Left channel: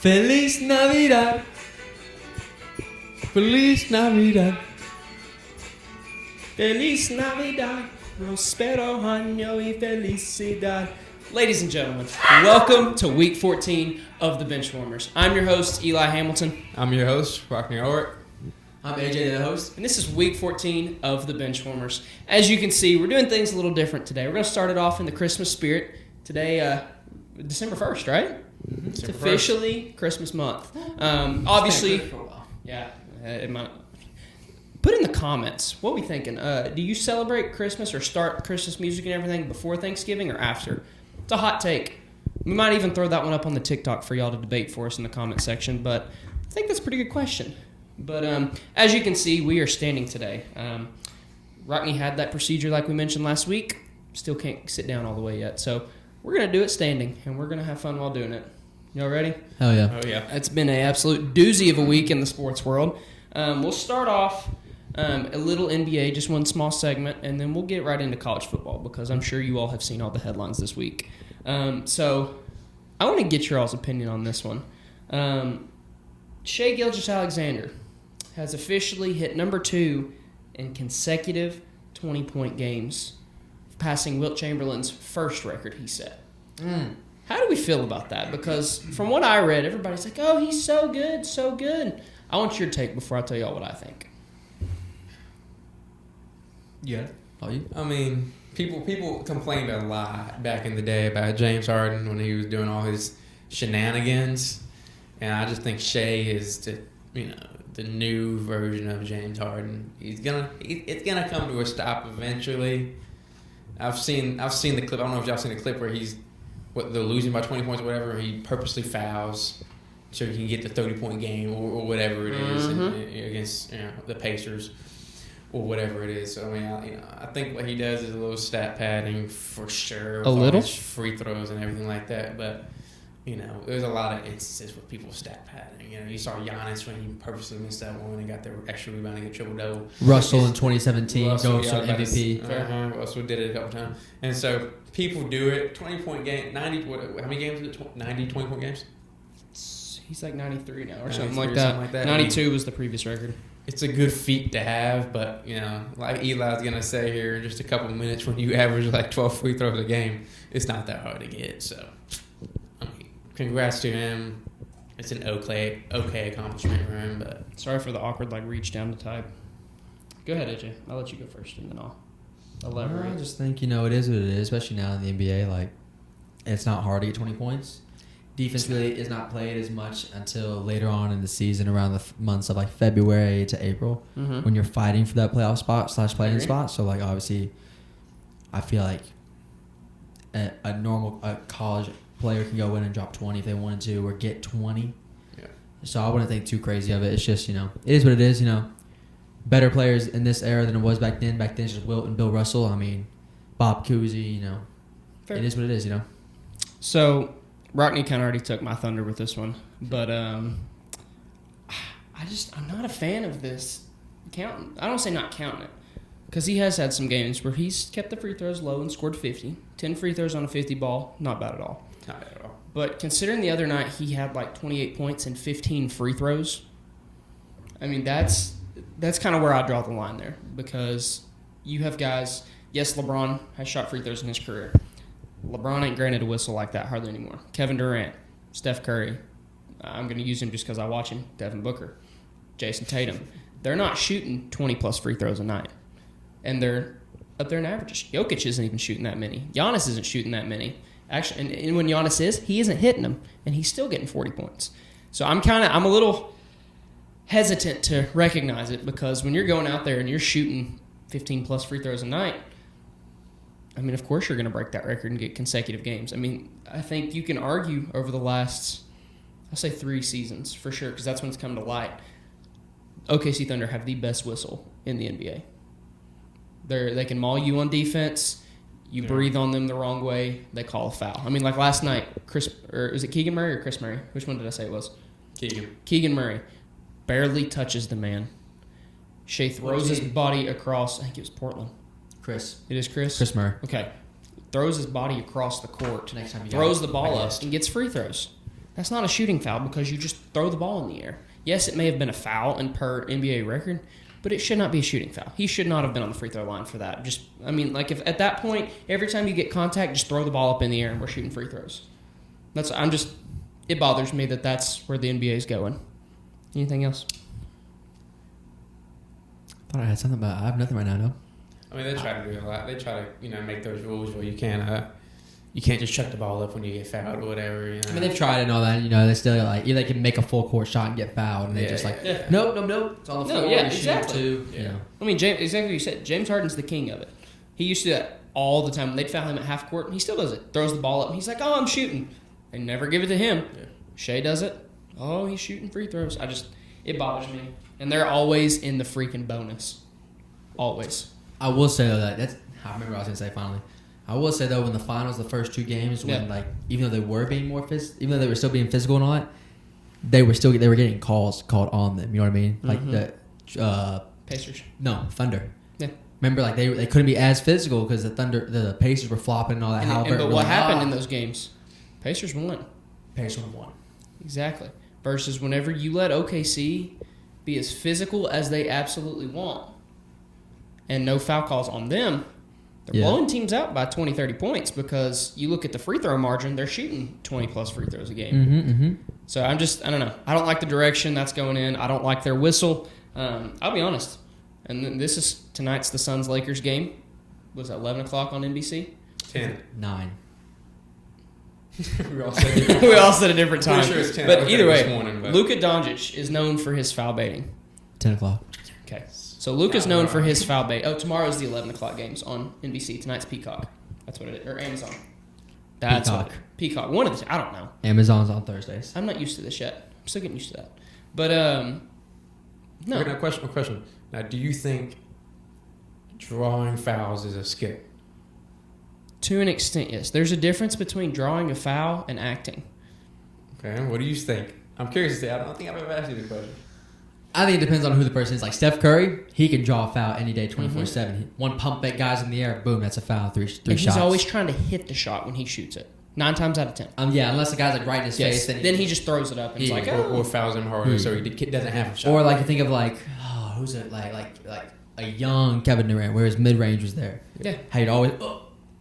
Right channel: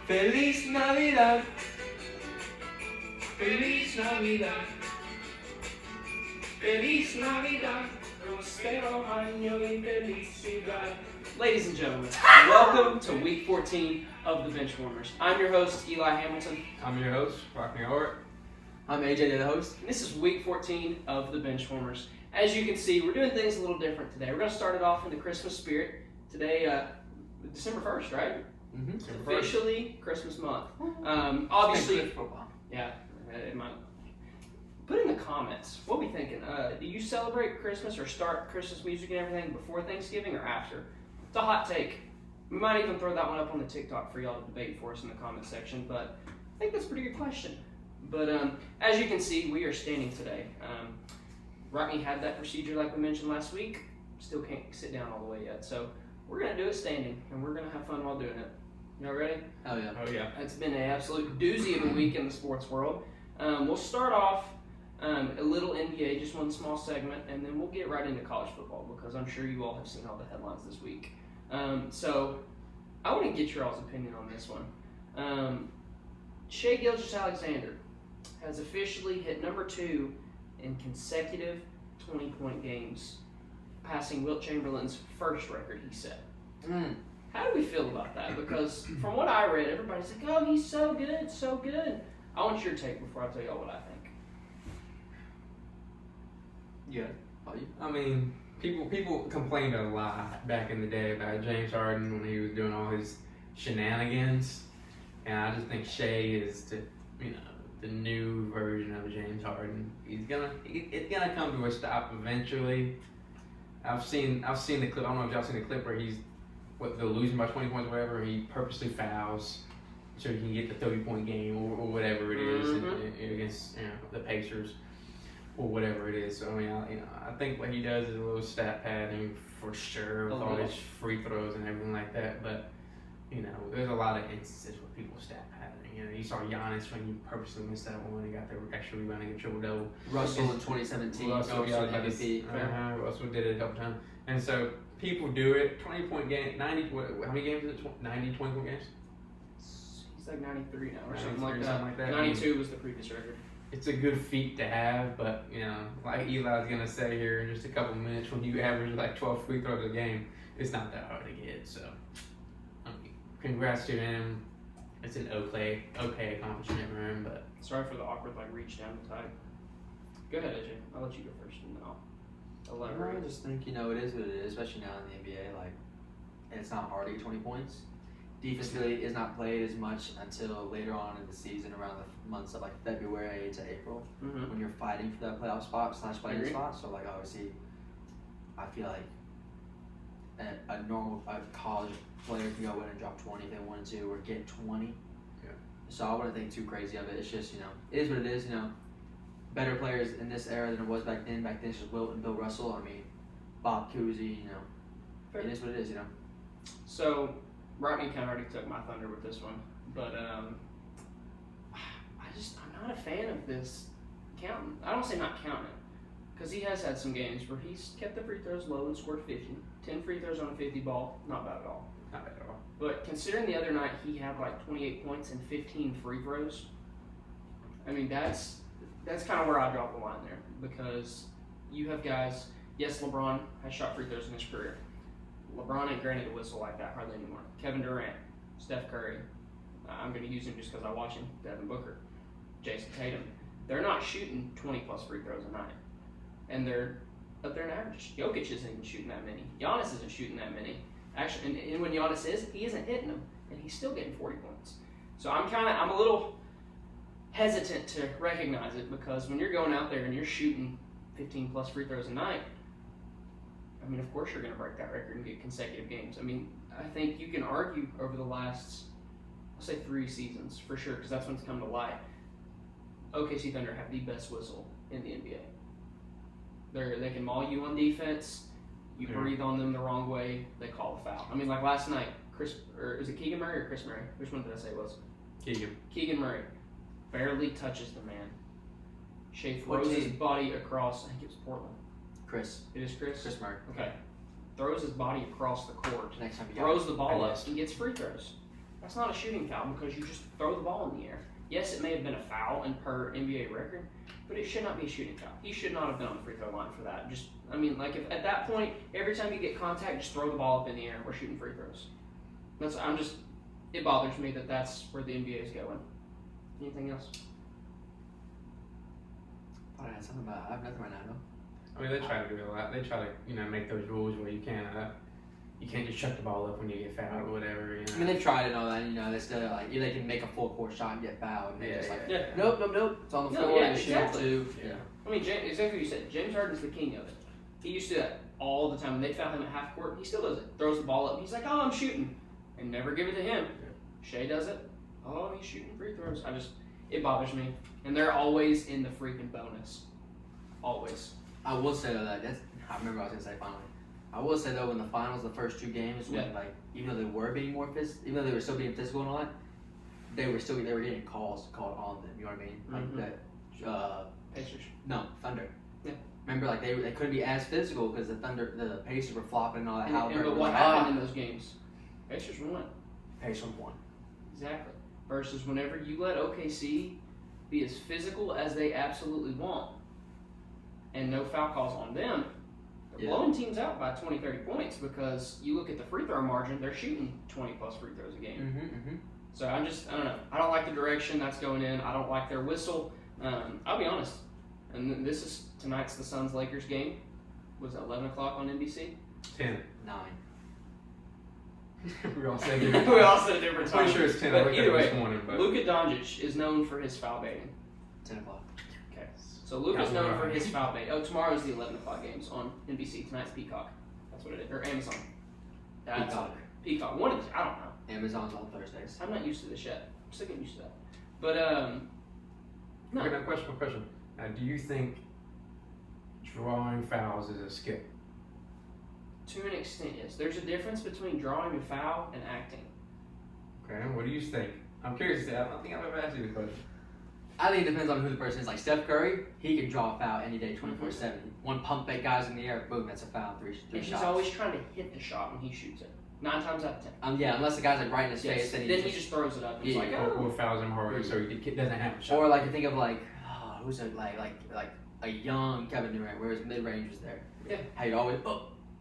Feliz Navidad. Feliz Navidad. Feliz Navidad. Prospero año y felicidad. Ladies and gentlemen, welcome to week 14 of the Benchwarmers. I'm your host, Eli Hamilton. I'm your host, Rocky Howard. I'm AJ, the host. And this is week 14 of the Benchwarmers. As you can see, we're doing things a little different today. We're going to start it off in the Christmas spirit. Today, December 1st, right? Mm-hmm. It's officially Christmas month. Obviously, yeah, it might. Put in the comments, what are we thinking? Do you celebrate Christmas or start Christmas music and everything before Thanksgiving or after? It's a hot take. We might even throw that one up on the TikTok for y'all to debate for us in the comment section, but I think that's a pretty good question. But as you can see, we are standing today. Rodney had that procedure like we mentioned last week. Still can't sit down all the way yet. So we're going to do it standing, and we're going to have fun while doing it. Y'all ready? Hell yeah. Oh, yeah. It's been an absolute doozy of a week in the sports world. We'll start off a little NBA, just one small segment, and then we'll get right into college football because I'm sure you all have seen all the headlines this week. So I want to get your all's opinion on this one. Shai Gilgeous-Alexander has officially hit number 2 in consecutive 20-point games, passing Wilt Chamberlain's first record he set. How do we feel about that? Because from what I read, everybody's like, oh, he's so good, so good. I want your take before I tell y'all what I think. Yeah. I mean, people complained a lot back in the day about James Harden when he was doing all his shenanigans, and I just think Shai is the new version of James Harden. It's gonna come to a stop eventually. I've seen the clip. I don't know if y'all seen the clip where they're losing by 20 points or whatever. He purposely fouls so he can get the 30-point game or whatever it is against the Pacers or whatever it is. So I mean, I think what he does is a little stat padding for sure. A little free throws and everything like that. But there's a lot of instances where people stat padding. You saw Giannis when he purposely missed that one when he got their extra rebound and triple double. Russell in 2017 going for MVP. Russell did it a couple times. And so people do it. 20-point game, 90. How many games is it? 90 20-point games. He's like 93 now or something like that. 92 was the previous record. It's a good feat to have, but like Eli's gonna say here in just a couple of minutes, when you average like 12 free throws a game, it's not that hard to get. So, congrats to him. It's an okay accomplishment for him, but sorry for the awkward reach down to type. Go ahead, AJ. I'll let you go first, and then I'll elaborate. I just think it is what it is, especially now in the NBA. It's not hard to get 20 points. Defense really is not played as much until later on in the season, around the months of February to April, when you're fighting for that playoff spot / play-in spot. So obviously, I feel like a normal college player can go in and drop 20 if they wanted to, or get 20. Yeah. So I wouldn't think too crazy of it. It's just it is what it is. Better players in this era than it was back then. Back then, it's just Wilt and Bill Russell. I mean, Bob Cousy. Fair. It is what it is. So. Rockney kind of already took my thunder with this one, but I'm not a fan of this counting. I don't say not counting it, because he has had some games where he's kept the free throws low and scored 50. 10 free throws on a 50 ball, not bad at all. Not at all. But considering the other night he had 28 points and 15 free throws, I mean, that's kind of where I draw the line there, because you have guys, yes, LeBron has shot free throws in his career. LeBron ain't granted a whistle like that hardly anymore. Kevin Durant, Steph Curry, I'm going to use him just because I watch him, Devin Booker, Jason Tatum. They're not shooting 20-plus free throws a night. And they're up there in averages. Jokic isn't even shooting that many. Giannis isn't shooting that many. Actually, and when Giannis is, he isn't hitting them, and he's still getting 40 points. So I'm a little hesitant to recognize it, because when you're going out there and you're shooting 15-plus free throws a night, I mean, of course you're going to break that record and get consecutive games. I mean, I think you can argue over the last, I'll say 3 seasons for sure, because that's when it's come to light. OKC Thunder have the best whistle in the NBA. They can maul you on defense. You breathe on them the wrong way, they call a foul. I mean, last night, is it Keegan Murray or Chris Murray? Which one did I say it was? Keegan Murray barely touches the man. Shai throws his body across. I think it was Portland. Chris. It is Chris? Chris Murray. Okay. Throws his body across the court. Next time throws the ball up and gets free throws. That's not a shooting foul because you just throw the ball in the air. Yes, it may have been a foul and per NBA record, but it should not be a shooting foul. He should not have been on the free throw line for that. If at that point, every time you get contact, just throw the ball up in the air and we're shooting free throws. It bothers me that that's where the NBA is going. Anything else? I thought I had something about. I have nothing right now. No. I mean, they try to do a lot. They try to make those rules where you can't just chuck the ball up when you get fouled or whatever. I mean, they've tried and all that. They still either they can make a full court shot and get fouled, and they just nope. It's all exactly. I mean, exactly what you said. James Harden's the king of it. He used to do that all the time. They'd foul him at half court, and he still does it. Throws the ball up, and he's like, "Oh, I'm shooting." They never give it to him. Shea does it. Oh, he's shooting free throws. It bothers me, and they're always in the freaking bonus. Always. I will say that I remember what I was gonna say finally. I will say though, in the finals, the first 2 games, when even though they were being even though they were still being physical and all that, they were getting calls called on them. You know what I mean? Like the Pacers. No, Thunder. Yeah. Remember, they couldn't be as physical because the Pacers were flopping and all that. But what happened in those games? Pacers won. Pacers won. Exactly. Versus whenever you let OKC be as physical as they absolutely want, and no foul calls on them, they're blowing teams out by 20, 30 points because you look at the free throw margin, they're shooting 20-plus free throws a game. So I don't know. I don't like the direction that's going in. I don't like their whistle. I'll be honest. And then tonight's the Suns-Lakers game. Was that 11 o'clock on NBC? 10. 9. we all said a different time. Sure but either way, Luka Doncic is known for his foul baiting. 10 o'clock. Okay. So Luka's known for his foul bait. Oh, tomorrow's the 11 o'clock games on NBC. Tonight's Peacock. That's what it is. Or Amazon. That's Peacock. Peacock. One of the, I don't know. Amazon's on Thursdays. I'm not used to this yet. I'm still getting used to that. But, no. Okay, question. Now, do you think drawing fouls is a skill? To an extent, yes. There's a difference between drawing a foul and acting. Okay, what do you think? I'm curious. I don't think I've ever asked you this question. I think it depends on who the person is. Like Steph Curry, he can draw a foul any day, 24/7. One pump fake guys in the air, boom, that's a foul. Three shots. He's always trying to hit the shot when he shoots it. 9 times out of 10. Unless the guy's like right in his face. Then he just throws it up. And or fouls him harder, so he doesn't have a shot. Or like think of who's it like a young Kevin Durant, where his mid range was there. Yeah. How he'd always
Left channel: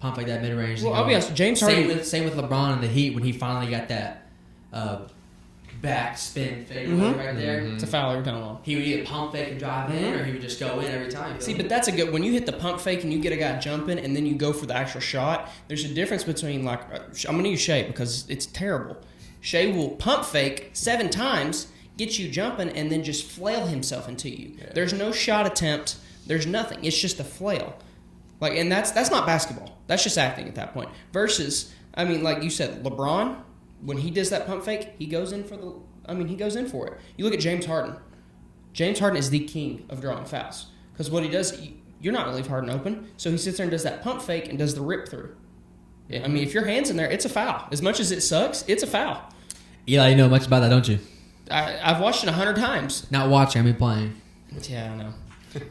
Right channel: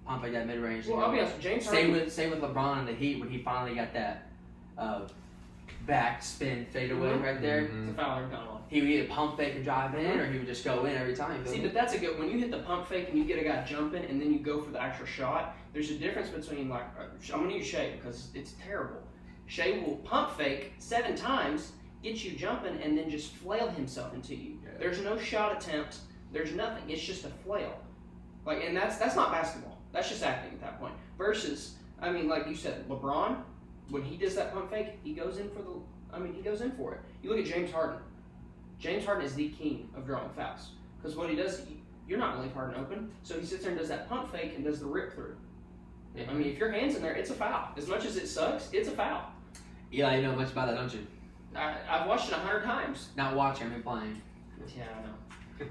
pump like that mid range. Well, I'll be honest, James Harden. Same with LeBron in the Heat when he finally got that back spin fade right there. It's a foul every time. He would get pump fake and drive in, or he would just go in every time. See, but that's a good. When you hit the pump fake and you get a guy jumping, and then you go for the actual shot. There's a difference between I'm gonna use Shea because it's terrible. Shea will pump fake 7 times, get you jumping, and then just flail himself into you. Yeah. There's no shot attempt. There's nothing. It's just a flail. And that's not basketball. That's just acting at that point. Versus, like you said, LeBron. When he does that pump fake, he goes in for it. You look at James Harden. James Harden is the king of drawing fouls. Because what he does, you're not going to leave Harden open. So he sits there and does that pump fake and does the rip through. If your hand's in there, it's a foul. As much as it sucks, it's a foul. Eli, you know much about that, don't you? I've watched it 100 times. Not watching, playing. Yeah, I know.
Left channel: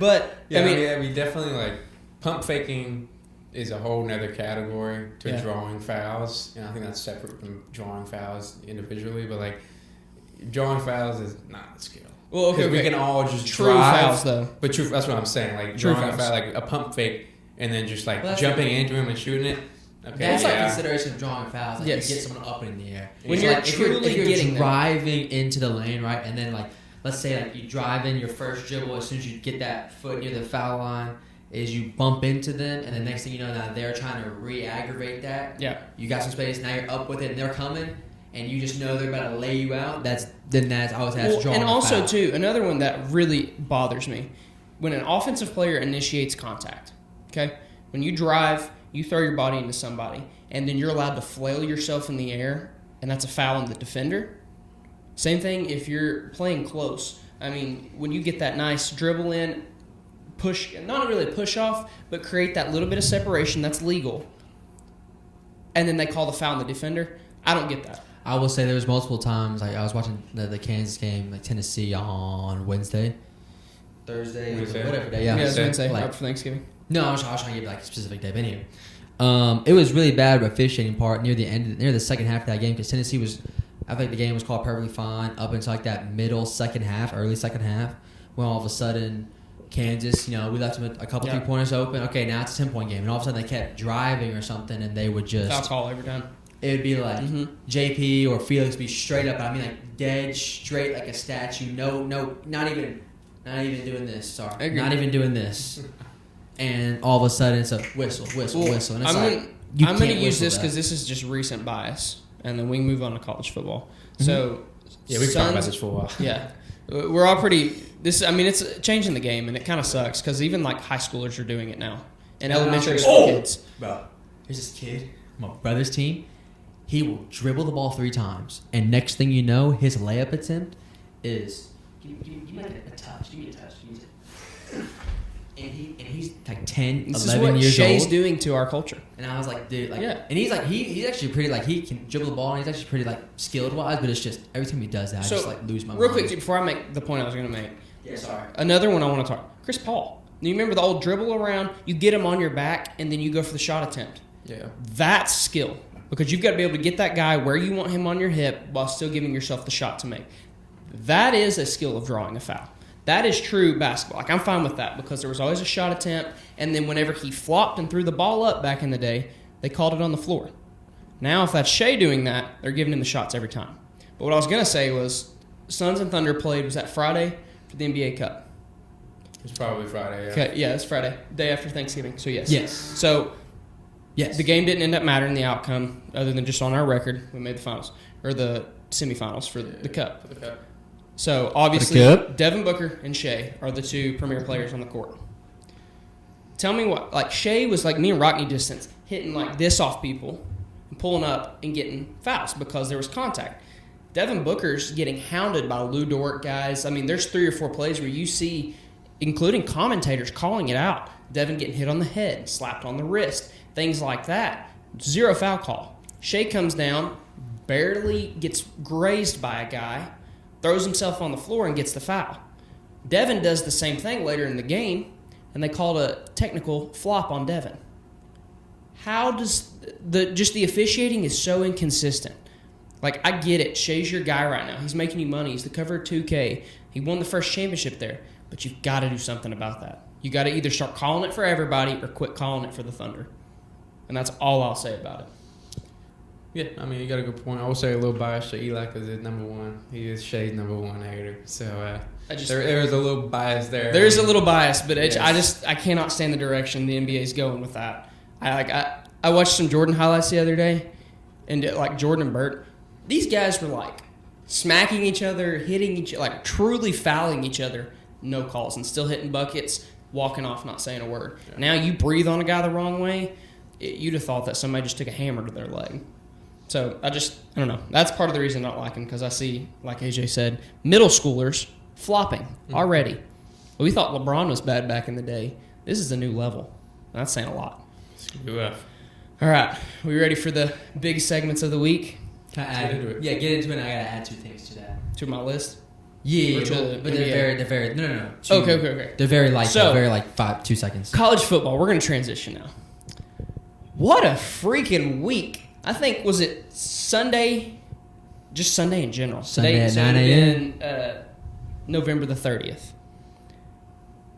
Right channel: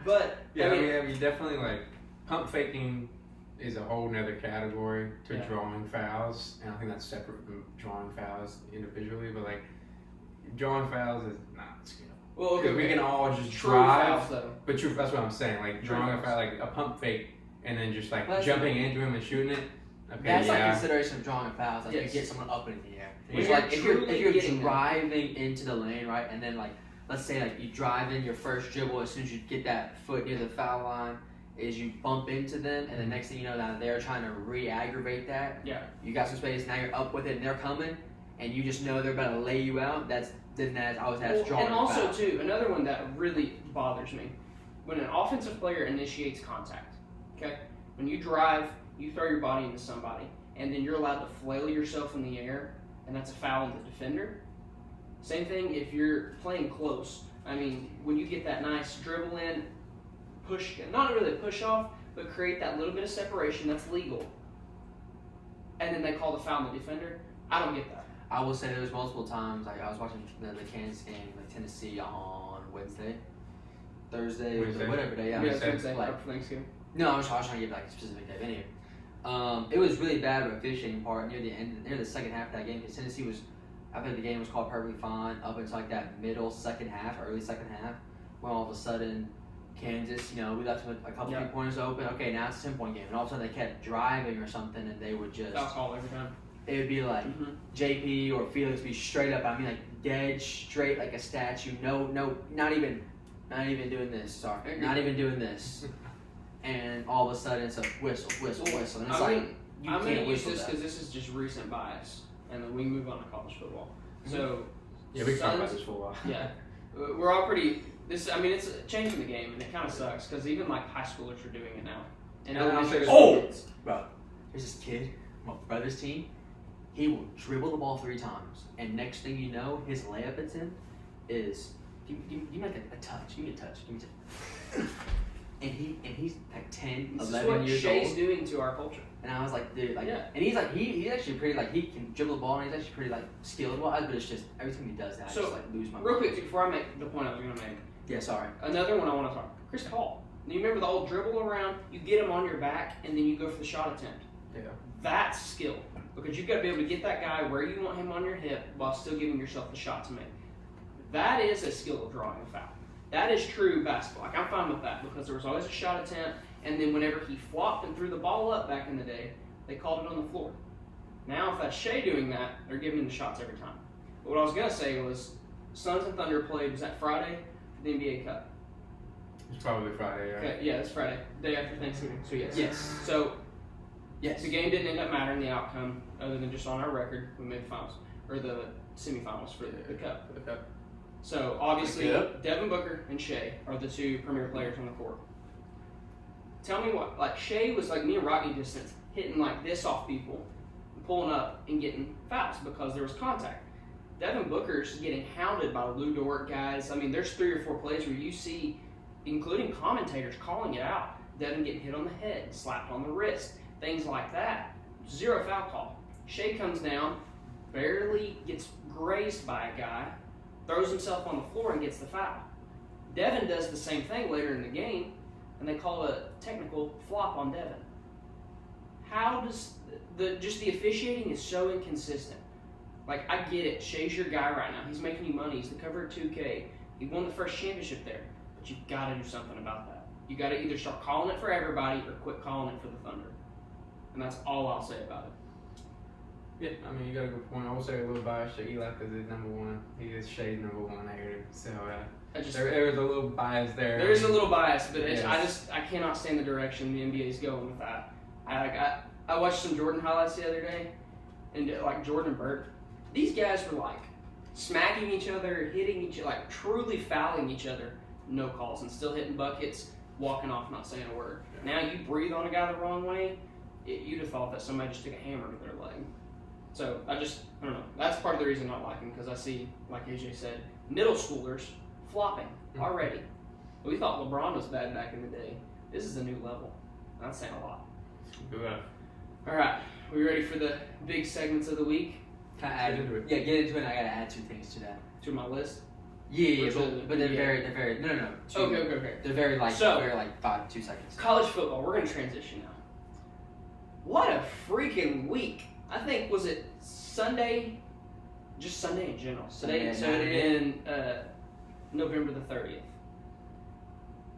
But, we definitely, pump faking is a whole nother category to drawing fouls. I think that's separate from drawing fouls individually, but drawing fouls is not a skill. Well, okay, we can all just true drive, fouls though. But true, that's what I'm saying. Drawing a foul, a pump fake, and then just jumping into him and shooting it. Okay, that's consideration of drawing fouls. Yes. You get someone up in the air. When if you're driving into the lane, right, and then let's say you drive in your first dribble, as soon as you get that foot near the foul line, is you bump into them, and the next thing you know, that they're trying to re-aggravate that. Yeah. You got some space, now you're up with it, and they're coming, and you just know they're about to lay you out. That's drawing. And also, too, another one that really bothers me, when an offensive player initiates contact, okay? When you drive, you throw your body into somebody, and then you're allowed to flail yourself in the air, and that's a foul on the defender. Same thing if you're playing close. When you get that nice dribble in, push, not really push off, but create that little bit of separation that's legal, and then they call the foul on the defender. I don't get that. I will say there was multiple times. I was watching the Kansas game, Tennessee on Thursday, whatever day. Yeah, Wednesday, right for Thanksgiving. No, I was trying to get a specific day. But anyway, it was really bad with officiating part near the second half of that game because Tennessee was I think the game was called perfectly fine up until like that early second half, when all of a sudden Kansas, we left them a couple 3-pointers open. Okay, now it's a 10-point game, and all of a sudden they kept driving or something, and they would just foul call every time. It would be like JP or Felix be straight up. I mean, like dead straight like a statue. No, not even doing this. Sorry, not even doing this. And all of a sudden it's a whistle. And it's I'm going to use this because this is just recent bias, and then we can move on to college football. So we've talked about this for a while. Yeah, we're all pretty. It's changing the game, and it kind of sucks because even like high schoolers are doing it now, and elementary school kids. Bro, there's this kid, my brother's team. He will dribble the ball 3 times, and next thing you know, his layup attempt is you need a touch. And he's like 10, this 11 is what years Shay's old. doing to our culture. And I was like, dude, and he's like, he's actually pretty, like, he can dribble the ball, and he's actually pretty, like, skilled-wise, but it's just, every time he does that, I just, like, lose my mind. Real quick, before I make the point I was going to make. Yeah, sorry. Another one I want to talk about. Chris Paul. You remember the old dribble around, you get him on your back, and then you go for the shot attempt. Yeah. That's skill. Because you've got to be able to get that guy where you want him on your hip while still giving yourself the shot to make. That is a skill of drawing a foul. That is true basketball. Like, I'm fine with that because there was always a shot attempt, and then whenever he flopped and threw the ball up back in the day, they called it on the floor. Now, if that's Shea doing that, they're giving him the shots every time. But what I was going to say was Suns and Thunder played, was that Friday for the NBA Cup? It was probably Friday, yeah. Okay, yeah, it's Friday, day after Thanksgiving, so yes. Yes. So, the game didn't end up mattering the outcome other than just on our record, we made the finals, or the semifinals for the Cup. The Cup. So, obviously, Devin Booker and Shea are the 2 premier players on the court. Tell me what, like, Shea was like me and Rockney distance, hitting like this off people, pulling up and getting fouls because there was contact. Devin Booker's getting hounded by Lou Dort guys. I mean, there's 3 or 4 plays where you see, including commentators, calling it out. Devin getting hit on the head, slapped on the wrist, things like that. 0 foul call. Shea comes down, barely gets grazed by a guy, throws himself on the floor and gets the foul. Devin does the same thing later in the game, and they called a technical flop on Devin. How does the officiating is so inconsistent. Like, I get it. Shea's your guy right now. He's making you money. He's the cover of 2K. He won the first championship there. But you've got to do something about that. You got to either start calling it for everybody or quit calling it for the Thunder. And that's all I'll say about it. Yeah, I mean, you got a good point. I will say a little bias to Eli because he's number 1. He is Shay's number 1 hater. So there's a little bias there. There's a little bias, but I cannot stand the direction the NBA is going with that. I watched some Jordan highlights the other day, and like Jordan and Burt, these guys were like smacking each other, hitting each other, like truly fouling each other, no calls, and still hitting buckets, walking off, not saying a word. Now you breathe on a guy the wrong way, you'd have thought that somebody just took a hammer to their leg. So I don't know. That's part of the reason I don't like him, because I see, like AJ said, middle schoolers flopping already. We thought LeBron was bad back in the day. This is a new level. That's saying a lot. All right. We ready for the big segments of the week? Can I add into it? Yeah, get into it. I got to add 2 things to that. To my list? Yeah, but they're very, no. Okay. They're very light, 2 seconds. College football. We're going to transition now. What a freaking week. I think, was it Sunday? Just Sunday in general. Sunday at 9 a.m. November the 30th.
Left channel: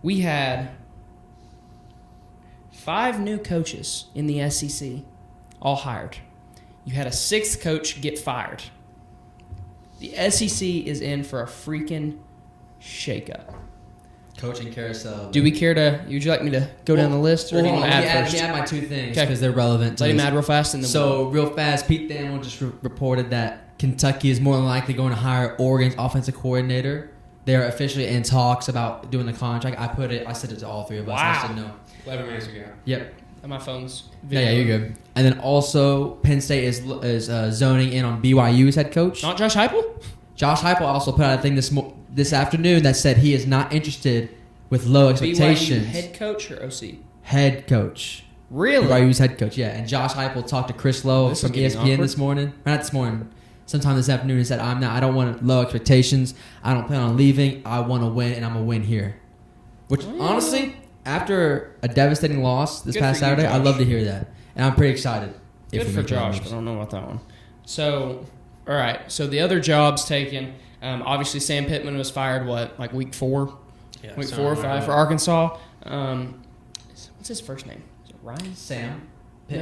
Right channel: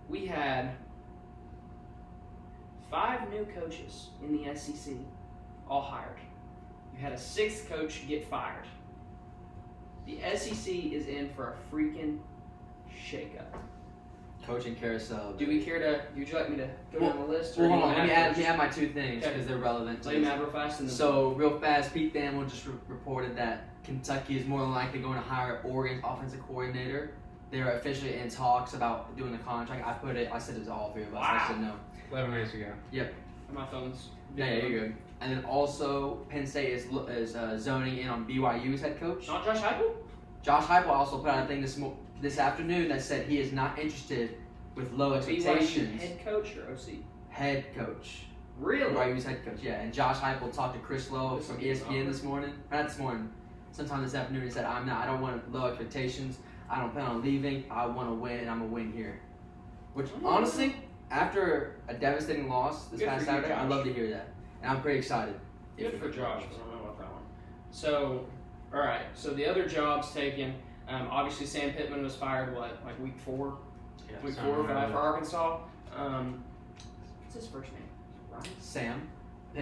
We had 5 new coaches in the SEC, all hired. You had a 6th coach get fired. The SEC is in for a freaking shakeup. Coaching Carousel. Do we care to? Would you like me to go down the list, or do you want to add first? Yeah, my 2 things because they're relevant. Let him add real fast. And then real fast, Pete Daniel just reported that Kentucky is more than likely going to hire Oregon's offensive coordinator. They're officially in talks about doing the contract. I said it to all 3 of us. Wow. I said no. 11 minutes ago. Yep. And my phone's. Yeah, you're good. And then also, Penn State is zoning in on BYU's head coach. Not Josh Heupel? Josh Heupel also put out a thing this afternoon that said he is not interested with low expectations. BYU head coach or OC? Head coach. Really? BYU's head coach, yeah. And Josh Heupel talked to Chris Lowe from ESPN this morning. Not this morning. Sometime this afternoon, he said, I don't want low expectations. I don't plan on leaving. I want to win, and I'm going to win here. Which, honestly, after a devastating loss this past Saturday, Josh. I'd love to hear that. And I'm pretty excited. Good for Josh, but I don't know about that one. So, All right. So the other jobs taken. Obviously, Sam Pittman was fired. Like week 4, week 4 or 5 for Arkansas. What's his first name? Is it Ryan? Sam. No.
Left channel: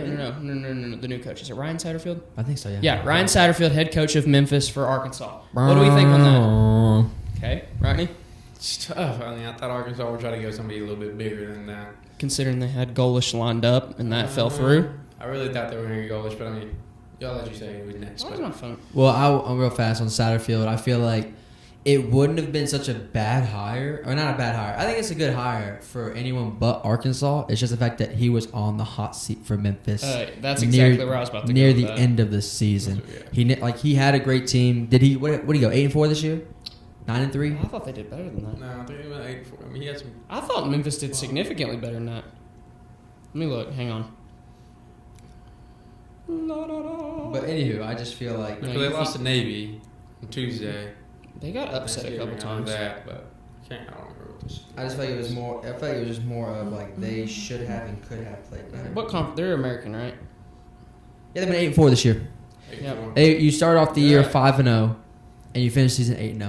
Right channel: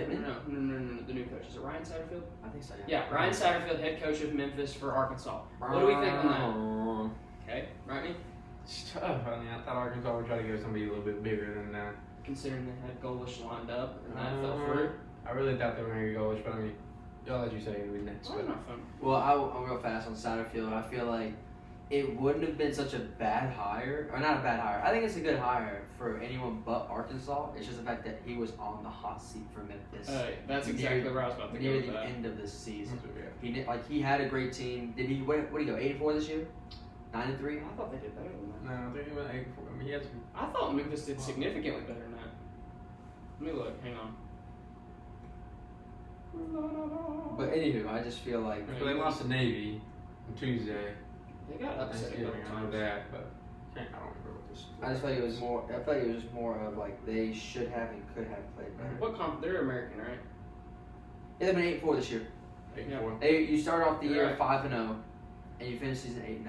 The new coach. Is it Ryan Satterfield? I think so. Yeah, Ryan Satterfield, head coach of Memphis for Arkansas. What do we think on that? Okay, Rodney? It's tough. I mean, I thought Arkansas would try to go somebody a little bit bigger than that. Considering they had Golish lined up and that fell through. I really thought they were going to go Golish, but I mean, y'all let you say it was next. Well, I'm real fast on Satterfield. I feel like it wouldn't have been such a bad hire, or not a bad hire. I think it's a good hire for anyone but Arkansas. It's just the fact that he was on the hot seat for Memphis. That's exactly where I was about to near go the end of the season. He had a great team. Did he? What did he go? 8-4 this year? 9-3. I thought they did better than that. No, I think it was 8-4. I mean, he had some. I thought Memphis did significantly better than that. Let me look. Hang on. But anywho, I just feel like They lost to Navy on Tuesday. They got upset a couple times. That, but I don't remember what this. I just feel like it was more. I feel like it was more of like they should have and could have played better. What conference? They're American, right? Yeah, they've been 8-4 this year. Yeah. You start off the year 5-0, and you finish season 8-0.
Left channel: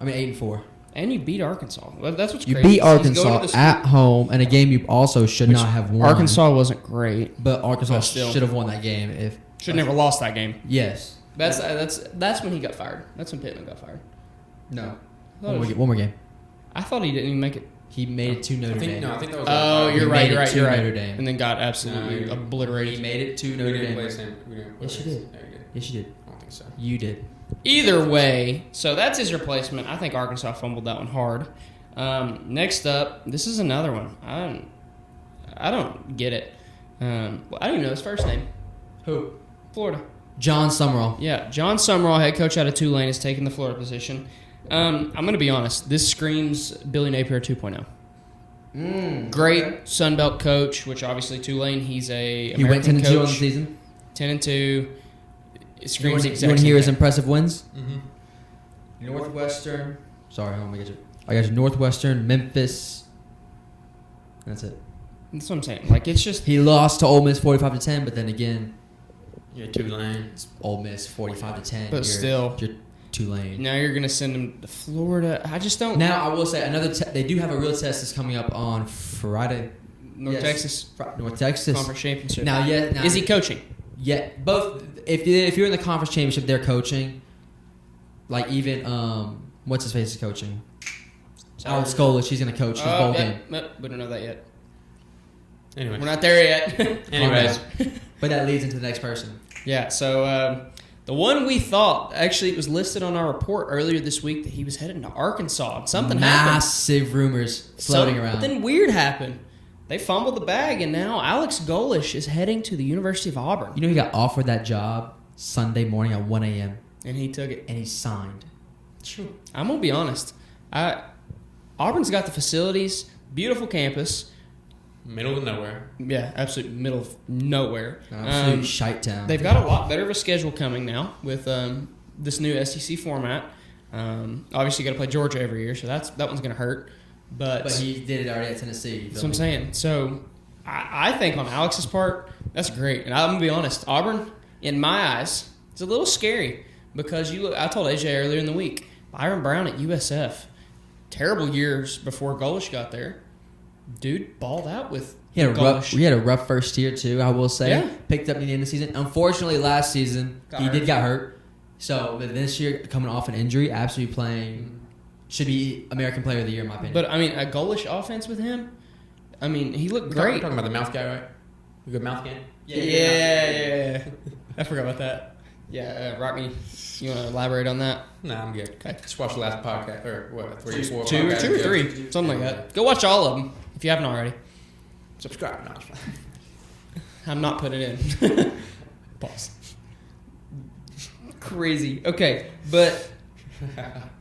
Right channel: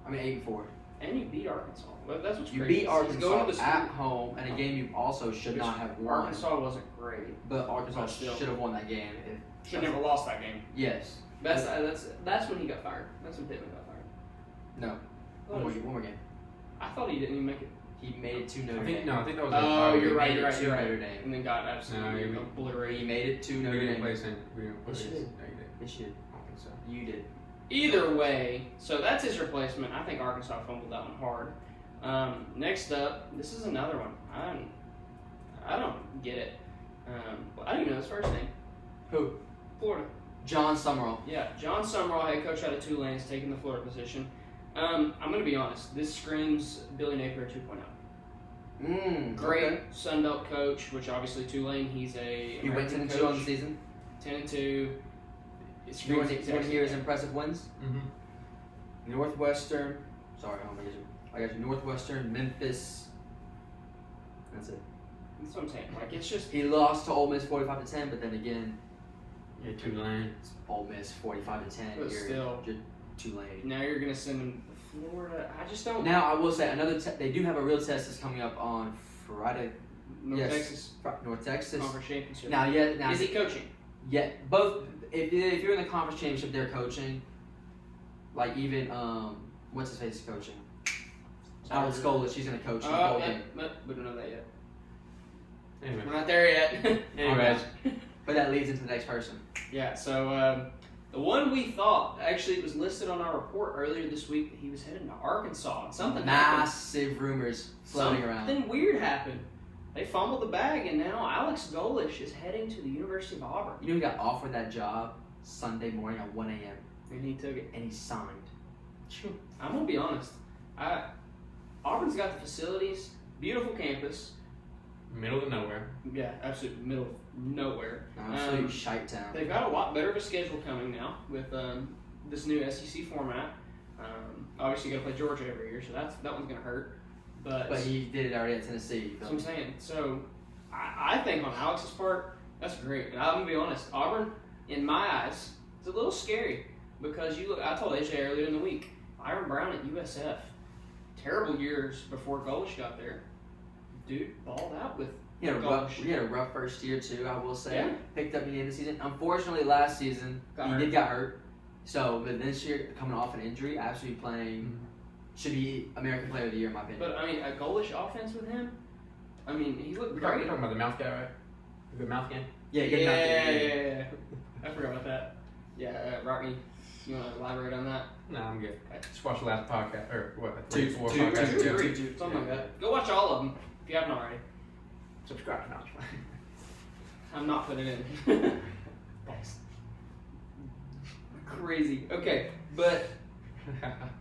I mean 8-4. And you beat Arkansas. Well, that's what's You crazy. beat Arkansas at home in a game you also should not have won. Arkansas wasn't great, but Arkansas still should have won that game if. should never lost that game. Yes. That's when he got fired. That's when Pittman got fired. No. Oh, One more game. I thought he didn't even make it. He made it to Notre Dame. I think that was Oh, you're right. Notre Dame. And then got absolutely obliterated. He made it to Notre Dame. Yes, you did. Yes, you did. I don't think so. You did. Either way, so that's his replacement. I think Arkansas fumbled that one hard. Next up, this is another one. I don't get it. I don't even know his first name. Who? Florida. John Summerall. Yeah, John Summerall, head coach out of Tulane, is taking the Florida position. I'm going to be honest. This screams Billy Napier 2.0. Great Sun Belt coach, which obviously Tulane, he's a He went American 10-2 on coach. the season. 10-2. It screams You exactly. want to hear his impressive wins? Mm-hmm. Northwestern. Sorry, I got you. Northwestern, Memphis. That's it. That's what I'm saying. Like, it's just... He lost to Ole Miss 45-10, but then again, Yeah, Tulane. it's Ole Miss 45-10. But still. You're Tulane. Now you're going to send him to Florida. I just don't... Now I will say another. They do have a real test that's coming up on Friday. North Yes. Texas North Texas. Conference Championship. Now, Is he coaching? Yeah, both. If you're in the conference championship, they're coaching. Like even what's his face is coaching. Alex Golish, she's gonna coach the whole game. Nope, we don't know that yet. Anyway. We're not there yet. Anyways. But that leads into the next person. Yeah, so the one we thought, actually it was listed on our report earlier this week that he was heading to Arkansas. Something happened. Massive rumors floating around. Something weird happened. They fumbled the bag, and now Alex Golish is heading to the University of Auburn. You know he got offered that job Sunday morning at 1 a.m. And he took it. and he signed. I'm going to be honest. Auburn's got the facilities, beautiful campus. Middle of nowhere. Yeah, absolute middle of nowhere. Absolute shite town. They've got a lot better of a schedule coming now with this new SEC format. Obviously, you got to play Georgia every year, so that one's going to hurt. But he did it already at Tennessee. that's what I'm saying. So I think on Alex's part, that's great. And I'm going to be honest, Auburn, in my eyes, it's a little scary because you look. I told AJ earlier in the week, Byron Brown at USF, terrible years before Golish got there. Dude balled out with He had Golish. a rough first year too, I will say. Yeah. Picked up in the end of the season. Unfortunately, last season he got hurt. So but this year, coming off an injury, absolutely playing, should be American Player of the Year in my opinion. But I mean, a Golish offense with him. I mean, he looked Great. great. Talking about the mouth guy, right? The good mouth game. Yeah. I forgot about that. Yeah, Robbie, you want to elaborate on that? No, I'm good. Okay. Just watch the last podcast. Or what? Two, three, something like that. Go watch all of them if you haven't already. Subscribe now. I'm not putting it in. Pause. Crazy. Okay, but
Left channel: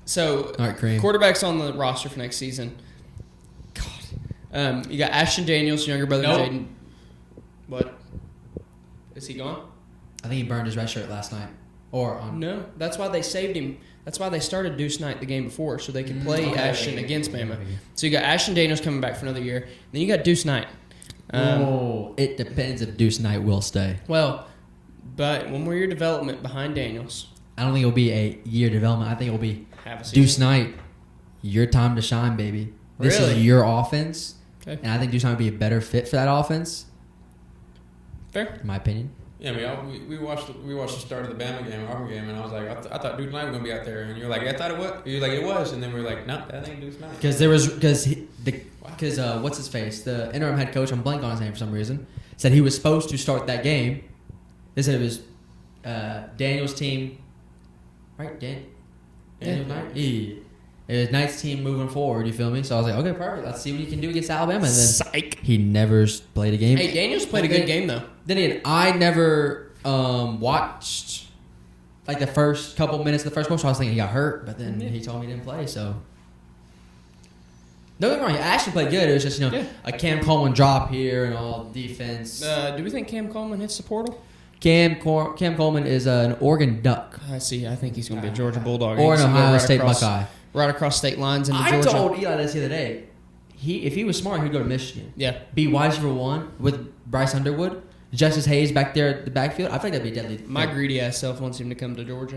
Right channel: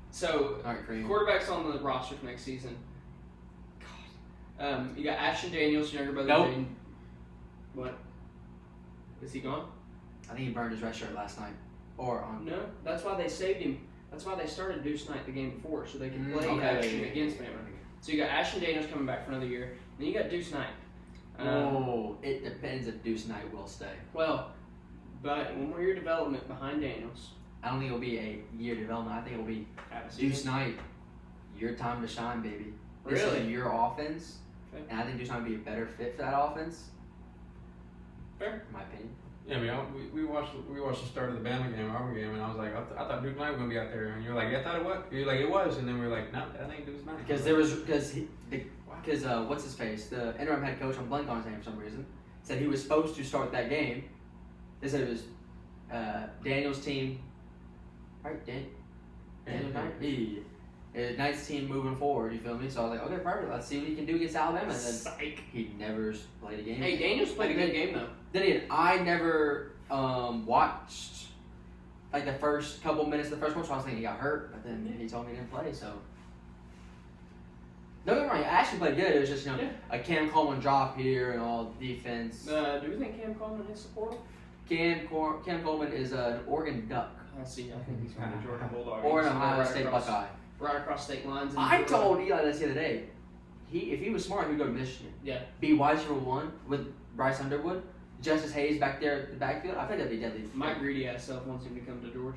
so All right, Cream. quarterbacks on the roster for next season. God, you got Ashton Daniels, younger brother Nope. Jaden. What? Is he gone? I think he burned his red shirt last night. Or No, that's why they saved him. That's why they started Deuce Knight the game before, so they could play Ashton against Bama. So you got Ashton Daniels coming back for another year. Then you got Deuce Knight. It depends if Deuce Knight will stay. Well, but 1 more year development behind Daniels. I don't think it'll be a year development. I think it'll be Deuce Knight, your time to shine, baby. This is your offense, and I think Deuce Knight would be a better fit for that offense. Fair, in my opinion. Yeah, we watched the start of the Bama game, our game, and I was like, I thought Deuce Knight was gonna be out there, and you're like, I thought it was. You're like, it was, and then we were like, no, that ain't Deuce Knight. Because what's his face, the interim head coach, I'm blanking on his name for some reason, said he was supposed to start that game. They said it was Daniel's team, right? Daniel Knight. Yeah. It was Knight's team moving forward. You feel me? So I was like, okay, perfect. Let's see what he can do against Alabama. And then Psych. He never played a game. Hey, Daniel's played a good game though. I never watched like the first couple minutes of the first quarter. So I was thinking he got hurt, but then he told me he didn't play. So don't get me wrong, he actually played good. It was just a Cam Coleman drop here and all defense. Do we think Cam Coleman hits the portal? Cam Coleman is an Oregon Duck. I see. I think he's going to be a Georgia Bulldog. Or an Ohio State Buckeye. Right across state lines into I Georgia. told Eli this the other day. If he was smart, he'd go to Michigan. Yeah. Be wide receiver 1 with Bryce Underwood. Justice Hayes back there at the backfield. I think that'd be deadly. My greedy ass self wants him to come to Georgia.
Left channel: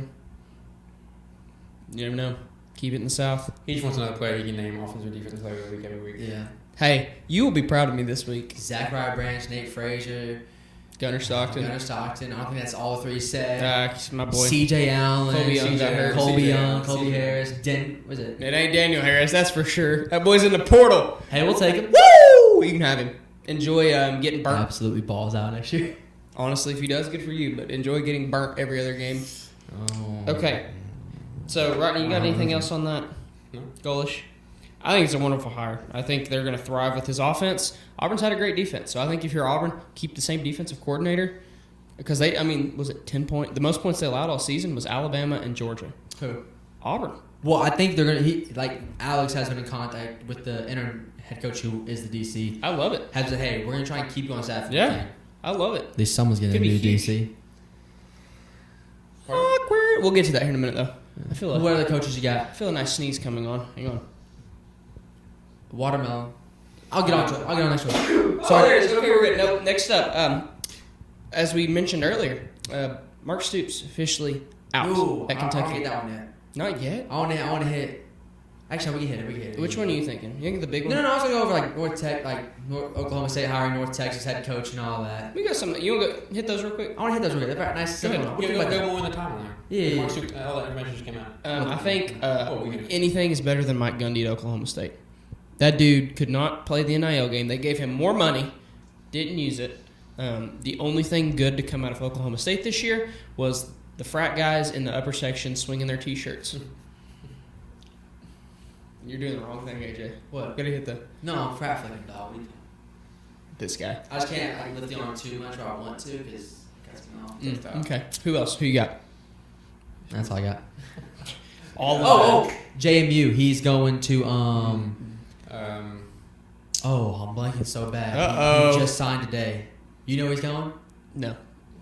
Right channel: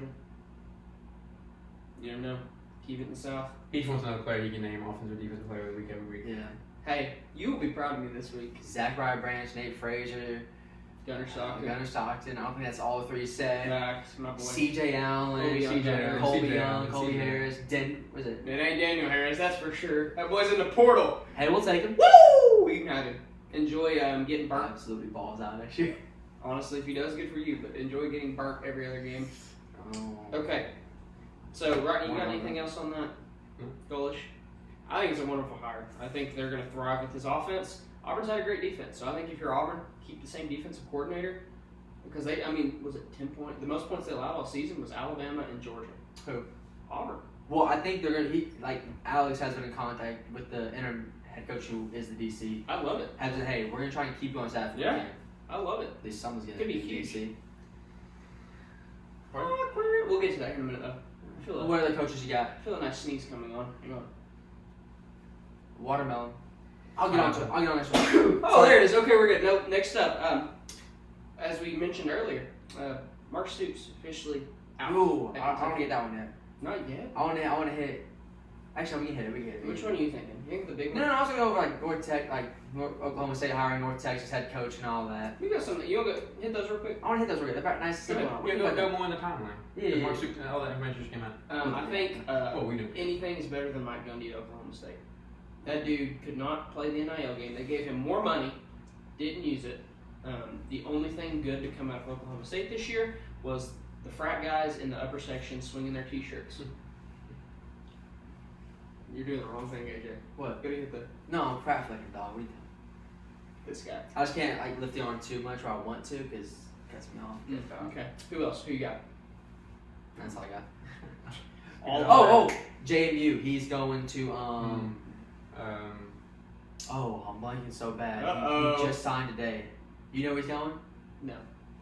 You never know. Keep it in the South. He just wants another player you name offensive defense player week every week. Yeah. Hey, you will be proud of me this week. Zachariah Branch, Nate Frazier, Gunnar Stockton. I think that's all 3 set. My boy. C.J. Allen, Colby Young, Colby Harris. Was it? It ain't Daniel Harris, that's for sure. That boy's in the portal. Hey, we'll take it. Woo! You can have him. Enjoy getting burnt. Absolutely balls out next year. Honestly, if he does, good for you. But enjoy getting burnt every other game. Oh. Okay. So, Rodney, you got anything else on that? Golish? I think it's a wonderful hire. I think they're going to thrive with his offense. Auburn's had a great defense. So I think if you're Auburn, keep the same defensive coordinator. Because was it 10 points? The most points they allowed all season was Alabama and Georgia. Who? Auburn. Well, I think they're going to, Alex has been in contact with the interim head coach who is the DC. I love it. Has said, hey, we're going to try and keep you on staff. Yeah. I love it. At least someone's getting a new DC. Awkward. We'll get to that here in a minute, though. What other coaches you got? I feel a nice sneeze coming on. Hang on. Watermelon. I'll get on to it. So there it is. Okay, we're good. Next up, as we mentioned earlier, Mark Stoops officially out at Kentucky. I don't get that one yet. Not yet? I want to hit it. Actually, we hit it. Which one are you thinking? You think the big one? No, I was going to go over North Tech, Oklahoma State hiring North Texas head coach and all that. We got some. You want to hit those real quick? I want to hit those real quick. Nice to see them. Give me one at a time. Yeah. I think anything is better than Mike Gundy at Oklahoma State. That dude could not play the NIL game. They gave him more money, didn't use it. The only thing good to come out of Oklahoma State this year was the frat guys in the upper section swinging their T-shirts. You're doing the wrong thing, AJ. What? Gotta hit the. No, I'm frat for like a dog. This guy. I just can't lift the arm too much or I want to because that's me off. Okay. Who else? Who you got? That's all I got. All of them. JMU. He's going to I'm blanking so bad. Uh-oh. He just signed today. You know where he's going? No.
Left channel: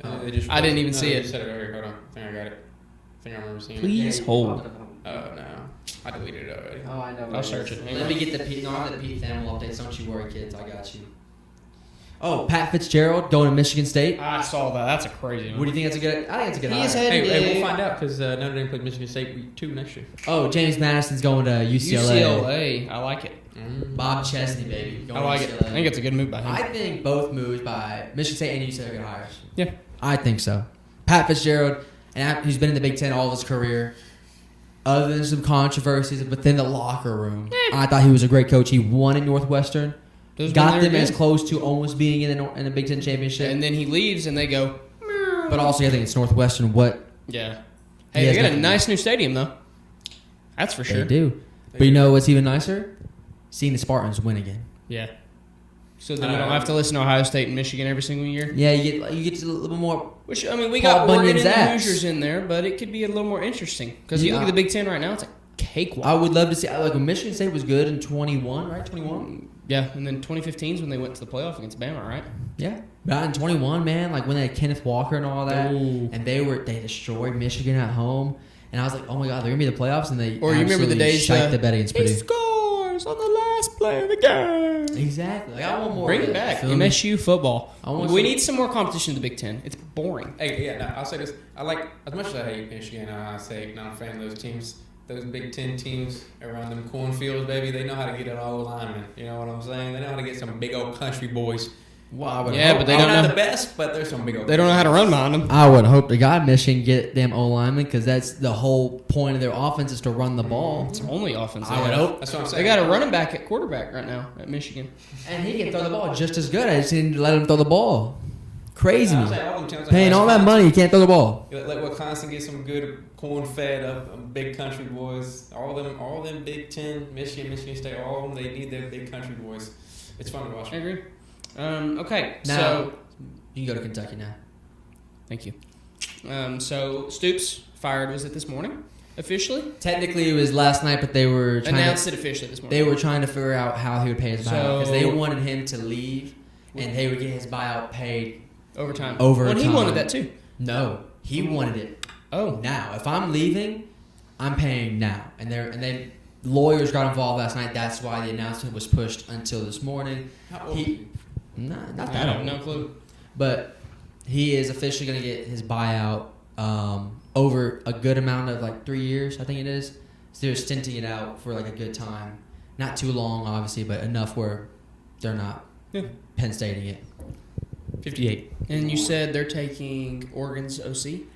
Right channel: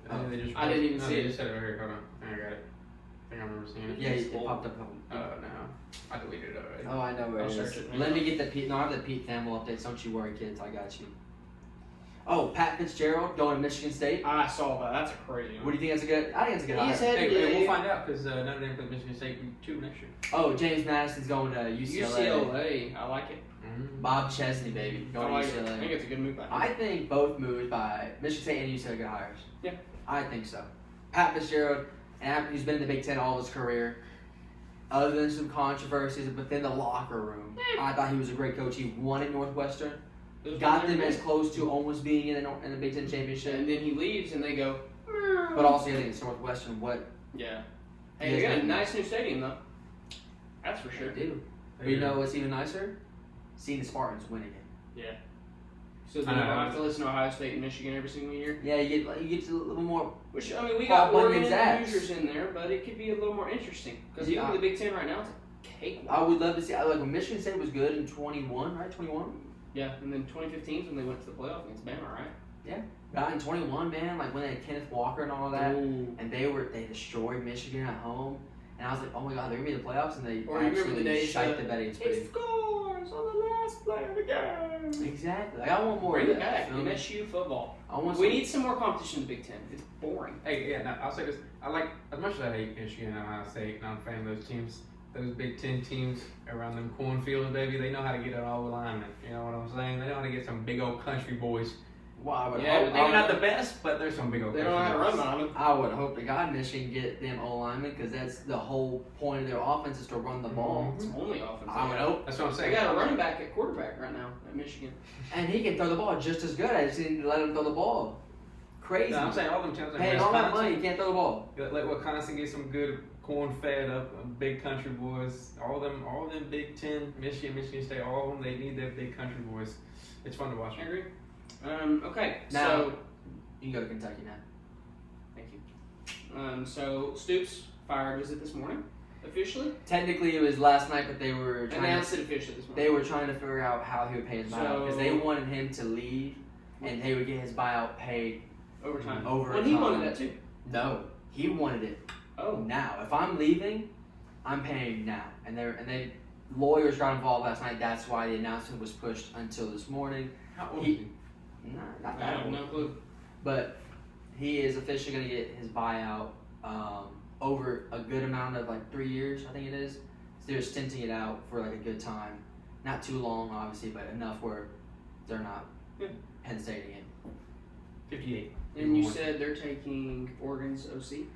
I didn't even see it. I got it. I remember seeing it. Please hold. No. I deleted it already. Oh, I know. I'll search it. Let me get the P. No, I have the P family. I'll take so much you worry, kids. I got you. Oh, Pat Fitzgerald going to Michigan State. I saw that. That's a crazy one. What do you think that's a good? I think it's a good. He's hire. Hey, we'll find out because Notre Dame played Michigan State 2 next year. Oh, James Madison's going to UCLA. UCLA. I like it. Bob Chesney, baby. I like it. I think it's a good move by him. I think both moves by Michigan State and UCLA hires. Yeah. I think so. Pat Fitzgerald, who's been in the Big Ten all his career, other than some controversies within the locker room, I thought he was a great coach. He won in Northwestern. Got them as close to almost being in a Big Ten championship. And then he leaves and they go. But also, I think it's Northwestern. Yeah. Hey, they got a nice new stadium, though. That's for sure. They do. But you know what's even nicer? Seeing the Spartans win again. Yeah. So then you don't have to listen to Ohio State and Michigan every single year? Yeah, you get a little bit more. Which, I mean, we got Paul Oregon Bunyan's and ass. Hoosiers in there, but it could be a little more interesting. Because you look at the Big Ten right now, it's a cakewalk. I would love to see. Michigan State was good in 21, right? 21. Yeah, and then 2015 is when they went to the playoff against Bama, right? Yeah. But in 21, man, when they had Kenneth Walker and all that, Ooh. and they destroyed Michigan at home, and I was like, oh my God, they're gonna be in the playoffs, and they Or you remember the days shite the bet against he Purdue. scores on the last play of the game. Exactly. I want more. Bring it back. MSU football. We need some more competition in the Big Ten. It's boring. Hey, yeah, I'll say this. I like, as much as I hate Michigan, I say I'm a fan of those teams. Those Big Ten teams around them cornfields, baby, they know how to get all alignment. You know what I'm saying? They know how to get some big old country boys. Wow. Yeah, but they don't know know the best, but there's some big old. They don't know how to run on them. I would hope to God Michigan get them O-linemen because that's the whole point of their offense is to run the ball. It's only offense. I would hope. That's what I'm saying. They got a running back at quarterback right now at Michigan. And he can throw the ball just as good. I just didn't let him throw the ball. Crazy. Yeah, Paying all that money, you can't throw the ball. Let Wisconsin get some good corn-fed up big country boys. All of them Big Ten, Michigan State, all of them, they need their big country boys. It's fun to watch. I agree. Okay, now, so you can go to Kentucky now. Thank you. So Stoops fired. Was it this morning? Officially? Technically, it was last night, but they were trying. Announced it officially this morning. They were trying to figure out how he would pay his buyout because they wanted him to leave, and they would get his buyout paid overtime. Overtime. Well, he wanted that too. No, he wanted it. Oh, now if I'm leaving, I'm paying now, and then lawyers got involved last night. That's why the announcement was pushed until this morning. Not I that have old. no clue. But he is officially going to get his buyout over a good amount of like 3 years, I think it is. So they're stinting it out for like a good time. Not too long, obviously, but enough where they're not Penn Stating it. 58. And you said they're taking Oregon's OC?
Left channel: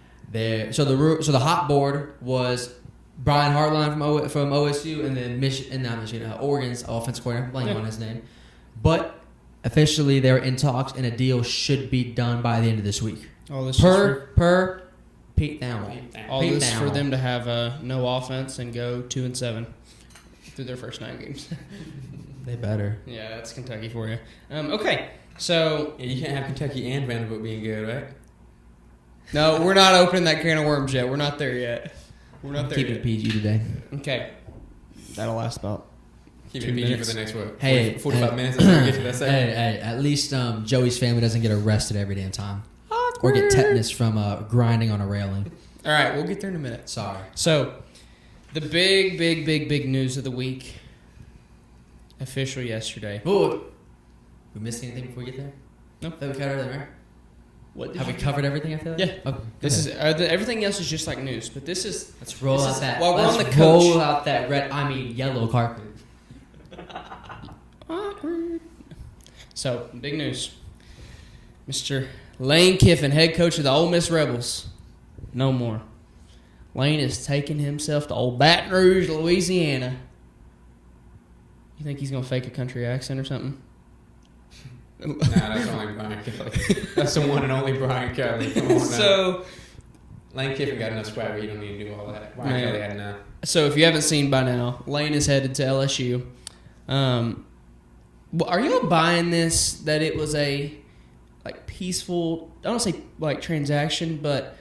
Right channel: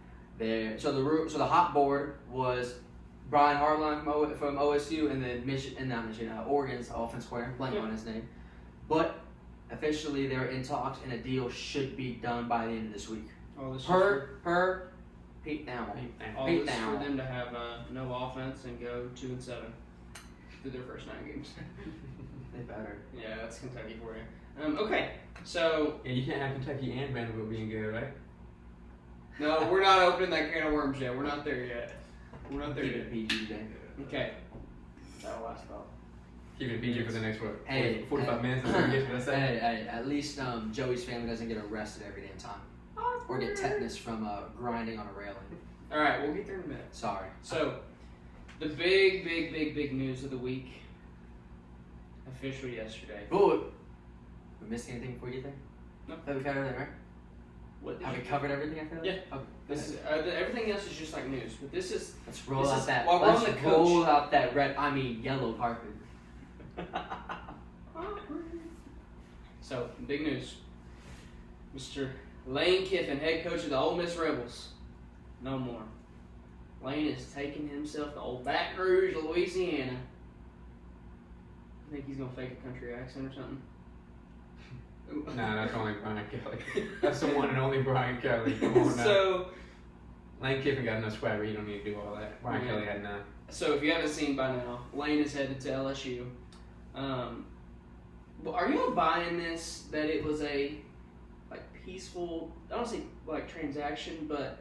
So the hot board was Brian Harbaugh from OSU and then Oregon's offensive coordinator, blank on his name. But officially, they're in talks, and a deal should be done by the end of this week. All this Per Pete down. all this for them to have no offense and go 2-7 through their first 9 games. They better. Yeah, that's Kentucky for you. Okay, so Yeah, you can't have Kentucky and Vanderbilt being good, right? no, we're not opening that can of worms yet. We're not there yet. We're not there Keep yet. it PG today. Okay, that'll last about. Keep it PG for the next what? Hey, 45 minutes. Get to that Hey, second. hey, at least Joey's family doesn't get arrested every damn time. Or get tetanus from grinding on a railing. All right, we'll get there in a minute. Sorry. So, the big news of the week. Official yesterday. Ooh. We missed anything before we get there? Nope. Have we covered everything, right? What Have we covered everything after that? Yeah. Okay. This is everything else is just like news, but this is Let's roll out that. Well, we're on let's the coach. roll out that yellow carpet. awkward. So, big news. Mr. Lane Kiffin, head coach of the Ole Miss Rebels. No more. Lane is taking himself to old Baton Rouge, Louisiana. You think he's going to fake a country accent or something? Nah, that's only Brian Kelly. That's the one and only Brian Kelly. Come on now. So, Lane Kiffin got enough swag. You don't need to do all that. Brian Kelly had enough. so if you haven't seen by now, Lane is headed to LSU. Are you buying this that it was a peaceful, I don't say transaction, but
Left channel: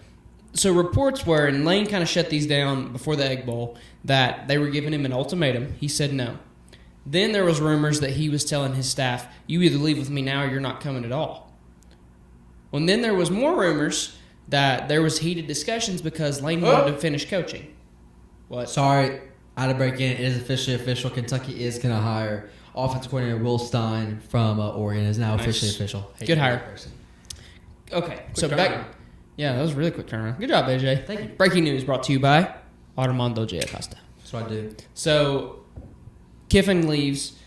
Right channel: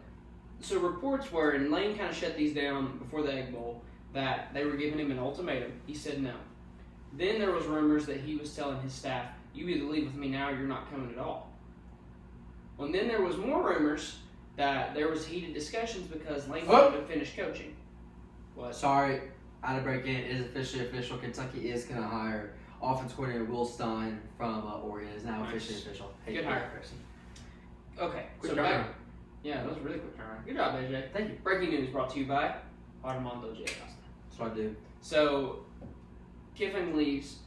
so reports were, and Lane kind of shut these down before the Egg Bowl, that they were giving him an ultimatum. He said no. Then there was rumors that he was telling his staff, you either leave with me now or you're not coming at all. Well, and then there was more rumors that there was heated discussions because Lane wanted to finish coaching. What? Sorry, I had to break in. It is officially official. Kentucky is going to hire offensive coordinator Will Stein from Oregon. Is now officially official. Good hire. Okay, so back. Yeah, that was a really quick turnaround. Good job, AJ. Thank you. Breaking news brought to you by Armando J. Acosta. That's what I do. So, Kiffin leaves.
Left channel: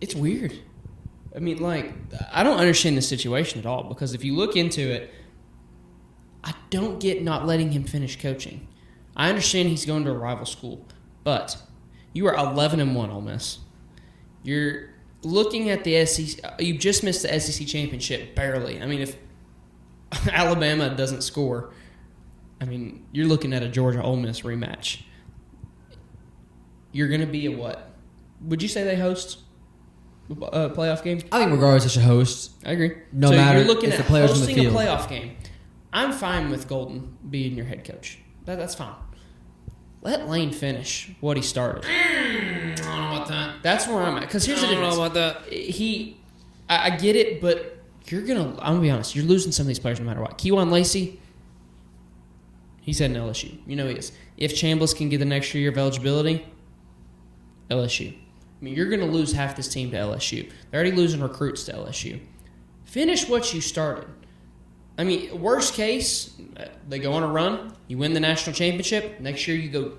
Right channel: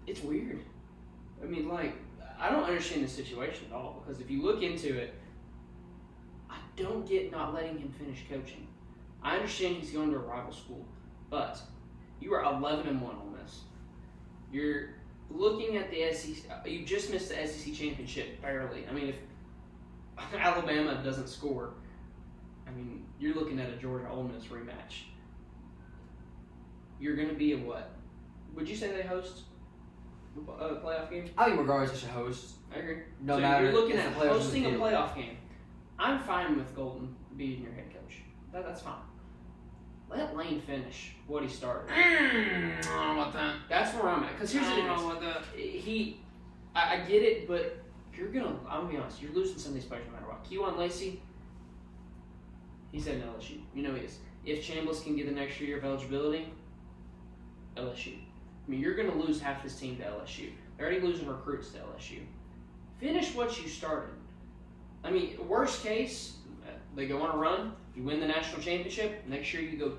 It's weird. I mean, I don't understand the situation at all because if you look into it, I don't get not letting him finish coaching. I understand he's going to a rival school, but you are 11-1, Ole Miss. You're looking at the SEC. You just missed the SEC championship barely. I mean, if Alabama doesn't score, I mean, you're looking at a Georgia Ole Miss rematch. You're going to be a what? Would you say they host a playoff game? I think regardless, they should host. I agree. No so matter you're looking if at the players on the hosting a field. playoff game. I'm fine with Golden being your head coach. That's fine. Let Lane finish what he started. That's where I'm at. Because here's the difference. I get it, but I'm going to be honest. You're losing some of these players no matter what. Kejuan Lacey, he's heading to LSU. You know he is. If Chambliss can get an extra year of eligibility, LSU. I mean, you're going to lose half this team to LSU. They're already losing recruits to LSU. Finish what you started. I mean, worst case, they go on a run. You win the national championship. Next year, you go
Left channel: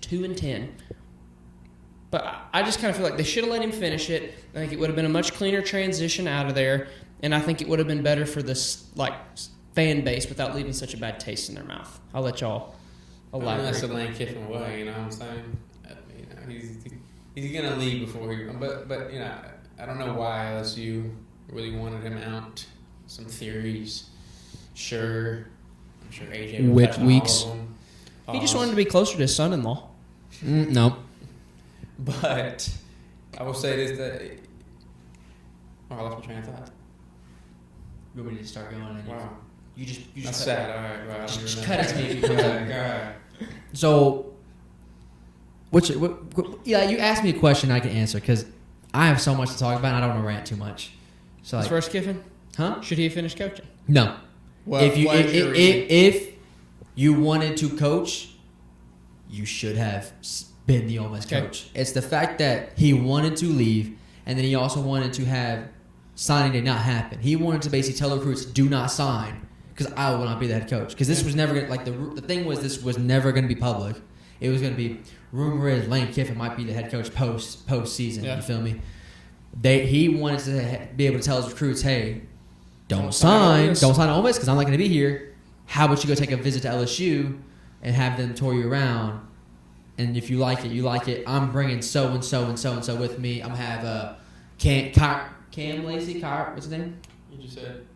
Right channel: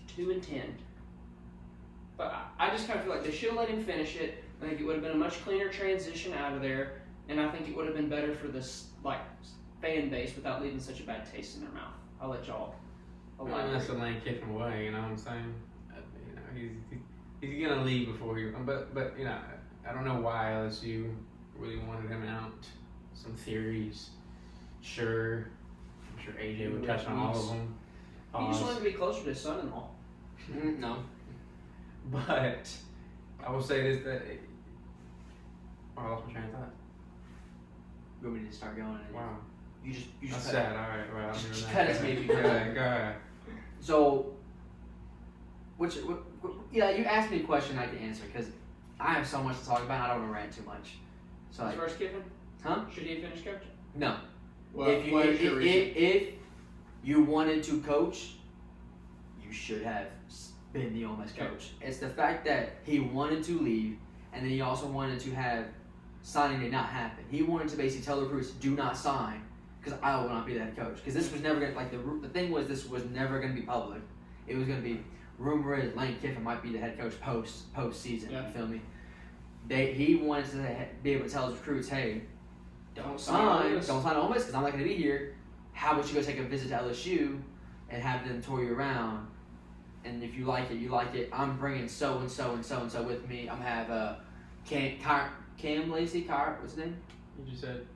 2-10. But I just kind of feel like they should have let him finish it. I think it would have been a much cleaner transition out of there, and I think it would have been better for this fan base without leaving such a bad taste in their mouth. I'll let y'all elaborate. That's the Lane Kiffin way, you know what I'm saying? He's gonna leave before he. But you know, I don't know why LSU really wanted him out. Some theories, sure. I'm sure AJ Which was having weeks? all of them. He just wanted to be closer to his son-in-law. No. But I will say is that. Oh, I lost my train of thought. You want me to start yawning? Wow. You just That's sad. All right. Just Well, cut it. right. So, yeah, you asked me a question I can answer because I have so much to talk about and I don't want to rant too much. So, As far as Kiffin, huh? should he have finished coaching? No. Well, If you wanted to coach, you should have been the Ole Miss coach. It's the fact that he wanted to leave, and then he also wanted to have signing did not happen. He wanted to basically tell recruits, do not sign, because I will not be the head coach. Because this was never the thing was this was never going to be public. It was going to be rumor is Lane Kiffin might be the head coach post season. Yeah. You feel me? He wanted to be able to tell his recruits, hey, don't sign Ole Miss because I'm not going to be here. How about you go take a visit to LSU and have them tour you around? And if you like it, you like it. I'm bringing so and so and so and so with me. I'm gonna have Cam Lacey, what's his name? You just said.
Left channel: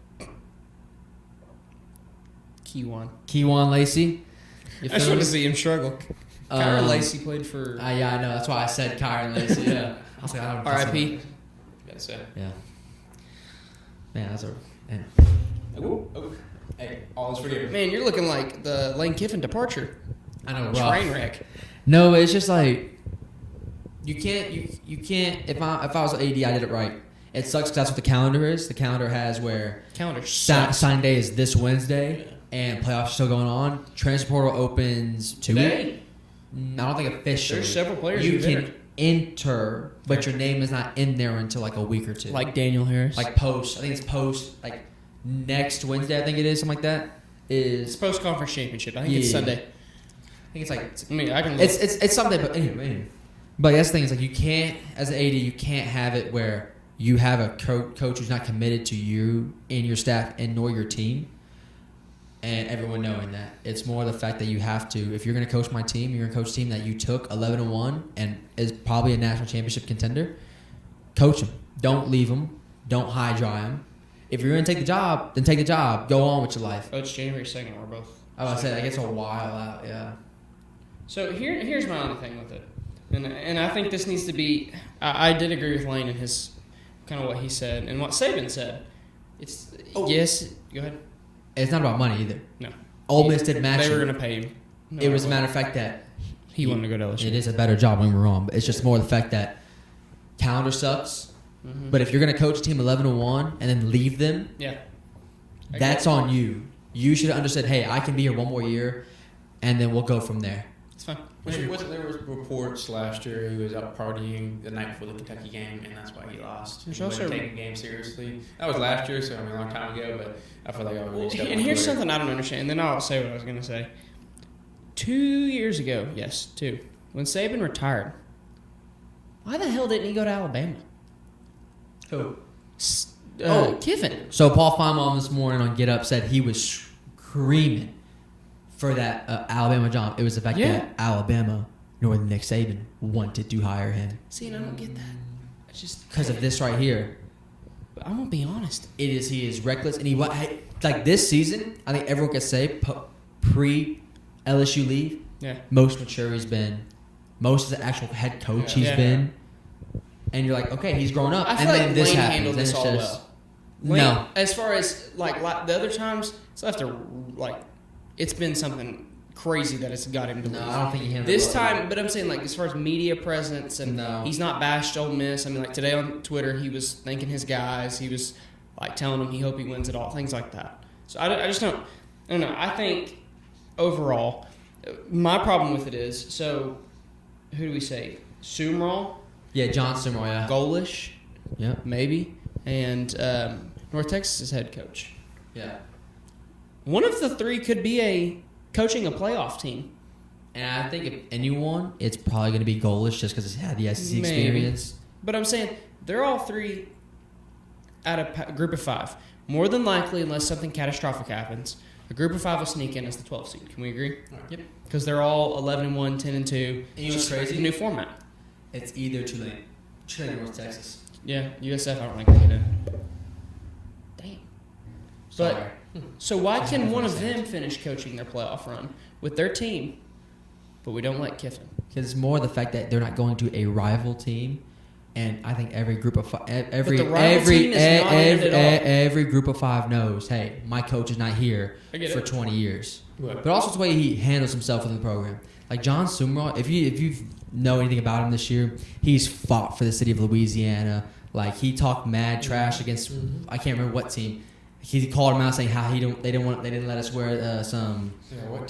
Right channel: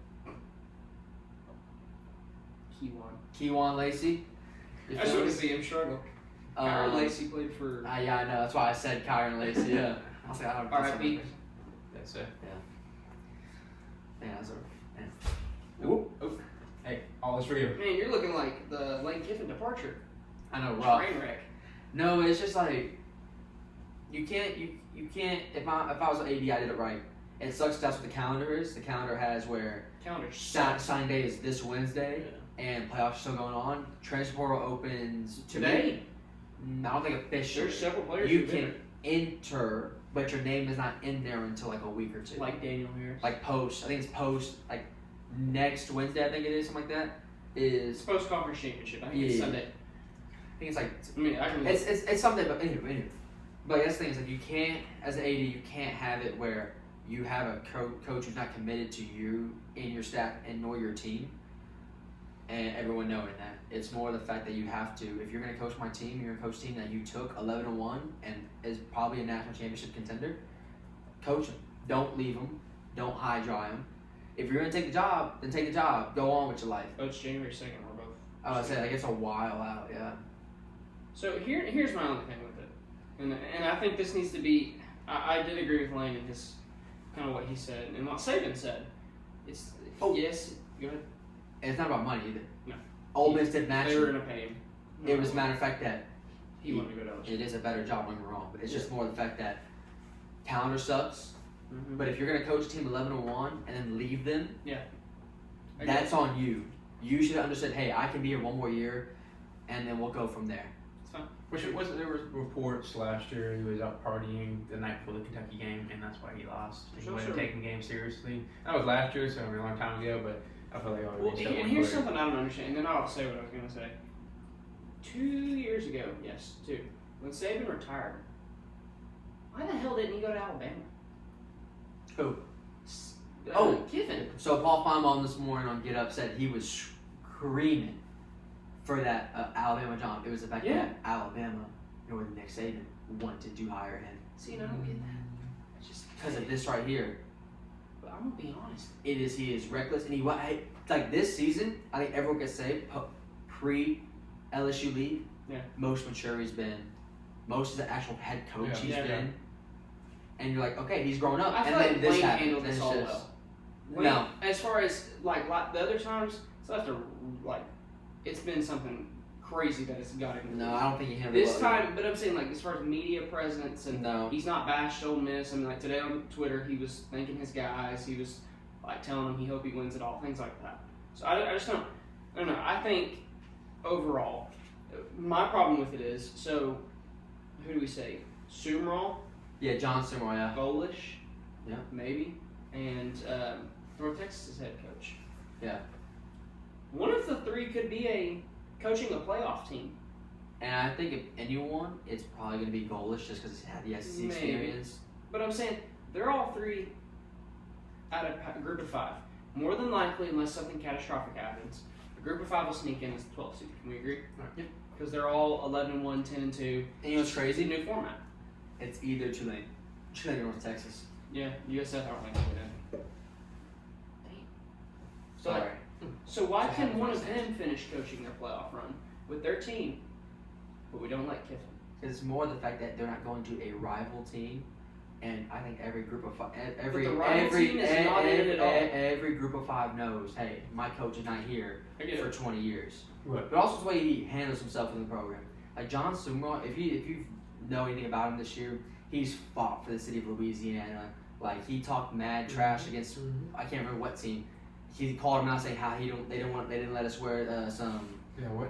Keywan Lacey. I just want to see him struggle. Kyron Lacey played for. Yeah, I know. That's why I said Kyron Lacey. Yeah. I was like, I don't know. R.I.P. That's it. Yeah. Man, that's a. Man. Ooh. Hey, all's for you. Man, you're looking like the Lane Kiffin departure. I know. Train wreck. No, it's just like you can't. If I was AD, I did it right. It sucks because that's what the calendar is. The calendar has where Calendar sign day is this Wednesday and playoffs are still going on. Transfer portal opens Tuesday. I don't think officially. There's several players You who can did enter, but your name is not in there until like a week or two. like Daniel Harris. Like post. I think it's post like next Wednesday. I think it is something like that. It's Is post conference championship. I think it's Yeah. Sunday. I think it's like I mean, I can. it's something. But anyway. But that's the thing is like you can't as an AD you can't have it where you have a coach who's not committed to you and your staff and nor your team. And everyone knowing that. It's more the fact that you have to, if you're going to coach my team, you're going to coach a team that you took 11-1 and is probably a national championship contender, coach them. Don't leave them. Don't high dry them. If you're going to take the job, then take the job. Go on with your life. Oh, it's January 2nd, we're both. I was saying, it's a while out, yeah. So here's my only thing with it. And I think this needs to be, I did agree with Lane in his, kind of what he said, and what Saban said. It's, yes, go ahead. It's not about money either. No. Ole Miss didn't match They were it. going to pay him. No, It was a matter of fact that he wanted to go to LSU. it is a better job, don't get me wrong, but it's just more the fact that calendar sucks. Mhm. But if you're going to coach a team 11-1 and then leave them, Yeah. that's on you. You should have understood, hey, I can be here one more year, and then we'll go from there. It's fine. There were reports last year he was out partying the night before the Kentucky game, and that's why he lost. There's He also- wasn't taking games seriously. That was last year, so a long time ago, but I feel like Well, and here's something I don't understand, and then I'll say what I was going to say. 2 years ago, yes, 2, when Saban retired, why the hell didn't he go to Alabama? Who? Kiffin. So Paul Feynman this morning on Get Up said he was screaming for that Alabama job. It was the fact that Alabama, nor Nick Saban, wanted to hire him. See, and I don't get that. It's just Because of this right here. I won't be honest. He is reckless, and like this season. I think everyone can say pre LSU leave, Yeah. most mature he's been, most of the actual head coach he's Yeah. been, and you're like, okay, he's grown up, I and feel then like this Lane happens. handled And it's this all just well. Lane, no. as far as like the other times, it's left a it's been something crazy that it's got him to No, lose. I don't think he handled This it. time, but I'm saying like as far as media presence and No. he's not bashed Ole Miss. I mean, like today on Twitter, he was thanking his guys. He was like telling them he hope he wins it all, things like that. So I just don't. I don't know. I think overall, my problem with it is so. Who do we say? Sumrall Yeah, John Summerall. Yeah. Golish, Yeah. maybe, and North Texas' head coach. Yeah. One of the three could be coaching a playoff team. And I think if anyone, it's probably going to be Golish just because he's had the SEC experience. But I'm saying they're all three out of a group of 5. More than likely, unless something catastrophic happens, a group of 5 will sneak in as the 12th seed. Can we agree? Yep. Because they're all 11-1, 10-2. It's just crazy new format. It's either Trinity or North Texas. Yeah, USF I don't think they did. Dang. Sorry. So why can one of them finish coaching their playoff run with their team, but we don't let Kiffin? Because it's more the fact that they're not going to a rival team, and I think every group of every group of 5 knows, hey, my coach is not here for 20 years. But also the way he handles himself in the program. Like John Summerall, if you know anything about him this year, he's fought for the city of Louisiana. Like he talked mad trash against I can't remember what team. He called him out saying how they didn't let us wear some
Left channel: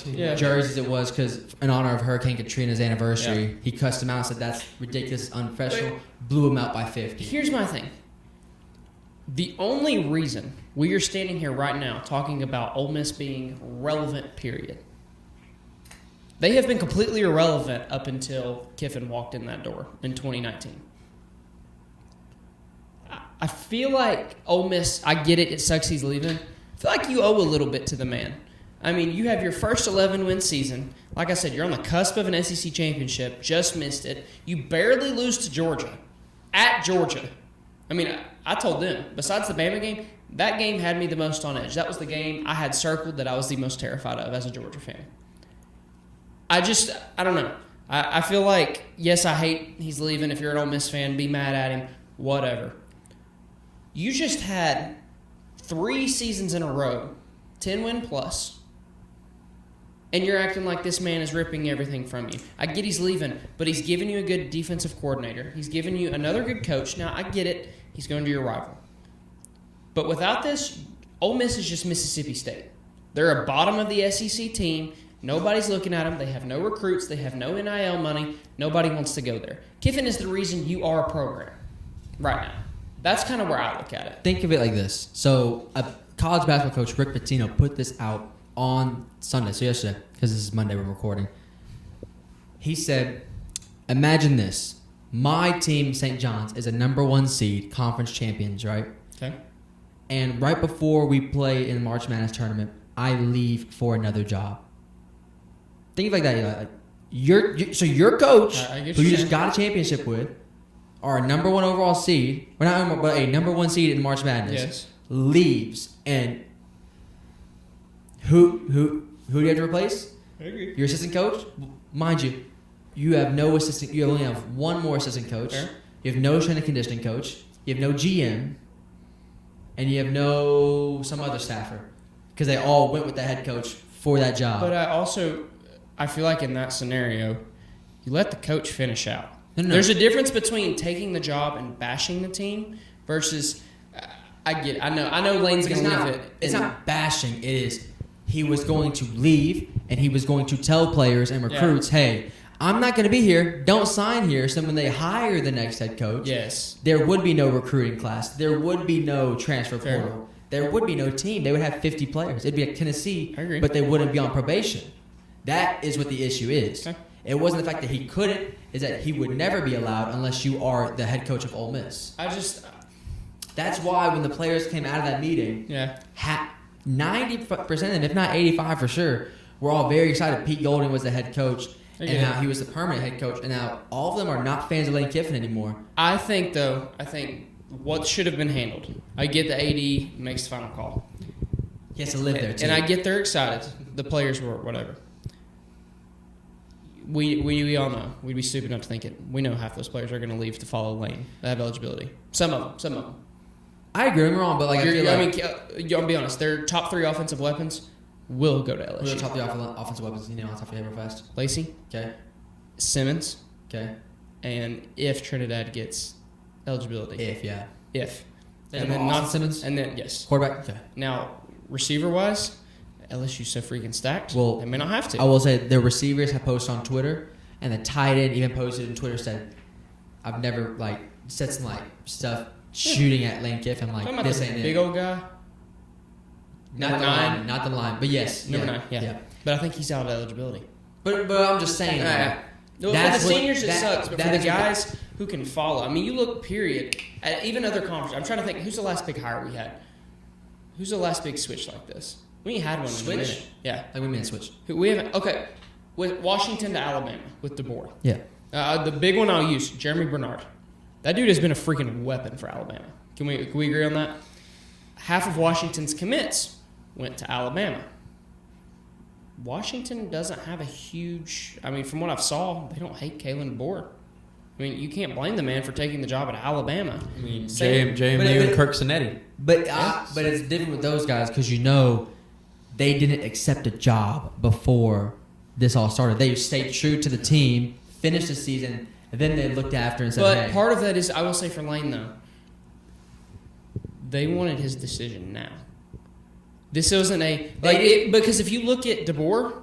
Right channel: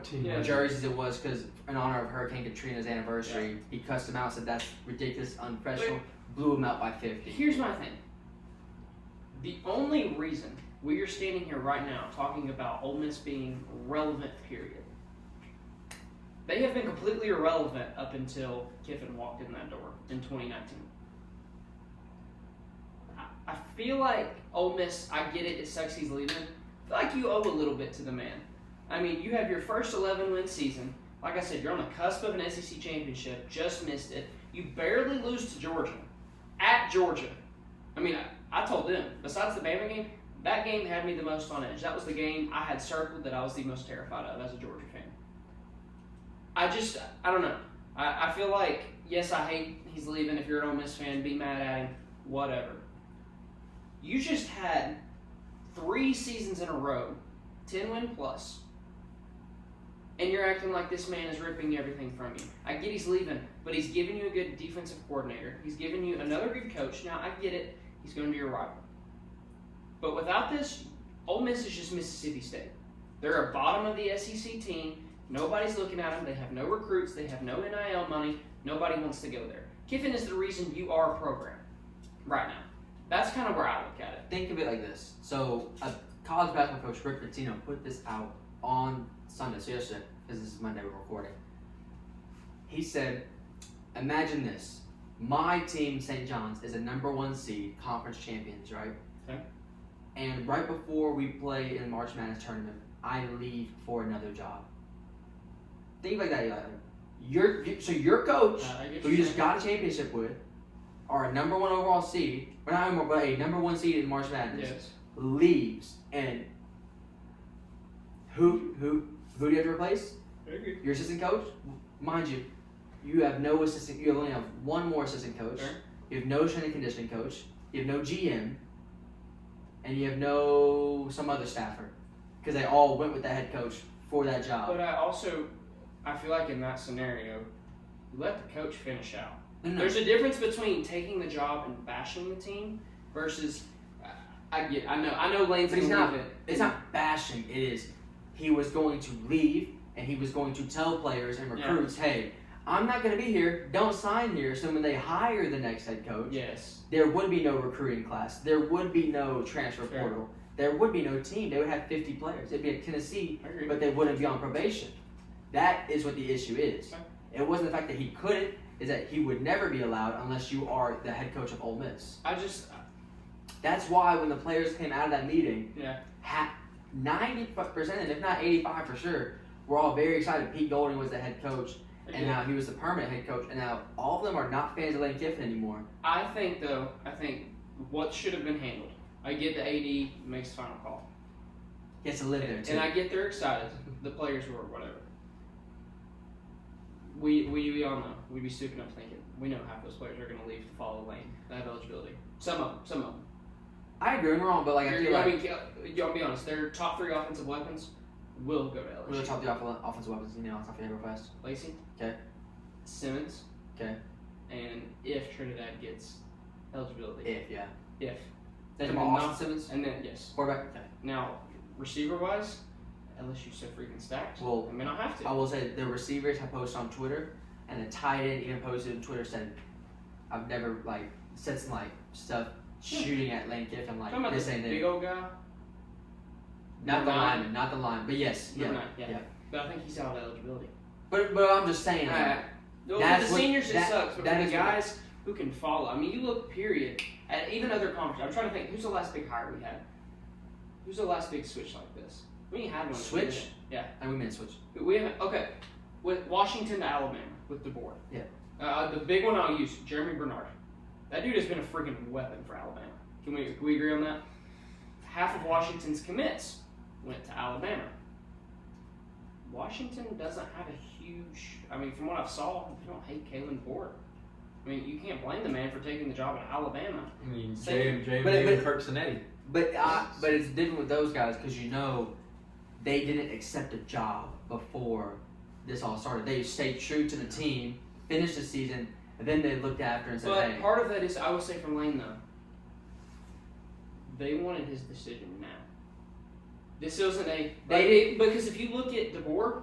jerseys it was because in honor of Hurricane Katrina's anniversary. He cussed him out, said that's ridiculous, unprofessional, blew him out by 50. Here's my thing. The only reason we are standing here right now talking about Ole Miss being relevant, period. They have been completely irrelevant up until Kiffin walked in that door in 2019. I feel like Ole Miss, I get it sucks he's leaving. I feel like you owe a little bit to the man. I mean, you have your first 11-win season. Like I said, you're on the cusp of an SEC championship, just missed it. You barely lose to Georgia, at Georgia. I mean, I told them, besides the Bama game, that game had me the most on edge. That was the game I had circled that I was the most terrified of as a Georgia fan. I don't know. I feel like, yes, I hate he's leaving. If you're an Ole Miss fan, be mad at him, whatever. You just had 3 seasons in a row, 10-win plus, and you're acting like this man is ripping everything from you. I get he's leaving, but he's giving you a good defensive coordinator. He's giving you another good coach. Now, I get it. He's going to your rival. But without this, Ole Miss is just Mississippi State. They're a bottom of the SEC team. Nobody's looking at them. They have no recruits. They have no NIL money. Nobody wants to go there. Kiffin is the reason you are a program right now. That's kind of where I look at it. Think of it like this. So, a college basketball coach, Rick Pitino, put this out on Sunday, so yesterday, because this is Monday we're recording. He said, imagine this. My team, St. John's, is a #1 seed, conference champions, right? Okay. And right before we play in the March Madness tournament, I leave for another job. Think like that. So your coach, who you just got a championship with, or a #1 overall seed, or not, but a #1 seed in March Madness, leaves, and who do you have to replace? Your assistant coach? Mind you, you have no assistant. You only have one more assistant coach. You have no strength and conditioning coach. You have no GM, and you have some other staffer, because they all went with the head coach for that job. But I feel like in that scenario, you let the coach finish out. No. There's a difference between taking the job and bashing the team versus. I know Lane's going to leave it. It's not bashing. It is. He was going to leave, and he was going to tell players and recruits, hey, I'm not going to be here. Don't sign here. So when they hire the next head coach, there would be no recruiting class. There would be no transfer portal. There would be no team. They would have 50 players. It'd be like Tennessee, but they wouldn't be on probation. That is what the issue is. It wasn't the fact that he couldn't. It's that he would never be allowed unless you are the head coach of Ole Miss. That's why when the players came out of that meeting, 90% of them, if not 85 for sure, were all very excited. Pete Golding was the head coach, and now he was the permanent head coach, and now all of them are not fans of Lane Kiffin anymore. I think what should have been handled. I get the AD makes the final call. He has to live there too. And I get they're excited. The players were, whatever. We all know. We'd be stupid enough to think it. We know half those players are going to leave to follow Lane. They have eligibility. Some of them. I agree, I'm wrong, but I'll be honest. Their top 3 offensive weapons will go to LSU. Who's top 3 offensive weapons? You know, off the favorite fast. Lacey. Okay. Simmons. Okay. And if Trinidad gets eligibility. If. And then not Simmons. And then yes. Quarterback. Okay. Now, receiver wise, LSU's so freaking stacked. Well, they may not have to. I will say their receivers have posted on Twitter, and the tight end even posted on Twitter said, I've never like said some like stuff shooting at Lane Kiffin like this ain't big it. old guy. Not the line, but yes, Number 9, yeah. But I think he's out of eligibility. But I'm just saying that. That's the seniors, it sucks. But for the guys who can follow, I mean, you look, period, at even other conferences. I'm trying to think, who's the last big hire we had? Who's the last big switch like this? We ain't had one. Switch? Yeah. Like we mean switch. We haven't, okay. With Washington to Alabama, with DeBoer. Yeah. The big one I'll use, Jeremy Bernard. That dude has been a freaking weapon for Alabama. Can we agree on that? Half of Washington's commits went to Alabama. Washington doesn't have a huge, I mean, from what I saw, they don't hate Kalen DeBoer. I mean, you can't blame the man for taking the job at Alabama. I mean, JMU and Kirk Cinetti. But it's different with those guys because they didn't accept a job before this all started. They stayed true to the team, finished the season, and then they looked after and said, but hey. part of that is, I will say for Lane though, they wanted his decision now. This wasn't because if you look at DeBoer,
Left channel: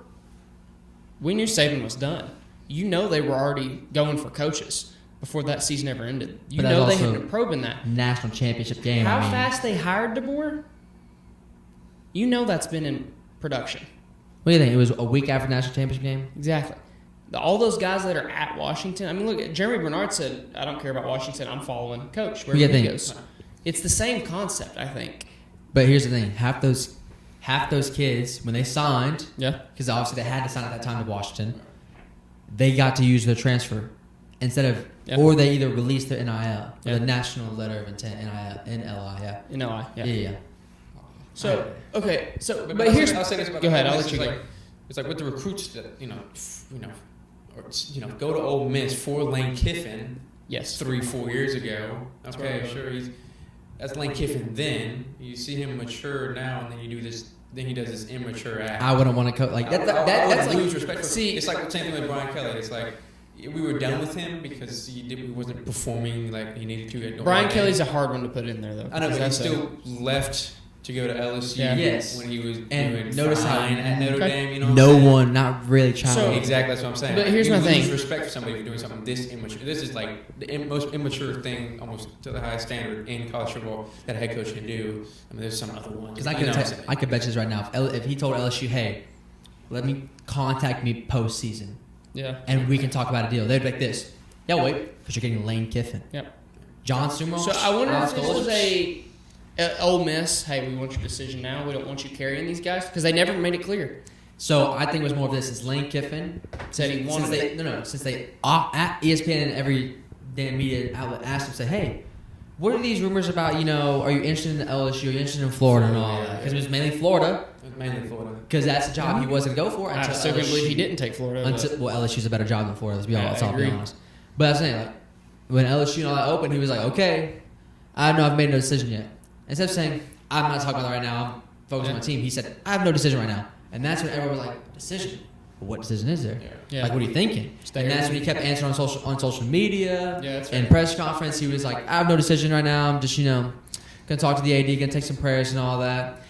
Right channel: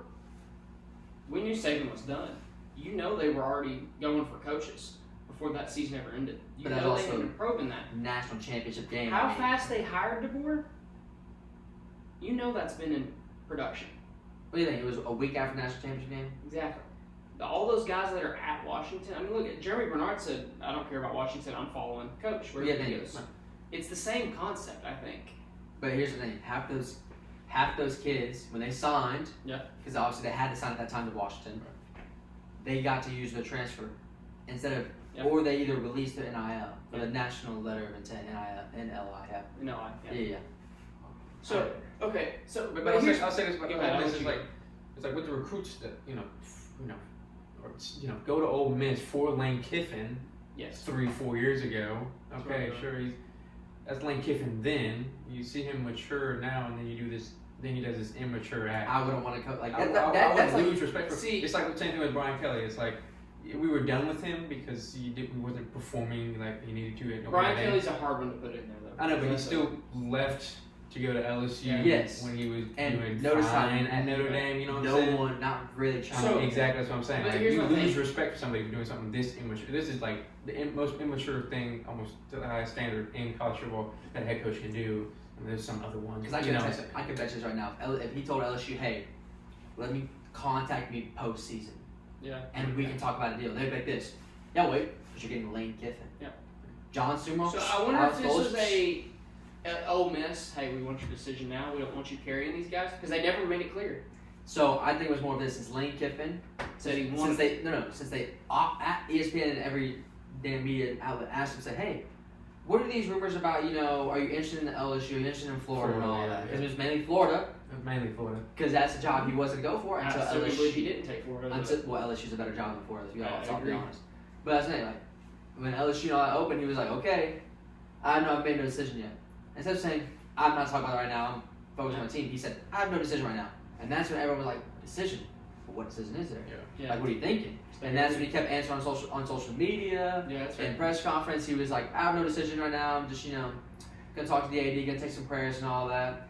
we knew Saban was done. You know they were already going for coaches before that season ever ended. You know they had been probing that. National championship game. How fast they hired DeBoer? You know that's been in production. What do you think? It was a week after national championship game? Exactly. All those guys that are at Washington, I mean, look, Jeremy Bernard said, I don't care about Washington, I'm following coach. Where he goes. It's the same concept, I think. But here's the thing. Half those kids, when they signed, because obviously they had to sign at that time in Washington, they got to use their transfer instead of, or they either released their NIL, the national letter of intent, NIL. Yeah. So, okay, but here's, go ahead, I'll let you go. It's like with the recruits that, go to Ole Miss for Lane Kiffin. Yes. 3-4 years ago. Okay, sure. That's Lane Kiffin then. You see him mature now, and then you do this. Then he does this immature act. I wouldn't want to coach like that. That's lose respect. See, it's like the same thing with Brian Kelly. It's like we were done with him because he wasn't performing like he needed to. Brian Kelly's a hard one to put in there, though. I know, but he still left to go to LSU. Yes. When he was and notice how Notre Dame, no one not really trying. So exactly that's what I'm saying. But here's my thing. You respect somebody doing something this immature. This is like the most immature thing, almost to the highest standard in college football that a head coach can do. I mean, there's some other ones. Because I could bet you right now, if he told LSU, hey, let me contact me postseason, and we can talk about a deal, they'd be like this. Yeah, wait, because you're getting Lane Kiffin. Yeah. John Sumo. So I wonder if this was Ole Miss, hey, we want your decision now. We don't want you carrying these guys because they never made it clear. So I think it was more of this. Is Lane Kiffin said he wanted since they at ESPN and every damn media outlet asked him, said, hey, what are these rumors about? Are you interested in LSU? Are you interested in Florida and all that? Because it was mainly Florida. Because that's the job he wasn't go for. I still believe he didn't take Florida. LSU's a better job than Florida. Let's all be honest. But I'm saying, when LSU and all that opened, he was like, okay, I don't know, I've made no decision yet. Instead of saying, I'm not talking about it right now, focus on my team, he said, I have no decision right now. And that's when everyone was like, decision? What decision is there? Yeah. Like, what are you thinking? And that's when he kept answering on social media and press conference. He was like, I have no decision right now. I'm just, going to talk to the AD, going to take some prayers and all that.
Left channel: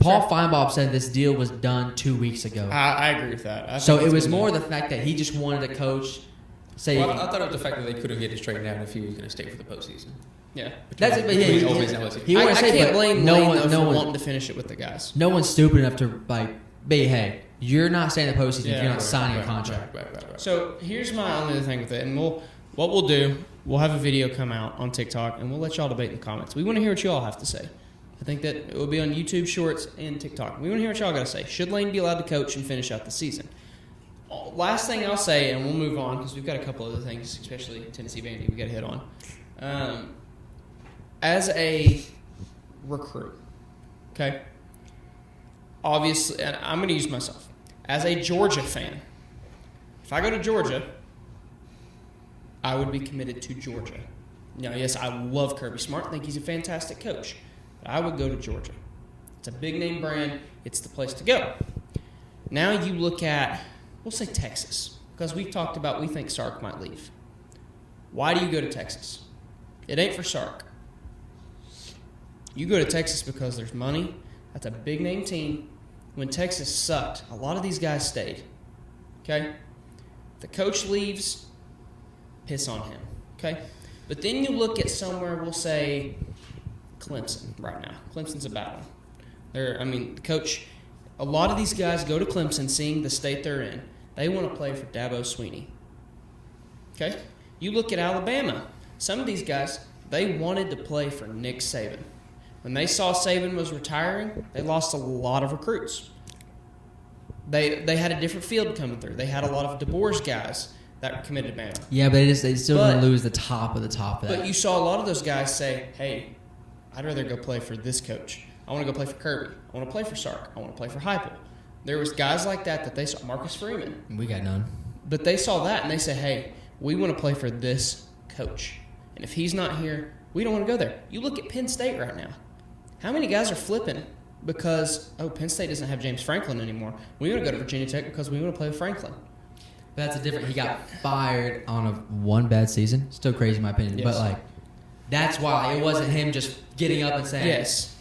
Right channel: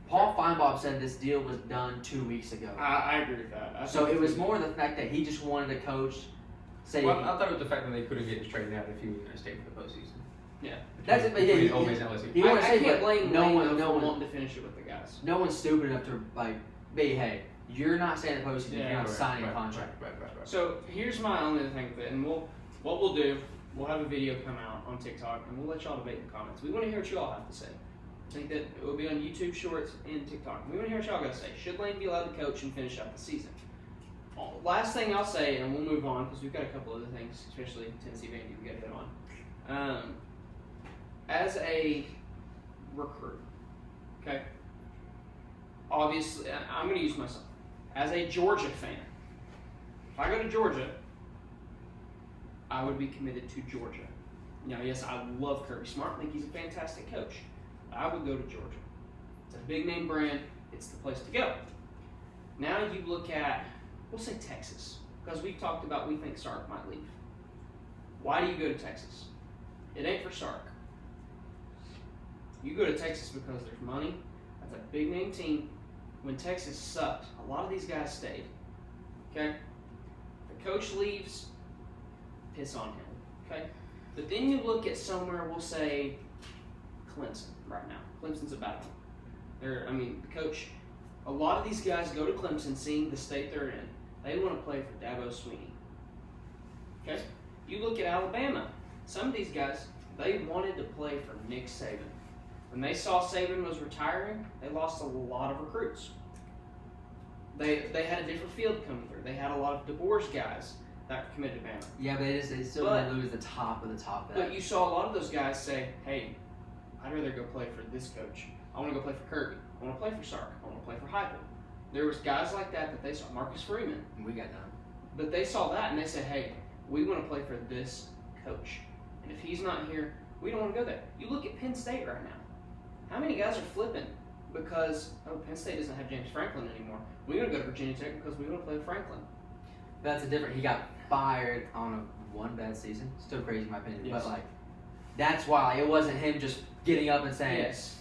Paul Feinbaum said this deal was done 2 weeks ago. I agree with that. So it was more the fact that he just wanted to coach. I thought of the fact that they could have get it straightened out if he was going to stay for the postseason. Yeah, that's it. He always said, blame no one wanted to finish it with the guys. No one's stupid enough to be hey, you're not staying in the postseason if you're not signing a contract. So here's my other thing with it, and what we'll do, we'll have a video come out on TikTok, and we'll let y'all debate in the comments. We want to hear what y'all have to say. I think that it will be on YouTube Shorts and TikTok. We want to hear what y'all got to say. Should Lane be allowed to coach and finish out the season? Last thing I'll say, and we'll move on because we've got a couple other things, especially Tennessee Vandy, we got to hit on. As a recruit, okay, obviously, and I'm going to use myself, as a Georgia fan, if I go to Georgia, I would be committed to Georgia. Now, yes, I love Kirby Smart. I think he's a fantastic coach. But I would go to Georgia. It's a big name brand. It's the place to go. Now you look at, we'll say Texas, because we've talked about we think Sark might leave. Why do you go to Texas? It ain't for Sark. You go to Texas because there's money. That's a big name team. When Texas sucked, a lot of these guys stayed. Okay? The coach leaves, piss on him. Okay? But then you look at somewhere, we'll say Clemson right now. Clemson's a battle. Coach, a lot of these guys go to Clemson seeing the state they're in. They want to play for Dabo Swinney. Okay? You look at Alabama. Some of these guys, they wanted to play for Nick Saban. When they saw Saban was retiring, they lost a lot of recruits. They had a different field coming through. They had a lot of DeBoer's guys that were committed to Bama. Yeah, but they still didn't lose the top of the top of that. But you saw a lot of those guys say, hey, I'd rather go play for this coach. I want to go play for Kirby. I want to play for Sark. I want to play for Heupel. There was guys like that they saw. Marcus Freeman. We got none. But they saw that and they said, hey, we want to play for this coach. And if he's not here, we don't want to go there. You look at Penn State right now. How many guys are flipping it because, Penn State doesn't have James Franklin anymore. We want to go to Virginia Tech because we want to play with Franklin. That's different. He got fired on one bad season. Still crazy in my opinion. Yes. But, that's why it wasn't him just getting up and saying, yes,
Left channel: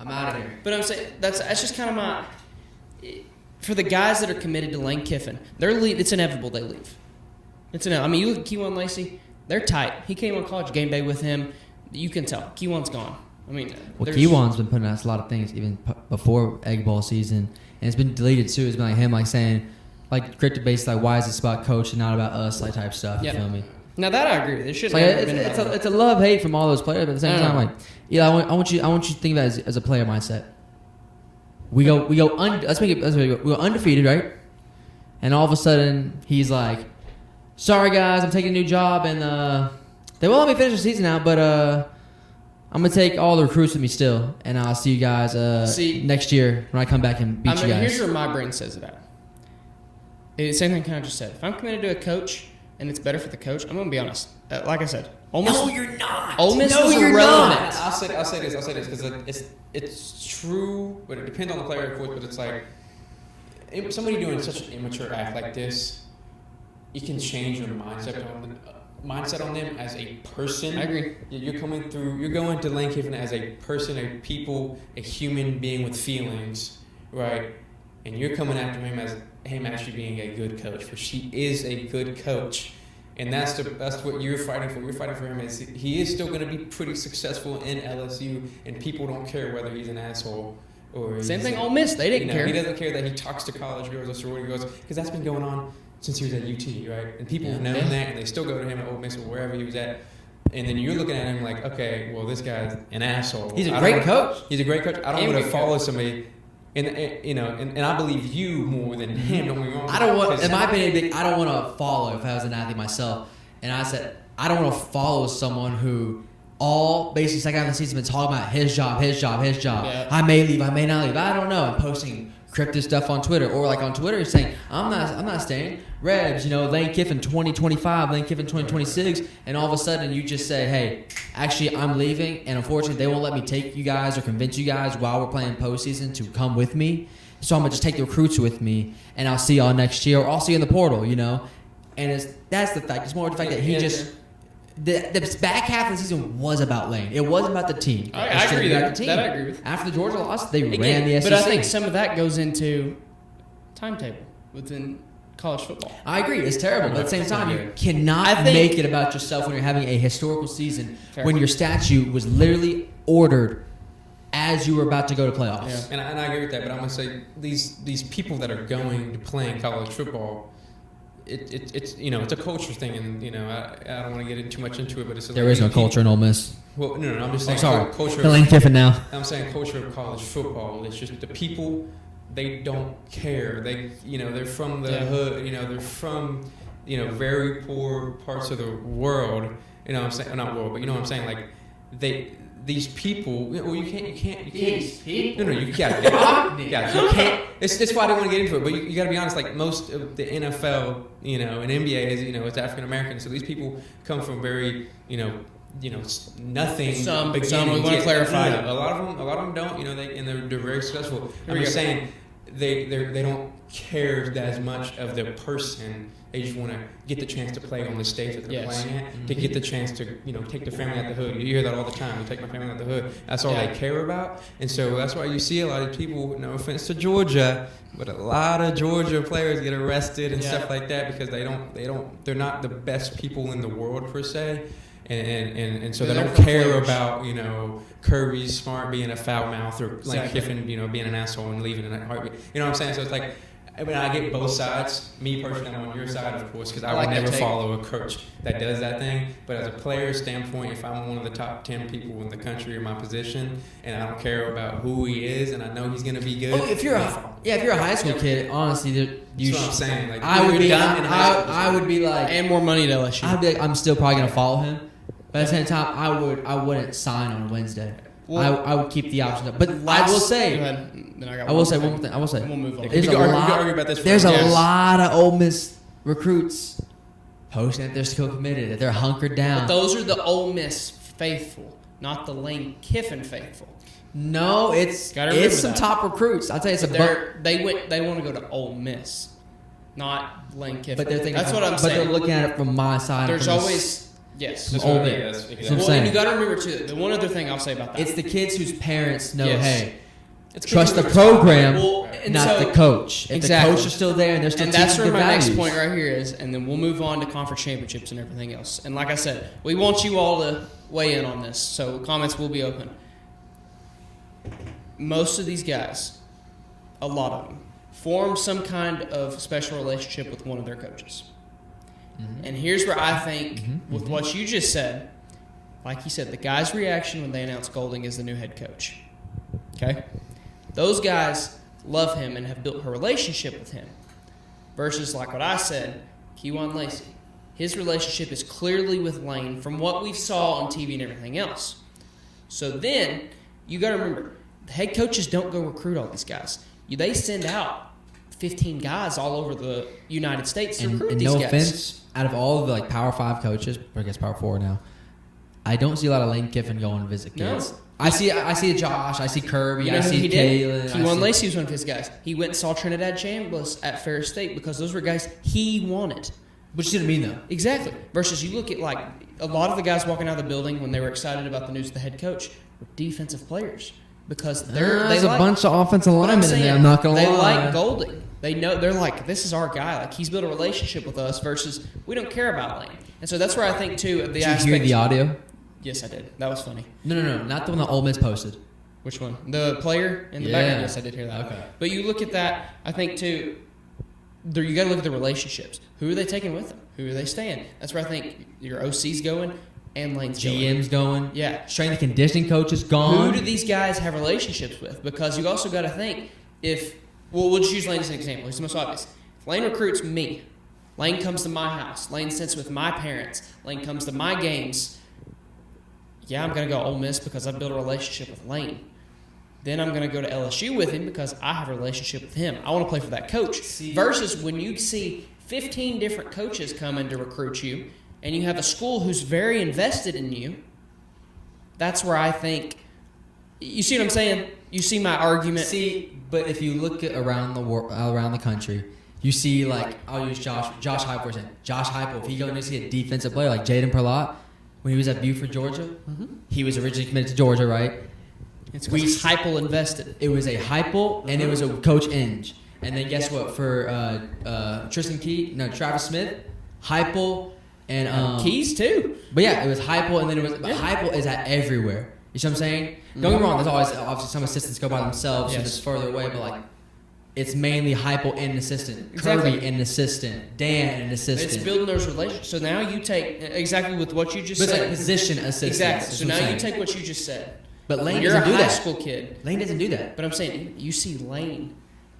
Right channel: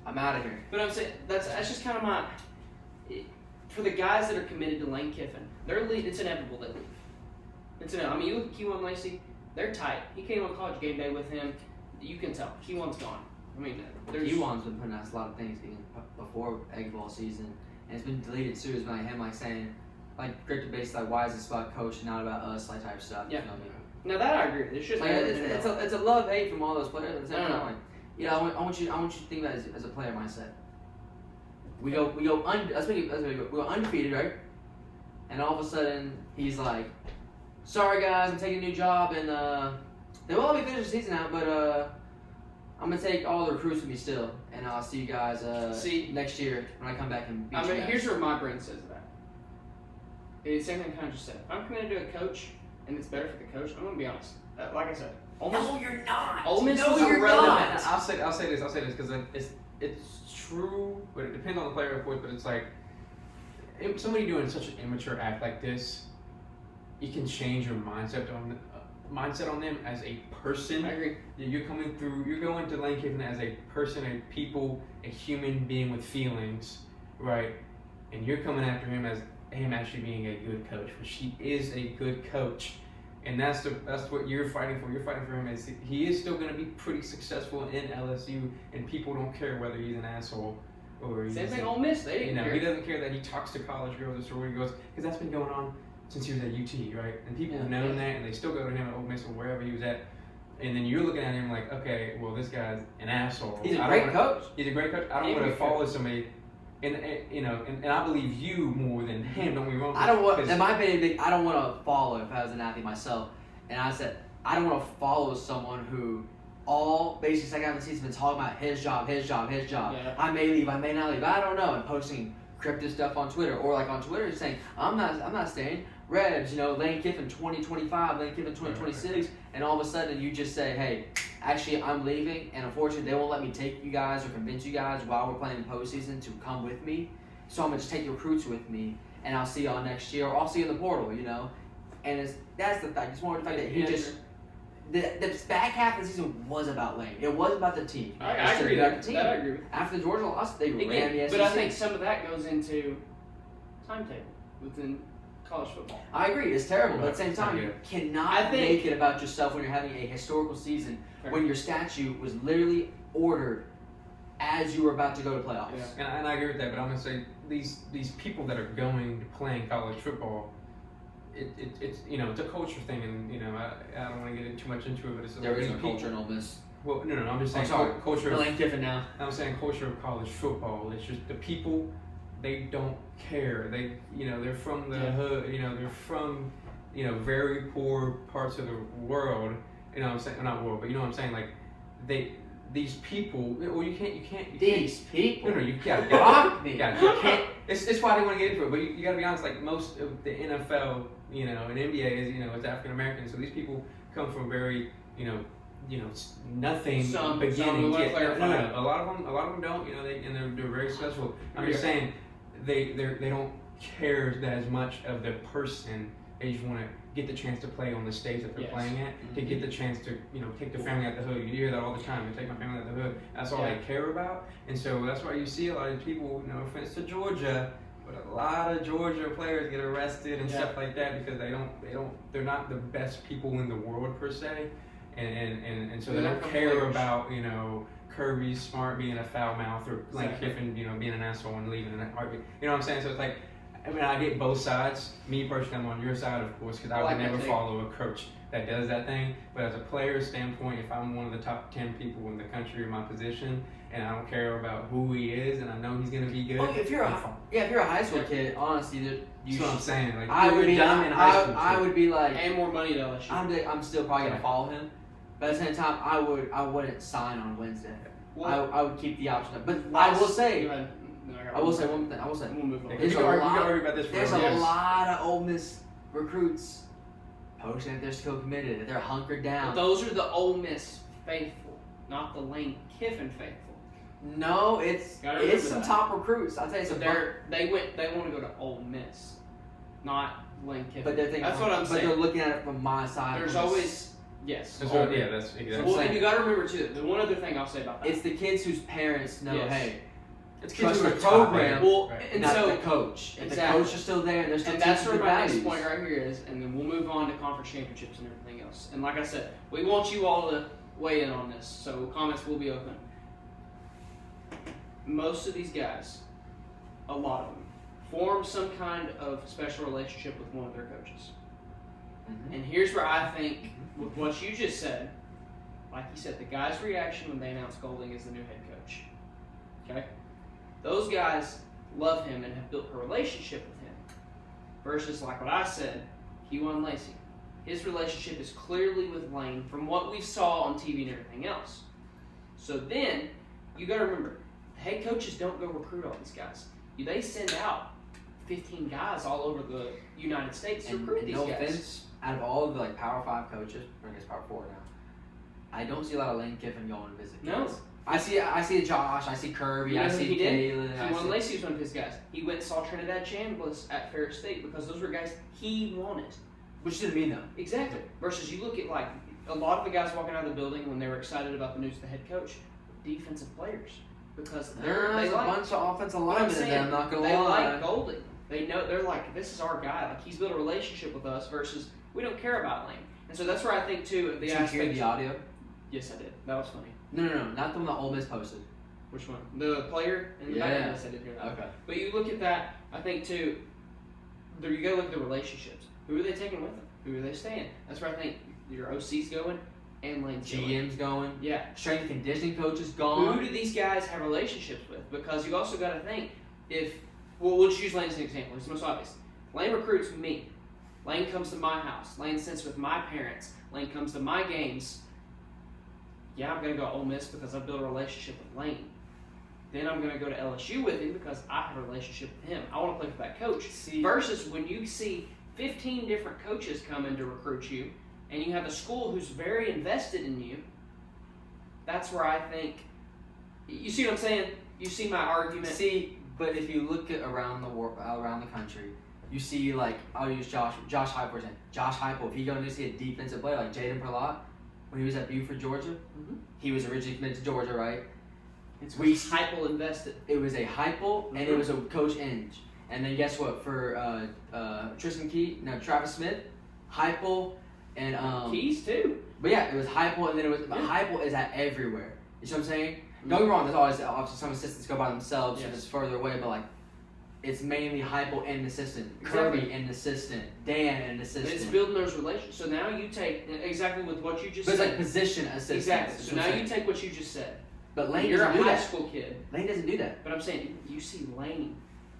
I'm out of here. But I'm saying that's just kind of my for the guys that are committed to Lane Kiffin. It's inevitable they leave. It's inevitable. You look at Kewan Lacey, they're tight. He came on college game day with him. You can tell Kewan's gone. Kewan's been putting out a lot of things even before Egg Bowl season, and it's been deleted too. It's been him saying cryptic based why is this about coach and not about us type stuff. Yeah. You feel me? Now that I agree with. It should. It's a love hate from all those players, but at the same time, I want you to think about it as a player mindset. We go undefeated, right? And all of a sudden he's like, sorry guys, I'm taking a new job, and they won't let me finish the season now, but I'm gonna take all the recruits with me still, and I'll see you guys next year when I come back and beat you guys. Here's what my brain says about it. It's the same thing I just said. If I'm committed to a coach and it's better for the coach, I'm gonna be honest. Like I said, Ole Miss. No, you're not. Ole Miss No, is you're irrelevant. not. I'll say this because it's true, but it depends on the player. But it's if somebody doing such an immature act like this, you can change your mindset on them as a person. I agree. You're going to Lane Kiffin as a person, a human being with feelings, right? And you're coming after him as him actually being a good coach, which he is a good coach. And that's what you're fighting for. You're fighting for him. He is still going to be pretty successful in LSU, and people don't care whether he's an asshole or Same thing Ole Miss. They didn't care. He doesn't care that he talks to college girls or where he goes, because that's been going on since he was at UT, right? And people know that, and they still go to him at Ole Miss or wherever he was at. And then you're looking at him like, okay, well, this guy's an asshole. He's a great coach. He's a great coach. I don't want to follow somebody. And I believe you more than him. I don't want to follow if I was an athlete myself. And I said, I don't want to follow someone who basically second half of the season been talking about his job. Yeah. I may leave, I may not leave. I don't know. I'm posting cryptic stuff on Twitter, or on Twitter saying, I'm not staying. Reds, Lane Kiffin 2025, Lane Kiffin 2026, and all of a sudden you just say, hey, actually I'm leaving, and unfortunately they won't let me take you guys or convince you guys while we're playing postseason to come with me. So I'm gonna just take the recruits with me, and I'll see y'all next year, or I'll see you in the portal, And that's the fact. It's more the fact that he just the back half of the season was about Lane. It wasn't about the team. I agree with that. I agree. After the Georgia loss, they ran the SEC. But I think some of that goes into timetable within college football. I agree. It's terrible. But at the same time, you cannot make it about yourself when you're having a historical season when your statute was literally ordered as you were about to go to playoffs. Yeah. And I agree with that, but I'm going to say these people that are going to play college football, it's a culture thing, and I don't want to get too much into it, but there is no culture in Ole Miss. Well, no, I'm just saying culture. Lane Kiffin now. I'm saying culture of college football. It's just the people, they don't care. They're from the hood. They're from very poor parts of the world. I'm saying not world, but what I'm saying, like these people, well, you can't. No, you can't. It's why I don't want to get into it, but you got to be honest. Like most of the NFL, and NBA is, it's African American. So these people come from very, nothing. Some want to clarify. A lot of them don't. And they're very successful. I'm just saying, they don't care that as much of the person. They just want to get the chance to play on the stage that they're playing at, to get the chance to take the family out the hood. You hear that all the time. Take my family out the hood. That's all they care about. And so that's why you see a lot of people. No offense to Georgia, but a lot of Georgia players get arrested and stuff like that because they're not the best people in the world per se. And so they don't care about, Kirby Smart being a foul mouth or Lane Kiffin, being an asshole and leaving in that heartbeat. You know what I'm saying? So it's like, when I get both sides, me personally, I'm on your side, of course, because I would never follow a coach that does that thing. But as a player standpoint, if I'm one of the top 10 people in the country in my position, and I don't care about who he is, and I know he's going to be good. Well, if you're a high school kid, honestly, you should. I'm saying. Like, I would be like, and more money to LSU. I'm still probably gonna follow him, but at the same time, I wouldn't sign on Wednesday. I would keep the option up. But I will say one more thing. I will say there's a lot of Ole Miss recruits posting that they're still committed, that they're hunkered down. But those are the Ole Miss faithful, not the Lane Kiffin faithful. No, it's some top recruits. I'll tell you, they want to go to Ole Miss, not Lane Kiffin. But that's what I'm saying. But they're looking at it from my side. There's always. Yes. That's what I'm you got to remember too. The one other thing I'll say about that. It's the kids whose parents know, hey, it's trust the program, and not the coach. If exactly. the coach is still there, and they're still that's where my values. next point right here is, and then we'll move on to conference championships and everything else. And like I said, we want you all to weigh in on this, so comments will be open. Most of these guys, a lot of them, form some kind of special relationship with one of their coaches. And here's where I think, with what you just said, like you said, the guy's reaction when they announced Golding as the new head coach. Okay? Those guys love him and have built a relationship with him. Versus, like what I said, Kewan Lacey. His relationship is clearly with Lane from what we saw on TV and everything else. So then, you got to remember, the head coaches don't go recruit all these guys. They send out 15 guys all over the United States to recruit these guys. Offense, out of all the Power 5 coaches, or I guess Power 4 now, I don't see a lot of Lane Kiffin going to visit kids. No. I see Josh, I see Kirby, I see Caleb. Kewan Lacey was one of his guys. He went and saw Trinidad Chambliss at Ferris State because those were guys he wanted. Which didn't mean that. Exactly. Versus you look at like a lot of the guys walking out of the building when they were excited about the news of the head coach were defensive players because there's a bunch of offensive linemen in there. I'm not gonna lie. They like Golding. They know they're like, this is our guy. Like he's built a relationship with us. Versus we don't care about Lane. And so that's where I think too the aspect. Did you hear the audio? Yes, I did. That was funny. No, not the one that Ole Miss posted. Which one? The player in the background. Yes, I did hear that. Okay. But you look at that, I think too. You got to look at the relationships. Who are they taking with them? Who are they staying? That's where I think your OC's going and Lane's GM's going. Yeah. Strength and conditioning coach is gone. Who do these guys have relationships with? Because you also got to think we'll just use Lane as an example. It's the most obvious. If Lane recruits me, Lane comes to my house. Lane sits with my parents. Lane comes to my games. Yeah, I'm going to go Ole Miss because I built a relationship with Lane. Then I'm going to go to LSU with him because I have a relationship with him. I want to play for that coach. Versus when you see 15 different coaches coming to recruit you and you have a school who's very invested in you, that's where I think, you see what I'm saying? You see my argument? But if you look at around the country, you see like, I'll use Josh Heupel. Josh Heupel, if you go to see a defensive player like Jaden Perlott, when he was at Buford, Georgia, he was originally committed to Georgia, right? We Heupel invested. It was a Heupel and it was a Coach Inge. And then guess what? For Travis Smith, Heupel, and Keys too. But yeah, it was Heupel, and then Heupel is at everywhere. You see what I'm saying? Don't get me wrong. There's always obviously some assistants go by themselves and it's further away, but like it's mainly Heupel and an assistant, Kirby and an assistant, Dan and an assistant. It's building those relationships. So now you take exactly with what you just said. It's like position assistant. Exactly. So now you take what you just said. But Lane you're a doesn't do high that. school kid. Lane doesn't do that. But I'm saying you see Lane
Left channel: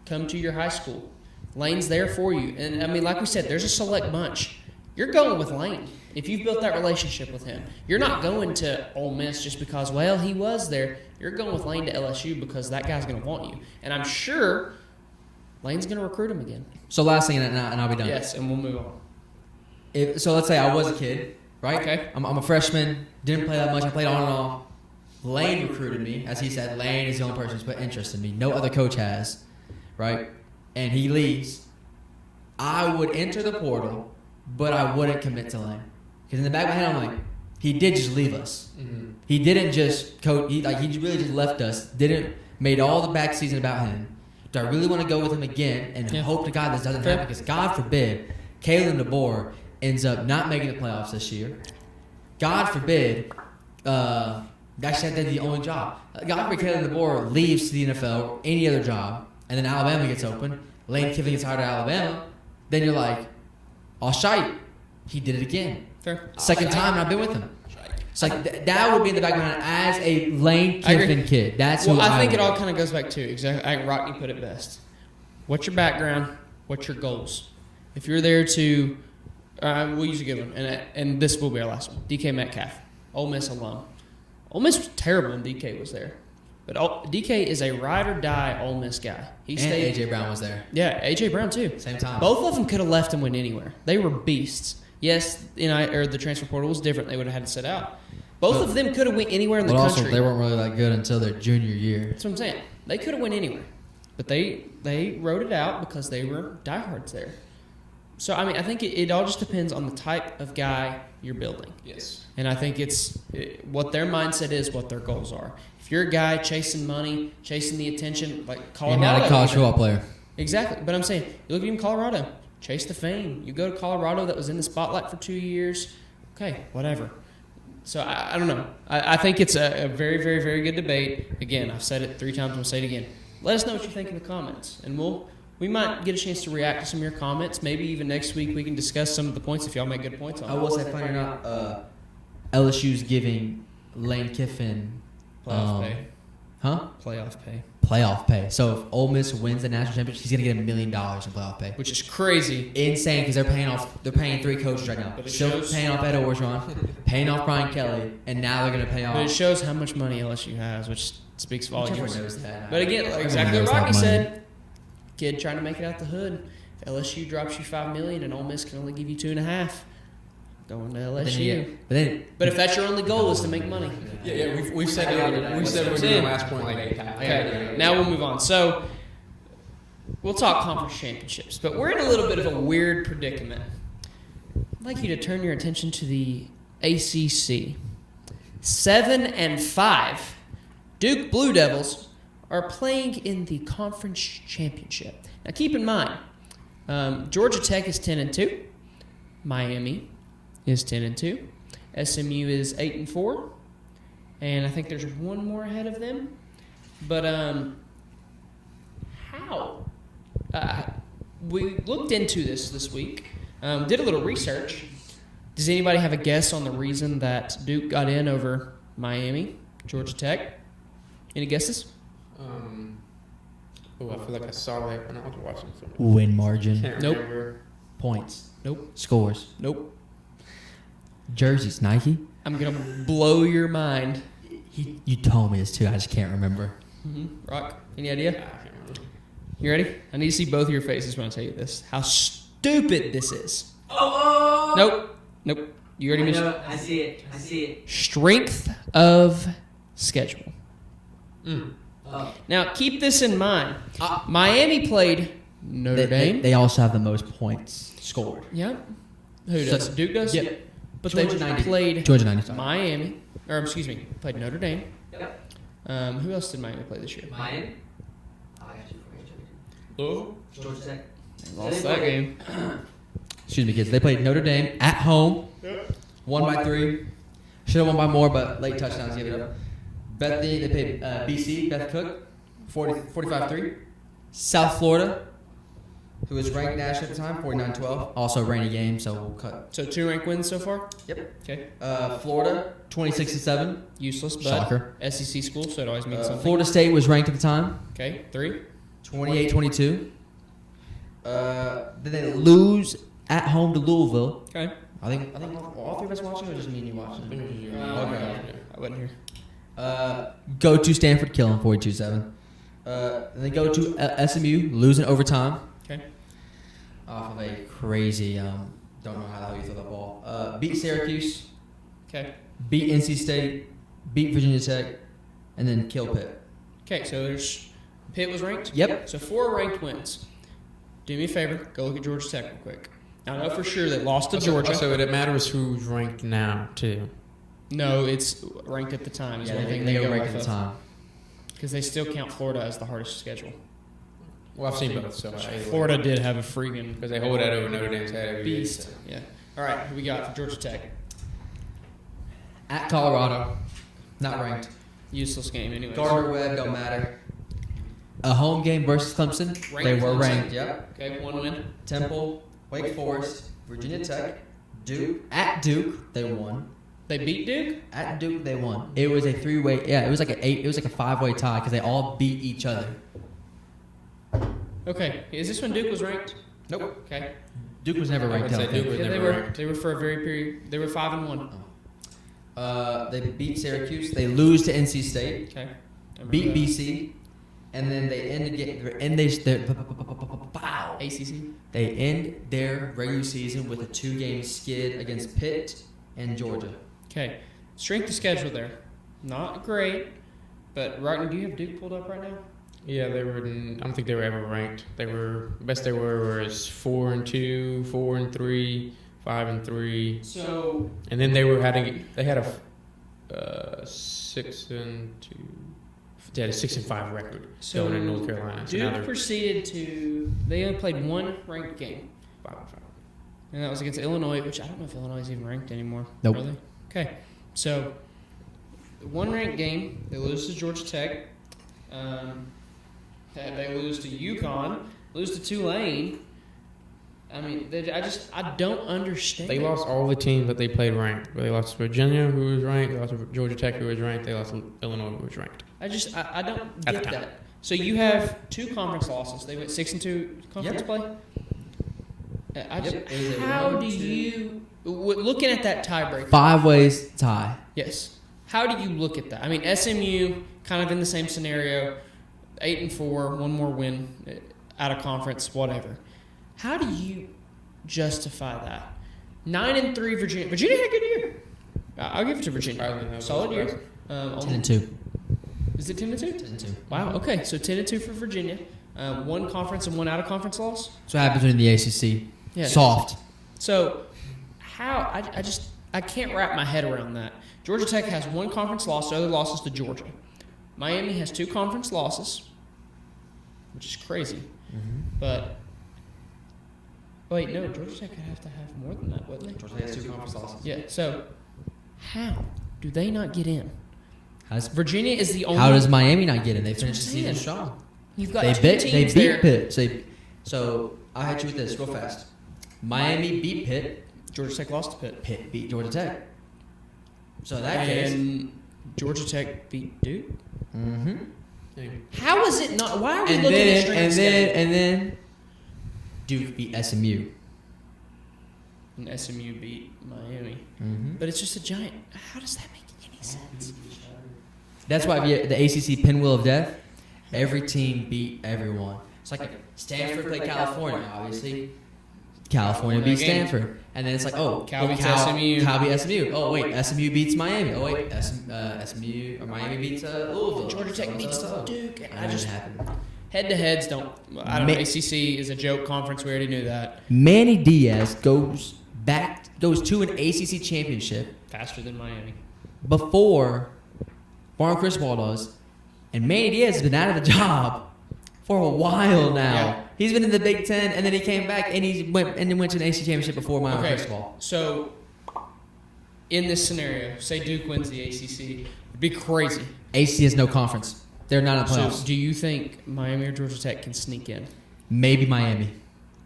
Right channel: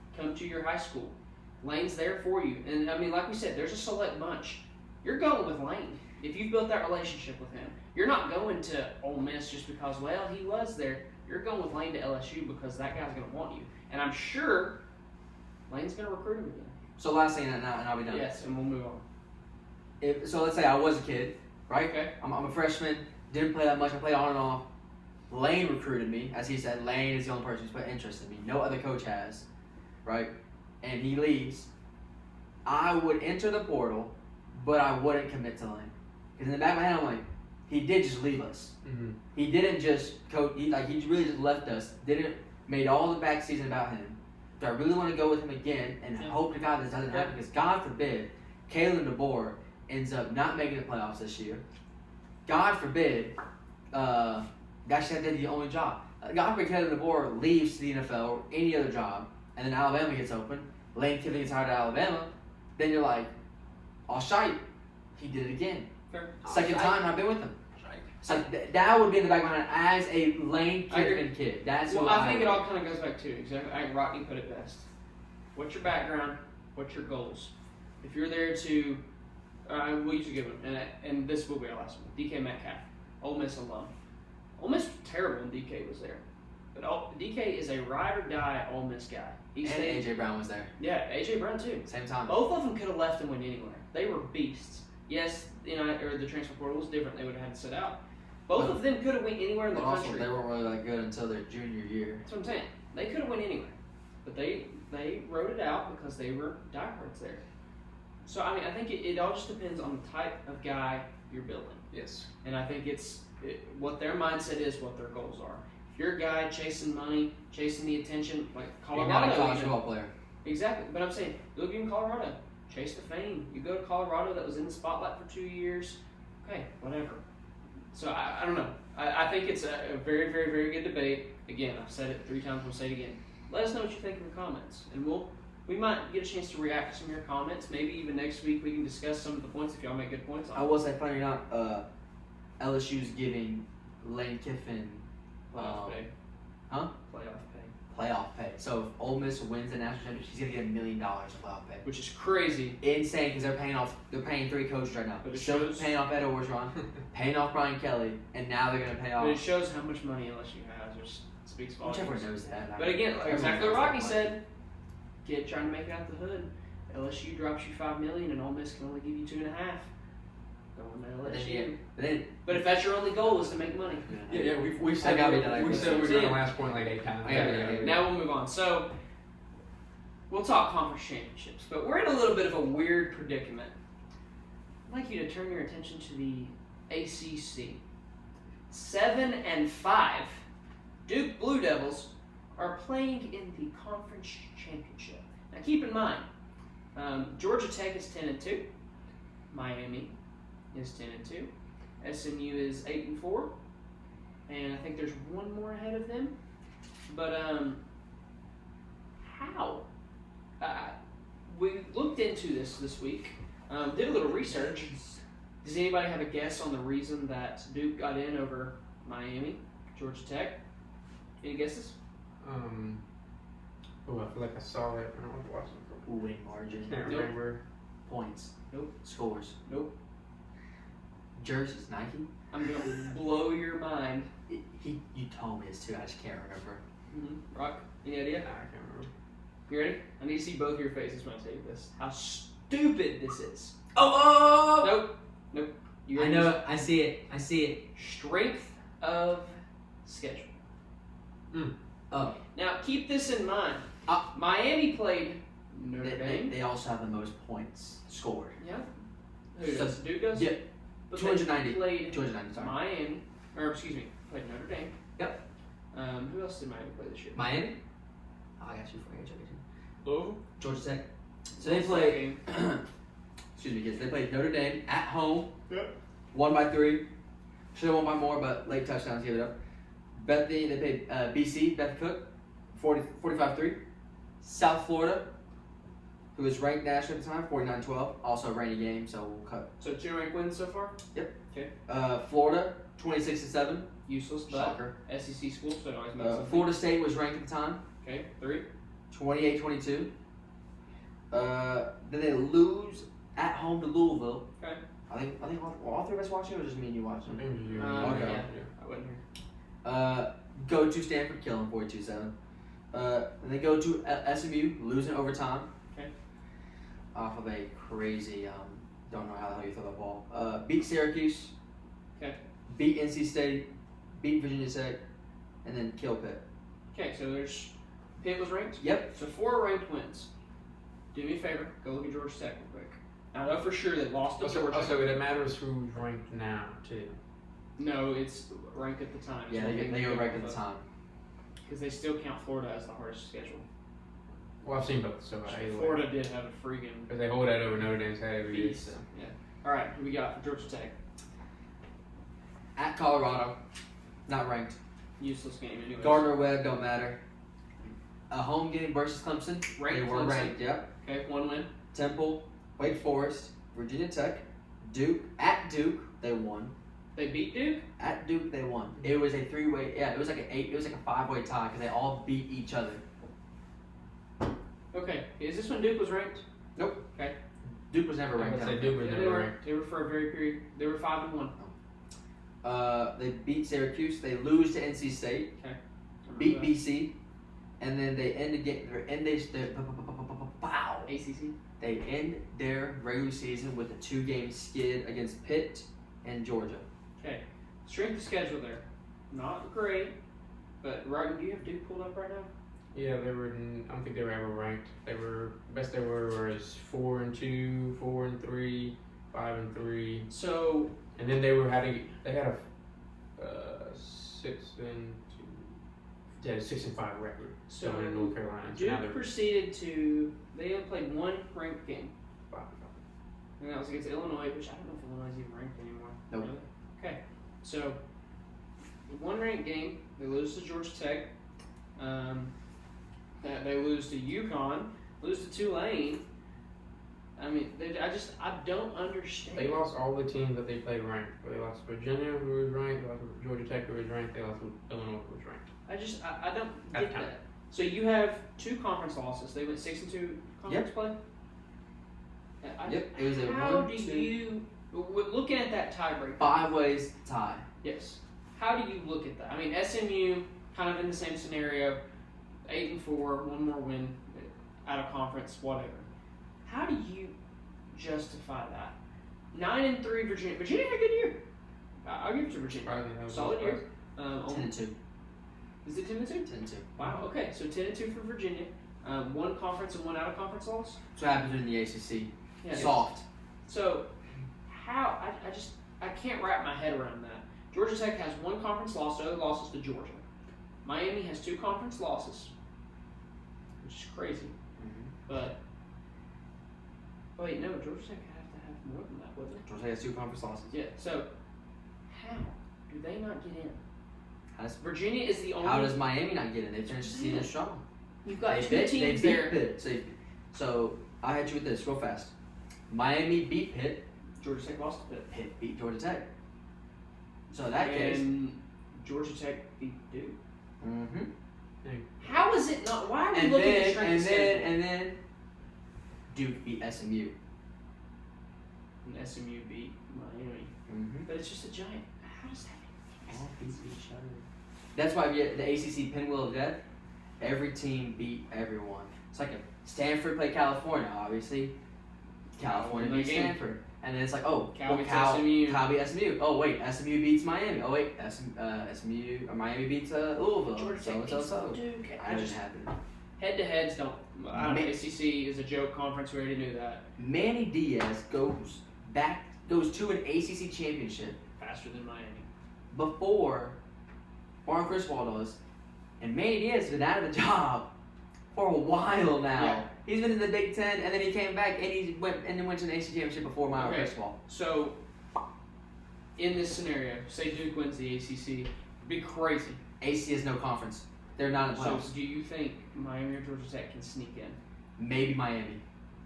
come to your high school. Lane's there for you, and I mean, like we said, there's a select bunch. You're going with Lane. If you built that relationship with him, you're not going to Ole Miss just because, well, he was there. You're going with Lane to LSU because that guy's going to want you. And I'm sure Lane's going to recruit him again. So last thing, and I'll be done. Yes, and we'll move on. So let's say I was a kid, right? Okay. I'm a freshman, didn't play that much, I played on and off. Lane recruited me, as he said, Lane is the only person who's put interest in me. No other coach has, right? And he leaves. I would enter the portal, but I wouldn't commit to Lane. Because in the back of my head, I'm like, he did just leave us. Mm-hmm. He didn't just coach. He really just left us. Made all the back season about him. Do I really want to go with him again and hope to God this doesn't happen? Because God forbid, Kalen DeBoer ends up not making the playoffs this year. God forbid, that's the only job. God forbid Kalen DeBoer leaves to the NFL or any other job, and then Alabama gets open. Lane Kiffin gets hired at Alabama. Then you're like, I'll shite. He did it again. Fair. Second time I've been with him. It's like that would be the background as a Lane Kiffin kid. That's well, who I think it all kind of goes back to exactly. I think Rocky put it best. What's your background? What's your goals? If you're there to, we'll usually give them, and this will be our last one. DK Metcalf, Ole Miss alum. Ole Miss was terrible when DK was there, but DK is a ride or die Ole Miss guy. He stayed. AJ Brown was there. Yeah, AJ Brown too. Same time. Both of them could have left and went anywhere. They were beasts. Yes, or the transfer portal was different. They would have had to sit out. Both of them could have went anywhere in the But country. also, they weren't really that good until their junior year. That's what I'm saying. They could have went anywhere, but they wrote it out because they were diehards there. So I mean, I think it all just depends on the type of guy you're building. Yes. And I think what their mindset is, what their goals are. If you're a guy chasing money, chasing the attention, like You're Colorado, not a college football player. exactly. But I'm saying, you look at even Colorado, chase the fame. You go to Colorado that was in the spotlight for 2 years. Okay, whatever. So I don't know. I think it's a very, very, very good debate. Again, I've said it 3 times. I'll say it again. Let us know what you think in the comments, and we might get a chance to react to some of your comments. Maybe even next week we can discuss some of the points if y'all make good points on it. I will say, finding out LSU's giving Lane Kiffin Playoff pay. Huh? Playoff pay. Playoff pay. So if Ole Miss wins the national championship, he's gonna get $1 million in playoff pay. Which is crazy. Insane because they're paying 3 coaches right now. Still paying off Ed Orgeron, paying off Brian Kelly, and now they're gonna pay But it off. shows how much money LSU has, which speaks volumes. But But again, exactly what Rocky said. Kid trying to make it out the hood. If LSU drops you $5 million and Ole Miss can only give you $2.5, going to LSU. But if that's your only goal is to make money. Yeah, we've said it in the last point. Okay, now we'll move on. So we'll talk conference championships, but we're in a little bit of a weird predicament. I'd like you to turn your attention to the ACC. 7-5, Duke Blue Devils are playing in the conference championship. Now keep in mind, Georgia Tech is 10-2, Miami is 10-2, SMU is 8-4, and I think there's one more ahead of them. But how? We looked into this week, did a little research. Does anybody have a guess on the reason that Duke got in over Miami, Georgia Tech? Any guesses? I feel like I saw it when I was watching. Win margin, Nope. points, Nope. scores, Nope. jerseys, Nike. I'm going to blow your mind. You told me this too. I just can't remember. Rock, any idea? You ready? I need to see both of your faces when I tell you this. How stupid this is. Oh! Nope. You I ready? know it. I see it. Strength of schedule. Oh. Now, keep this in mind. Miami played Notre Dame. They also have the most points scored. Yeah. Who does? Duke does? Yeah. But they just played Georgia 90. Miami. Or, excuse me, played Notre Dame. Yep. Who else did Miami play this year? Miami. Oh, I got you for Oh. Georgia Tech. So Lost they that played. game. Excuse me, kids. They played Notre Dame at home. Won by 3. Should have won by more, but late touchdowns. Bethany, they played BC, Beth Cook, 45-3. South Florida, who was ranked national at the time, 49-12. Also a rainy game, so we'll cut. So 2 ranked wins so far? Yep. Okay. Florida, 26-7. Useless, but Shocker. SEC school, so it always means something. Florida State was ranked at the time, Okay, 3. 28-22. Then they lose at home to Louisville. Okay. I think all three of us watching or just me watching. I wasn't here. Go to Stanford, kill them 42-7. Then go to SMU, lose in overtime. Okay. Off of a crazy, don't know how to use the ball. Beat Syracuse, Okay. beat NC State, beat Virginia Tech, and then kill Pitt. Okay, so there's Pitt was ranked? Yep. So 4 ranked wins. Do me a favor, go look at Georgia Tech real quick. I know for sure they lost to Georgia. So it matters who's ranked now, too. No, it's ranked at the time. Yeah, they were ranked at the time. Because they still count Florida as the hardest schedule. Well, I've seen both stuff. Florida did have a freaking Because they hold it over Notre Dame's head. beast. Yeah. All right, who we got for Georgia Tech? At Colorado. Not ranked. Useless game. Anyway. Gardner Webb don't matter. A home game versus Clemson. They were ranked. Yep. Okay, 1 minute. Temple, Wake Forest, Virginia Tech, Duke. At Duke, they won. They beat Duke? At Duke, they won. It was a 3-way. Yeah, it was like a 5-way tie because they all beat each other. Okay, is this when Duke was ranked? Nope. Okay. Duke was never ranked. They were for a very period. They were 5-1. They beat Syracuse. They lose to NC State. Okay. Beat BC, and then they They end their regular season with a 2-game skid against Pitt and Georgia. Okay. Strength of schedule there. Not great, but right, do you have Duke pulled up right now? Yeah, they were. I don't think they were ever ranked. They were best they were is 4-2, 4-3, 5-3. So. And then they had a 6-2. They had a 6-5 record. So Going in North Carolina. Duke proceeded to. They only played 1 ranked game, and that was against Illinois, which I don't know if Illinois is even ranked anymore. Nope. Really? Okay. So 1 ranked game. They lose to Georgia Tech. They lose to UConn. Lose to Tulane. I mean, I don't understand. They lost all the teams that they played ranked. They lost to Virginia, who was ranked. They lost to Georgia Tech, who was ranked. They lost to Illinois, who was ranked. I don't get that. So you have 2 conference losses. They went 6-2 conference play. How do you looking at that tiebreaker? 5 ways tie. Yes. How do you look at that? I mean, SMU kind of in the same scenario, 8-4, 1 more win out of conference, whatever. How do you justify that? 9-3 Virginia. Virginia had a good year. I'll give it to Virginia. Solid year. 10-2. Is it 10-2? Wow. Okay, so 10-2 for Virginia. 1 conference and 1 out of conference loss. So what happens in the ACC? Yeah. Soft. So how I can't wrap my head around that. Georgia Tech has 1 conference loss. The other loss is to Georgia. Miami has 2 conference losses, which is crazy. But wait, no, Georgia Tech would have to have more than that, wouldn't they? Georgia Tech has 2 conference losses. Yeah. So how do they not get in? Virginia is the only. How does Miami not get in? They finished the season strong. You've got They beat there. Pitt. So I had you this real fast. Miami beat Pitt. Georgia Tech lost to Pitt. Pitt beat Georgia Tech. So that is. And Georgia Tech beat Duke. Mm-hmm. How is it not? Why are we And looking at then then Duke beat SMU. And SMU beat Miami. Mm-hmm. But it's just a giant. How does that make any sense? That's why the ACC pinwheel of death. Every team beat everyone. It's like Stanford played California, obviously. California beats Stanford, and then it's like, oh, Cal beats SMU. Cal beats SMU. Oh wait, SMU beats Miami. Oh wait, SMU or Miami beats Louisville. Georgia Tech beats Duke. I just happened. Head-to-heads don't. I don't know. ACC is a joke conference. We already knew that. Manny Diaz goes to an ACC championship Faster than Miami. before Barn Chris does, and Manny Diaz has been out of the job for a while now. He's been in the Big Ten, and then he came back and he went to an ACC championship before Miami Okay, Chris. so in this scenario, say Duke wins the ACC, it'd be crazy. ACC has no conference. They're not in So playoffs. do you think Miami or Georgia Tech can sneak in? Maybe Miami.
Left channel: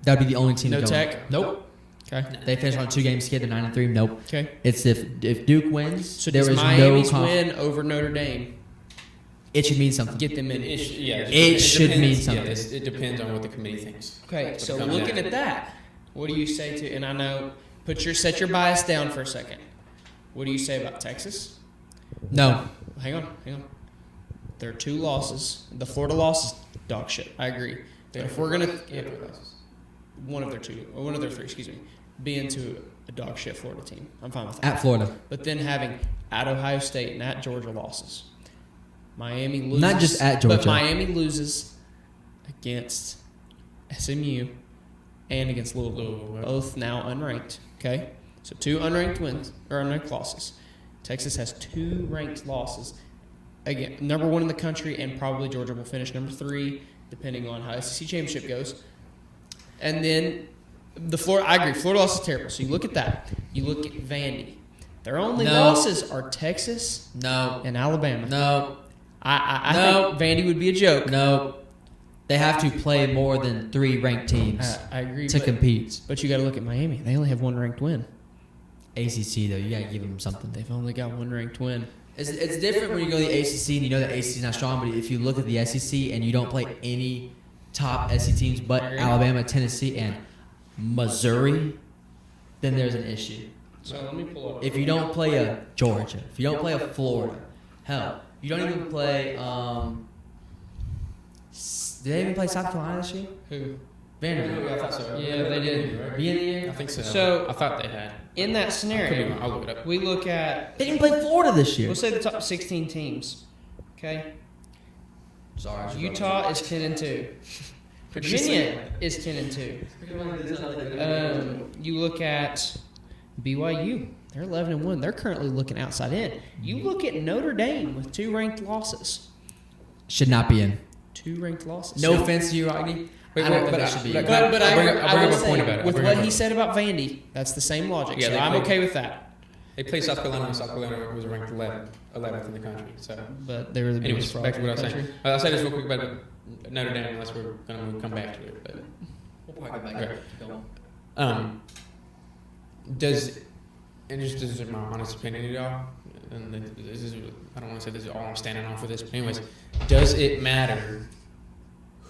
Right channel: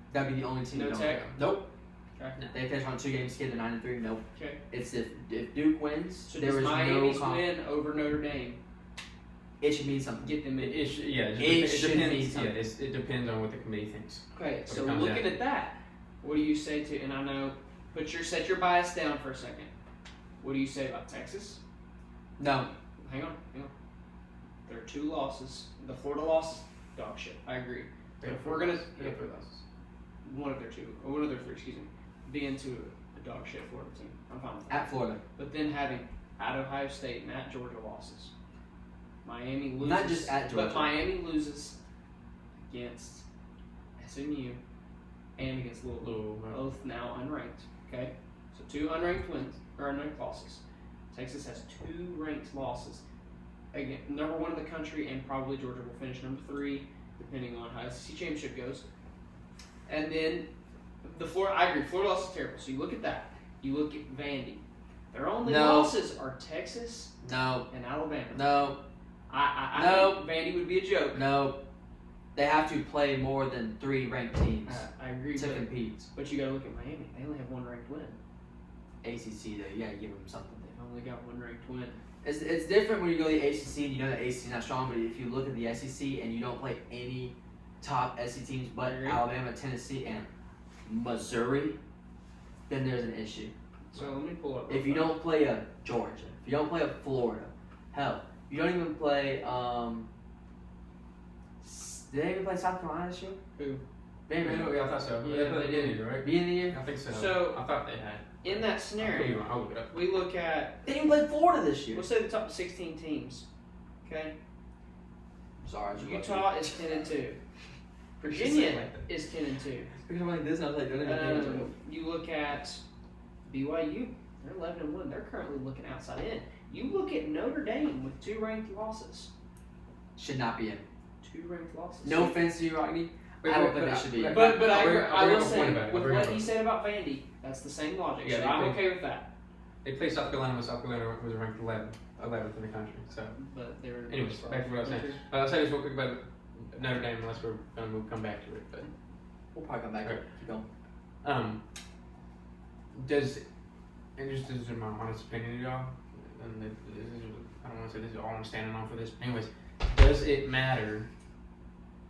That'd be the only team No to go. Tech? Nope. Okay. They finished on 2 games skid to 9-3. Nope. Okay. It's if Duke wins, So there does is no Miami's conference. win over Notre Dame It should mean something. get them in? It should mean something. It depends on what the committee thinks. Okay, so looking at that, what do you say to? And I know, set your bias down for a second. What do you say about Texas? No. Hang on. There are 2 losses. The Florida loss, dog shit. I agree. If we're gonna one of their 3, excuse me, be into a dog shit Florida team, I'm fine with that. At Florida. But then having at Ohio State and at Georgia losses, Miami loses. Not just at Georgia. But Miami loses against SMU and against Louisville, both now unranked. Okay, so 2 unranked wins or unranked losses. Texas has 2 ranked losses. Again, number 1 in the country, and probably Georgia will finish number 3, depending on how SEC championship goes. And then I agree, Florida loss is terrible. So you look at that. You look at Vandy. Their only losses are Texas and Alabama. No. I think Vandy would be a joke. No. They have to play more than 3 ranked teams I agree to compete. But you got to look at Miami. They only have 1 ranked win. ACC, though, you got to give them something. They've only got 1 ranked win. It's different when you go to the ACC and you know that ACC is not strong, but if you look at the SEC and you don't play any top SEC teams but Alabama, Tennessee, and Missouri, then there's an issue. If you don't play a Georgia, if you don't play a Florida, hell, you don't even play. Did they even play South Carolina this year? Who? Vanderbilt. Yeah, they did. Yeah. I think so. So, I thought they had. in that scenario, I'll look it up. we look at, They didn't play Florida this year. we'll say the top 16 teams. Okay? Sorry. Utah is 10-2. Virginia is 10-2. You look at BYU, they're 11-1. They're currently looking outside in. You look at Notre Dame with 2 ranked losses. Should not be in. 2 ranked losses. No offense to you, Rodney. Wait, I don't but think I it should should be. be. But I bring was a point about it. with what he said about Vandy, that's the same logic. Yeah, So they I'm do. okay with that. They played South Carolina. South Carolina was ranked 11th in the country. So, But they were the anyways, biggest back to what I was fraud. saying. I'll say this real quick about Notre Dame, unless we're going to come back to it. But, does, and this is my honest opinion, y'all, and this is, I don't want to say this is all I'm standing on for this, but anyways, does it matter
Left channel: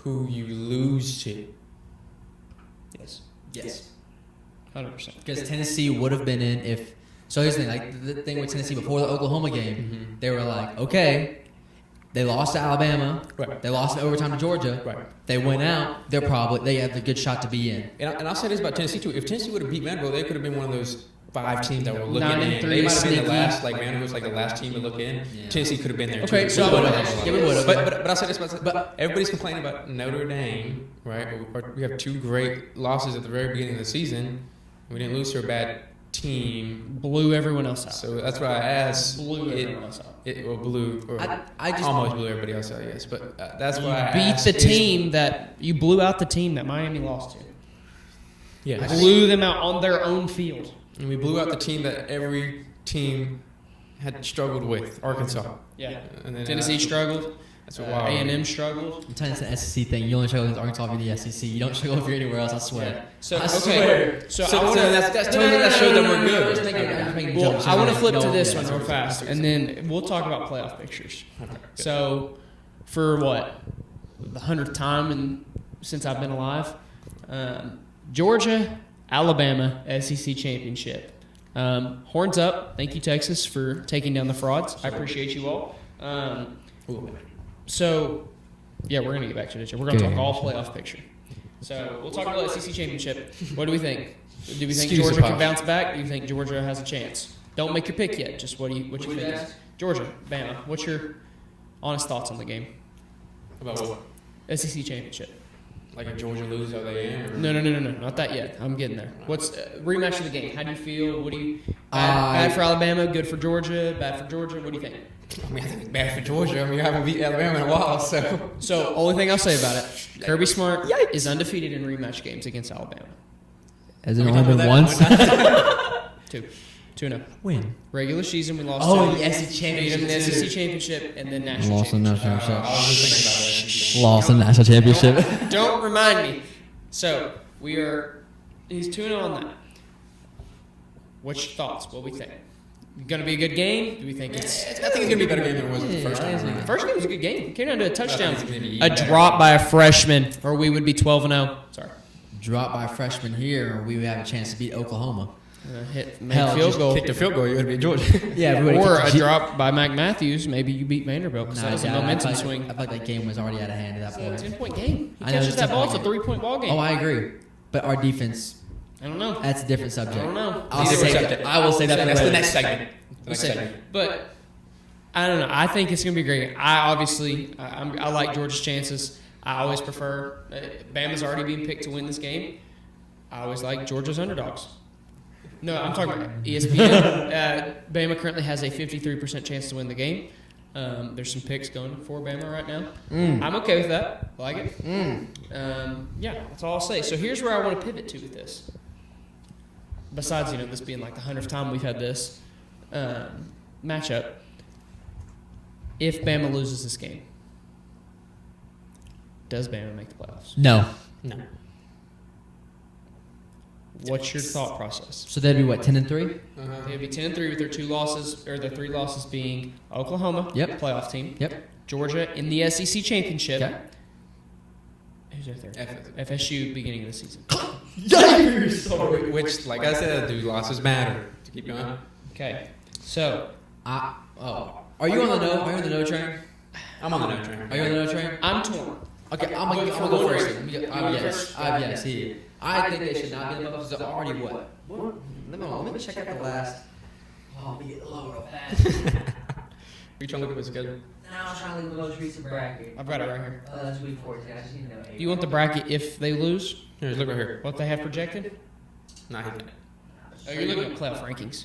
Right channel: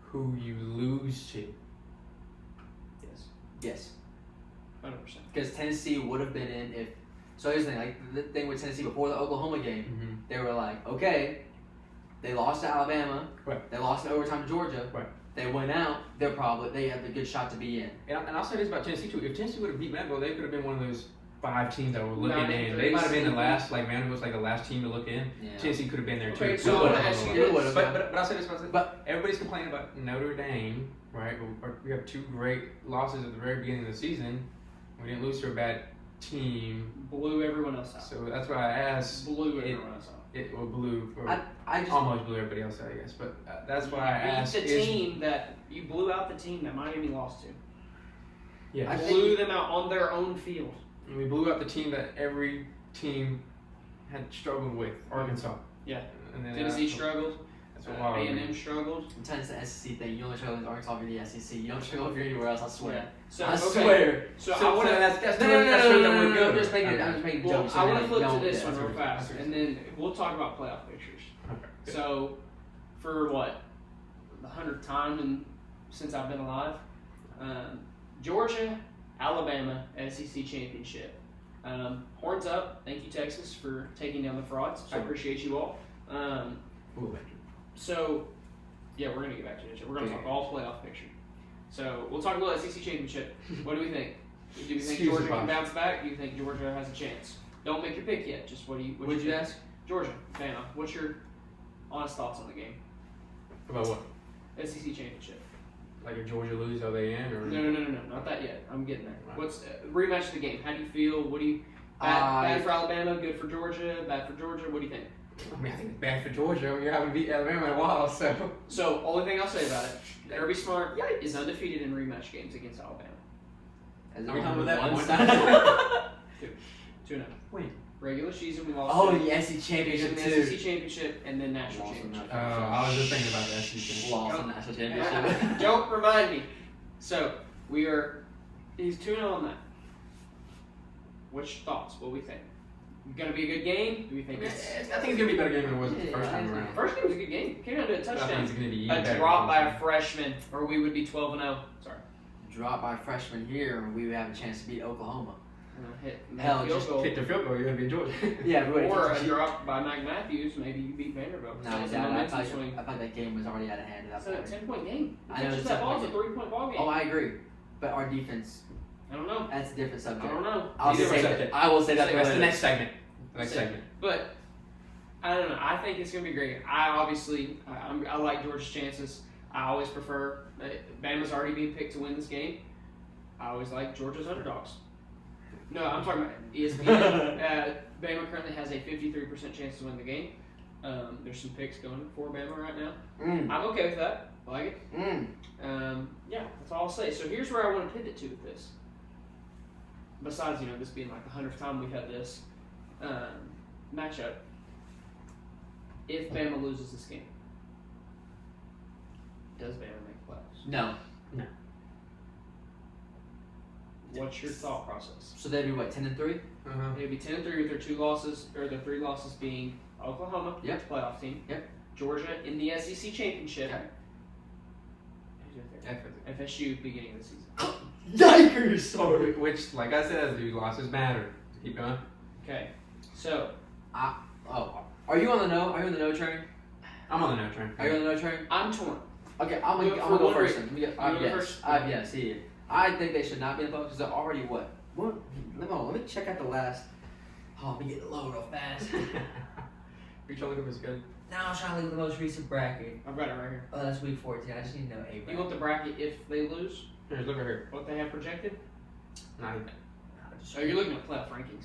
who you lose to? Yes. 100%. Because Tennessee would have been in if. So here's the thing, like the thing with Tennessee before the Oklahoma game, they were like, okay, they lost to Alabama, Right. they lost in overtime to Georgia, Right. they went out, they have a good shot to be in. And I'll say this about Tennessee too. If Tennessee would have beat Vanderbilt, they could have been one of those 5 teams that were looking in. 93 They might have been the City. last, like Vanderbilt was like the last team to look in. Tennessee could have been there. Okay, too. so- But I'll say this, but everybody's complaining about Notre Dame, right? We have 2 great losses at the very beginning of the season. We didn't lose to a bad team. Blew everyone else out. So that's why I asked. Blew everyone else out. It blew, or I just almost blew everybody else out, I guess. But that's why I Beat asked. the team that you blew out the team that Miami lost to. Yeah. Blew them out on their own field. And we blew out the team that every team had struggled with, Arkansas. Yeah. And then Tennessee struggled. That's wild. A&M struggled. I'm telling you, it's the SEC thing. You only struggle with Arkansas in the SEC. You don't struggle with anywhere else, I swear. So, I okay. swear. So, So I that's want to flip to this one real fast, and then we'll talk about playoff pictures. So, for what, the 100th time since I've been alive, Georgia, Alabama, SEC championship. Horns up. Thank you, Texas, for taking down the frauds. I appreciate you all. So, yeah, we're going to get back to this. We're going to talk all playoff picture. So, we'll talk about the SEC championship. What do we think? Do we think Excuse Georgia me. can bounce back? Do you think Georgia has a chance? Don't make your pick yet. Just what you think? Georgia, Bama. What's your honest thoughts on the game? About what? SEC championship. Like a Georgia loses to A&M? No, not that yet. I'm getting there. What's rematch of the game? How do you feel? What do you bad for Alabama? Good for Georgia? Bad for Georgia? What do you think? I mean, I think bad for Georgia. We haven't beat Alabama in a while, so. So, only thing I'll say about it: Kirby Smart is undefeated in rematch games against Alabama. Has it only been once? 2-0. Win. Regular season, we lost. Oh, to the SEC championship. SEC championship, and then national Lost in championship. national Lost in national championship. Don't remind me. So he's 2-0 on that. What's your thoughts? What we think? Gonna be a good game? Do we think it's? I think it's going to be better than it was in the first round. First game was a good game. Came down to a touchdown. A drop by a freshman, or we would be 12-0. Sorry. Drop by freshman here, we would have a chance to beat Oklahoma. Make a field goal. Kick the field goal, you would be Georgia. Yeah, Or a drop by Mac Matthews. Maybe you beat Vanderbilt because Nah, that's a I momentum thought swing. that game was already out of hand at that It's a point. 10-point game. I know Texas it's that a ball's a point. 3-point ball game. Oh, I agree. But our defense, I don't know. that's a different subject. I don't know. I'll say that. I will say that That's the next next segment. We'll see. But I don't know. I think it's going to be great. I like Georgia's chances. I always prefer Bama's already being picked to win this game. I always like Georgia's underdogs. No, I'm talking about ESPN. Bama currently has a 53% chance to win the game. There's some picks going for Bama right now. I'm okay with that. Like it. Yeah, that's all I'll say. So here's where I want to pivot to with this. Besides, this being like the 100th time we've had this matchup, if Bama loses this game, does Bama make the playoffs? No. What's your thought process? So that'd be what, 10-3? It'd be 10-3 with their 2 losses, or the 3 losses being Oklahoma, playoff team, Georgia in the SEC championship. Who's there? FSU beginning of the season. Which, like I said, 3 losses matter. Keep going. Okay, so Are you on the no train? I'm on the train. Are you on the no train? I'm torn. Okay, I'm going for the first. Yes. I think they should not get buffs because they're already what? Let me check out the last. Oh, let me get the low real fast. You trying to look at this good? Now I'm trying to look at the most recent bracket. I've got it right here. Oh, that's week 14. I just need to know. You want the bracket if they lose? Here, look over here. What they have projected? Nah, Are you looking at playoff rankings?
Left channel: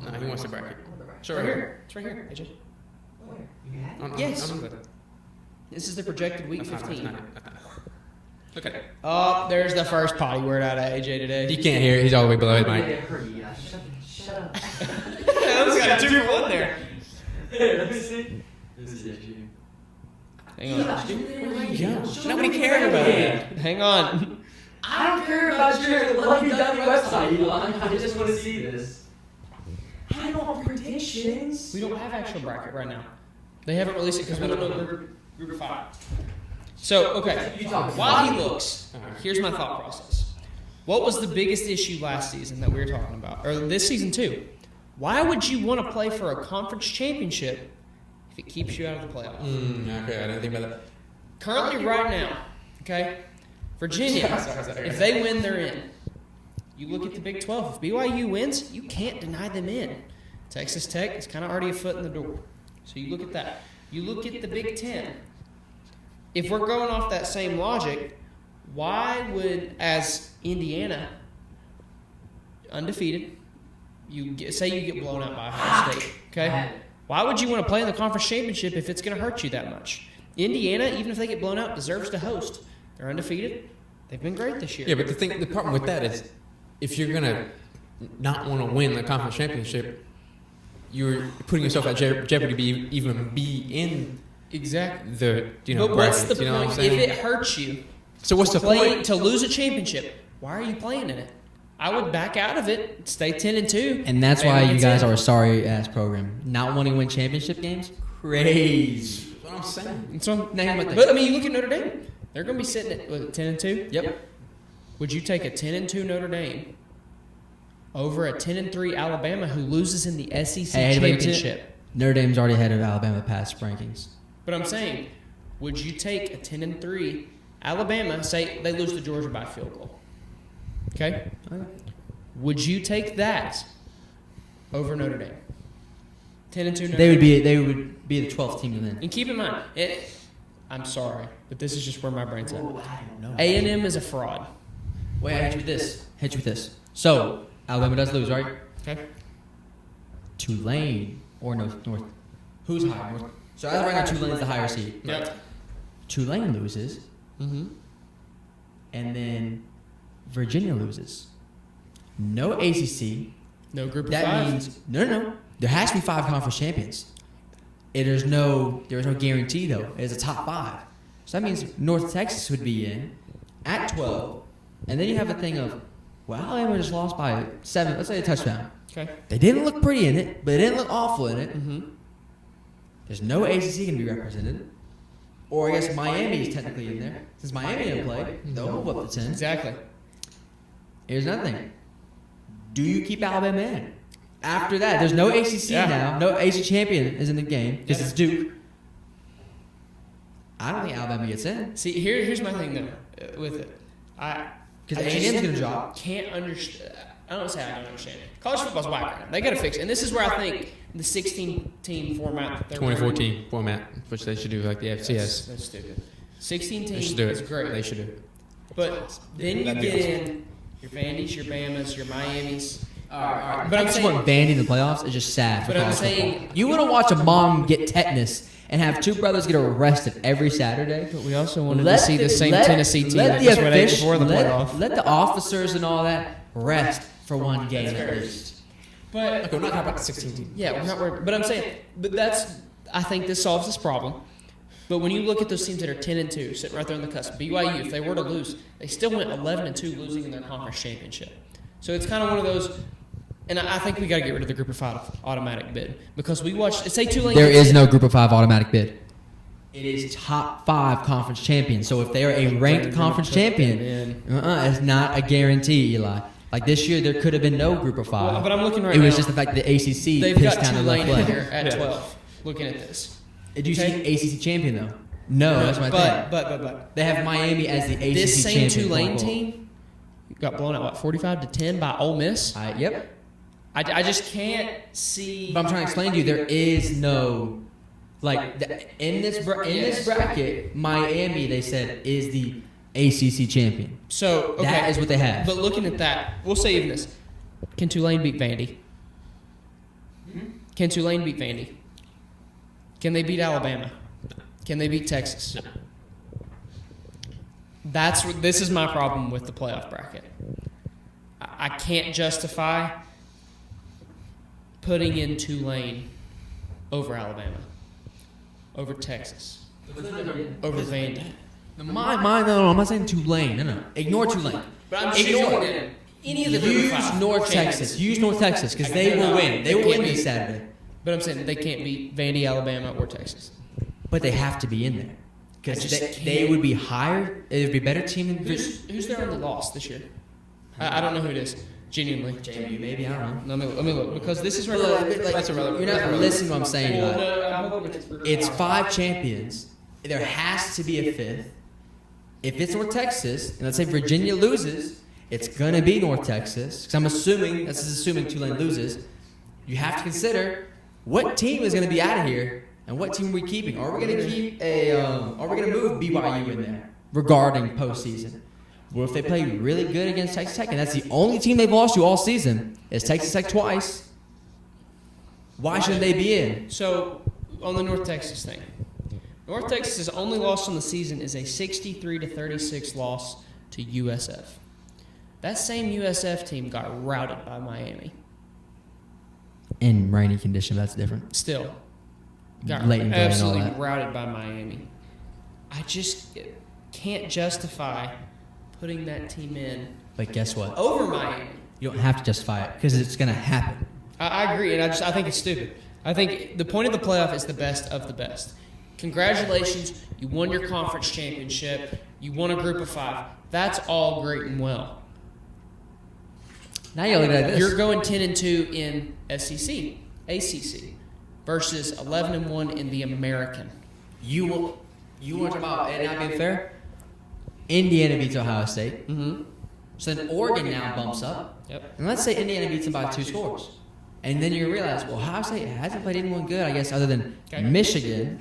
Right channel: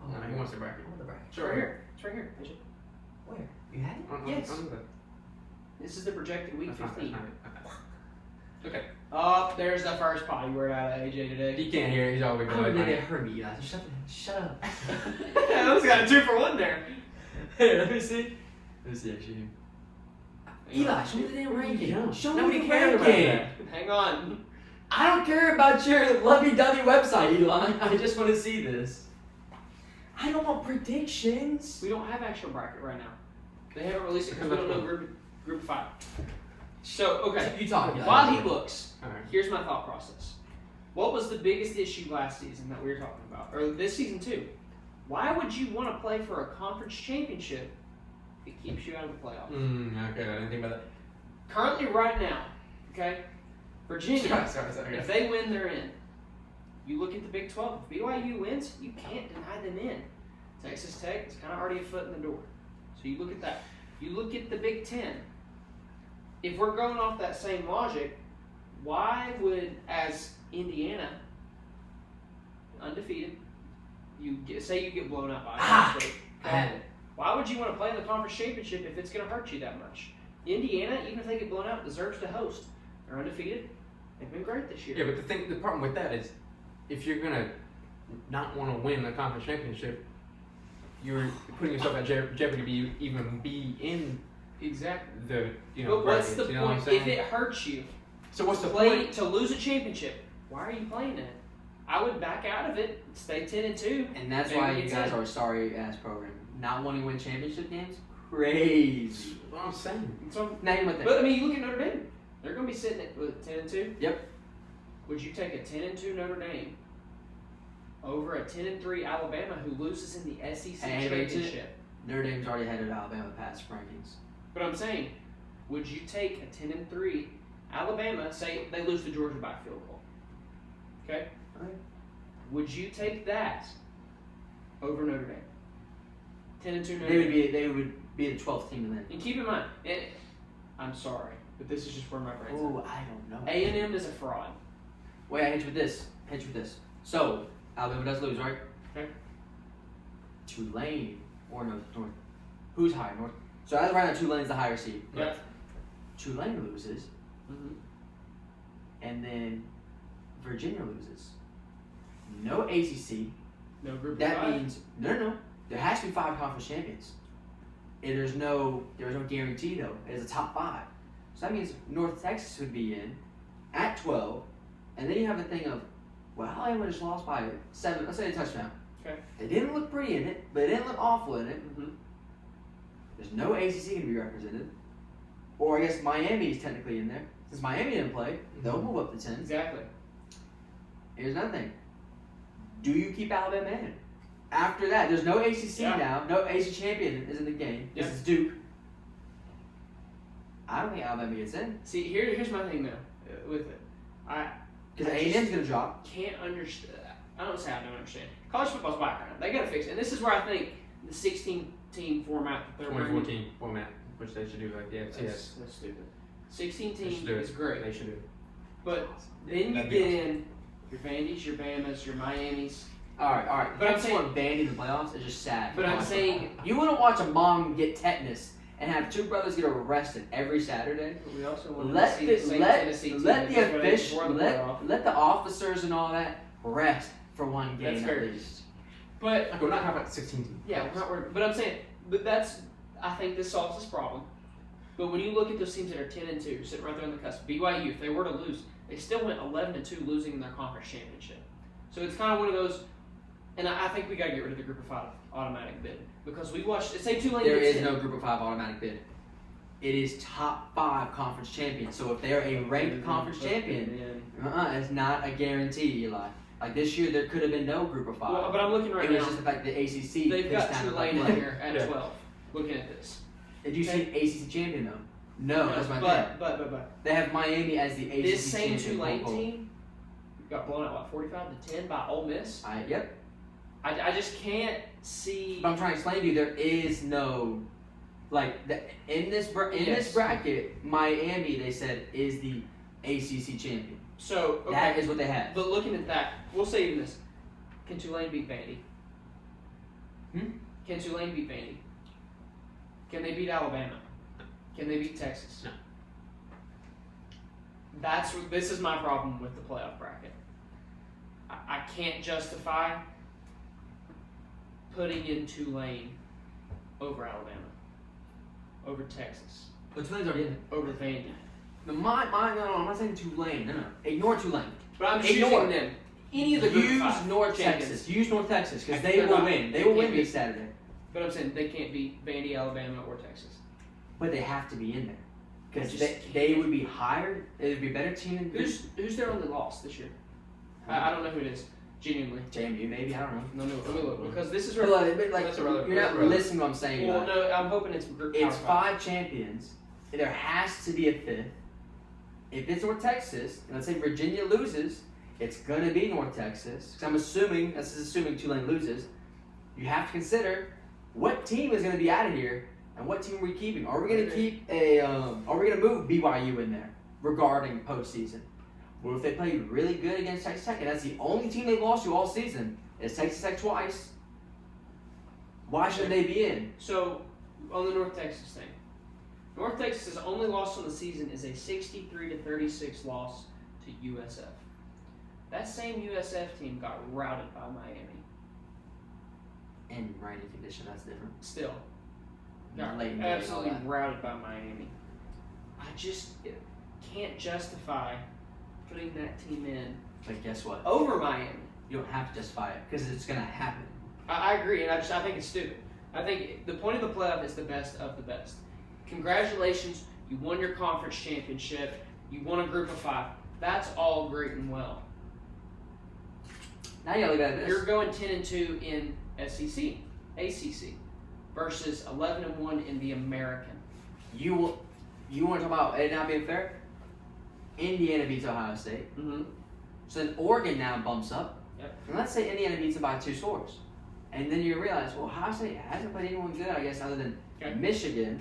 nah, who wants the bracket? Sure. It's right here. Where? You had it? Yes. I'm good. This is the projected week 15. Look at it. Oh, there's the first potty word out of AJ today. You can't hear. He's all the way below I'm the gonna mic. get hurt. Shut up. That's got 2 for 1 there. Hey, let me see. This is actually. Hang on. Eli, show me the damn ranking. Show Nobody me the cares about ranking. it. Hang on. I don't care about your lovey-dovey website, Eli. I just want to see this. I don't want predictions. We don't have actual bracket right now. They haven't released it because we don't know the group 5. So, okay. You talk. While he looks, here's my thought process. What was the biggest issue last season that we were talking about? Or this season too? Why would you want to play for a conference championship if it keeps you out of the playoffs? Okay, I didn't think about that. Currently, right now, okay, Virginia, if they win, they're in. You look at the Big 12. If BYU wins, you can't deny them in. Texas Tech is kind of already a foot in the door. So you look at that. You look at the Big 10. If we're going off that same logic, why would, as Indiana, undefeated, say you get blown out by Ohio State, okay? Why would you want to play in the conference championship if it's going to hurt you that much? Indiana, even if they get blown out, deserves to host. They're undefeated. They've been great this year. Yeah, but the problem with that is, if you're gonna not want to win the conference championship, you're putting yourself at jeopardy to even be in Exactly. the But what's bracket, the you know what point I'm if saying? it hurts you? So what's the Play point? to lose a championship. Why are you playing in it? I would back out of it, stay 10-2. And that's why you guys are a sorry ass program. Not wanting to win championship games? Crazy. But I mean, you look at Notre Dame. They're going to be sitting at 10-2. Yep. Would you take a 10-2 Notre Dame over a 10-3 Alabama who loses in the SEC championship? Notre Dame's already ahead of Alabama past rankings. But I'm saying, would you take a 10-3 Alabama, say they lose to Georgia by a field goal? Okay? Would you take that over Notre Dame? 10-2. They would be the 12th team to win. And keep in mind, I'm sorry, but this is just where my brain's at. Oh, I don't know. A&M is a fraud. Wait, hit you with this. So, Alabama does lose, right? Okay. Tulane or North. Who's higher? So I got Tulane the higher seed. Yep. Tulane loses, Mm-hmm. and then Virginia loses. No ACC. No group of That five. means no. There has to be 5 conference champions. There's no guarantee though. It's a top 5. So that means North Texas would be in at 12, and then you have a thing of, well, Alabama just lost by 7. Let's say a touchdown. Okay. They didn't look pretty in it, but they didn't look awful in it. Mm-hmm. There's no ACC can be represented. Or I guess Miami's technically in there. Since Miami didn't play, they'll move up to 10. Exactly. Here's another thing. Do you keep Alabama in? After that, there's no ACC now. No ACC champion is in the game because it's Duke. I don't think Alabama gets in. See, here's my thing though, with it. Because ACC's going to drop. Can't understand. I don't say I don't understand. College football's whack. They got to fix it. And this is where I think the 16-team format. 2014 format, which they should do like the FCS. That's stupid. 16 They teams should do is it. great. They should do it. But then you get in your Vandy's, your Bama's, your Miami's. All right. But I'm just saying, Vandy in the playoffs is just sad. But I'm saying You want to watch a mom get tetanus and have two brothers get arrested every Saturday? but we also wanted to see the same Tennessee team Let that's the, ready official, before the playoff. let the officers and all that rest for one game. That's crazy. But We're not about 16. yeah, we're not worried. But I'm saying, but that's I think this solves this problem. But when you look at those teams that are 10-2, sitting right there on the cusp, BYU, if they were to lose, they still went 11-2, losing their conference championship. So it's kind of one of those. And I think we got to get rid of the Group of 5 automatic bid because we watched. Say Tulane. There is no Group of 5 automatic bid. It is top 5 conference champions. So if they are a ranked conference champion, it's not a guarantee, Eli. Like this year, there could have been no Group of 5. But I'm looking right It was now. just the fact that the ACC They've pitched got kind of Tulane in low there at 12. Looking at this. Did you say ACC champion though? No, that's what I think. But They have Miami as the ACC this same champion. Tulane team got blown out 45-10 by Ole Miss. Yep. I just can't see. But I'm trying to explain to you, there is no, in this bracket, Miami, they said, is the ACC champion. So okay, That is what they have. But looking at that, we'll say this: can Tulane beat Vandy? Can Tulane beat Vandy? Can they beat Alabama? Can they beat Texas? This is my problem with the playoff bracket. I can't justify putting in Tulane over Alabama, over Texas, over Vandy. No, I'm not saying Tulane. No. Ignore Tulane. But I'm saying any of the Group of Use Five. North Texas. Use North Texas because they will win. They will win this Saturday. But I'm saying they can't beat Vandy, Alabama, or Texas. But they have to be in there because they would be higher. It would be a better team. Who's their only loss this year? I don't know who it is. Genuinely. Maybe, I don't know. No, because this is where You're not listening to what I'm saying. I'm hoping It's 5 champions. There has to be a 5th. If it's North Texas, and let's say Virginia loses, it's going to be North Texas. Because I'm assuming, this is assuming Tulane loses. You have to consider what team is going to be out here and what team are we keeping. Are we going to keep are we going to move BYU in there regarding postseason? Well, if they play really good against Texas Tech, and that's the only team they've lost to all season, is Texas Tech twice, why shouldn't they be in? So, on the North Texas thing. North Texas's only loss in the season is a 63-36 loss to USF. That same USF team got routed by Miami. In rainy conditions, that's different. Still. Got Late in the game and all absolutely that. routed by Miami. I just can't justify putting that team in But guess what? over Miami. You don't have to justify it because it's going to happen. I agree, and I think it's stupid. I think the point of the playoff is the best of the best. Congratulations, you won your conference championship. You won a Group of 5. That's all great and well. Now you look at this. You're going 10-2 in SEC, ACC, versus 11-1 in the American. You want about it not being fair? Indiana beats Ohio State. Mm-hmm. So then Oregon now bumps up. Yep. And let's say Indiana beats them by 2 scores. And then you realize, well, Ohio State hasn't played anyone good, I guess, other than Michigan.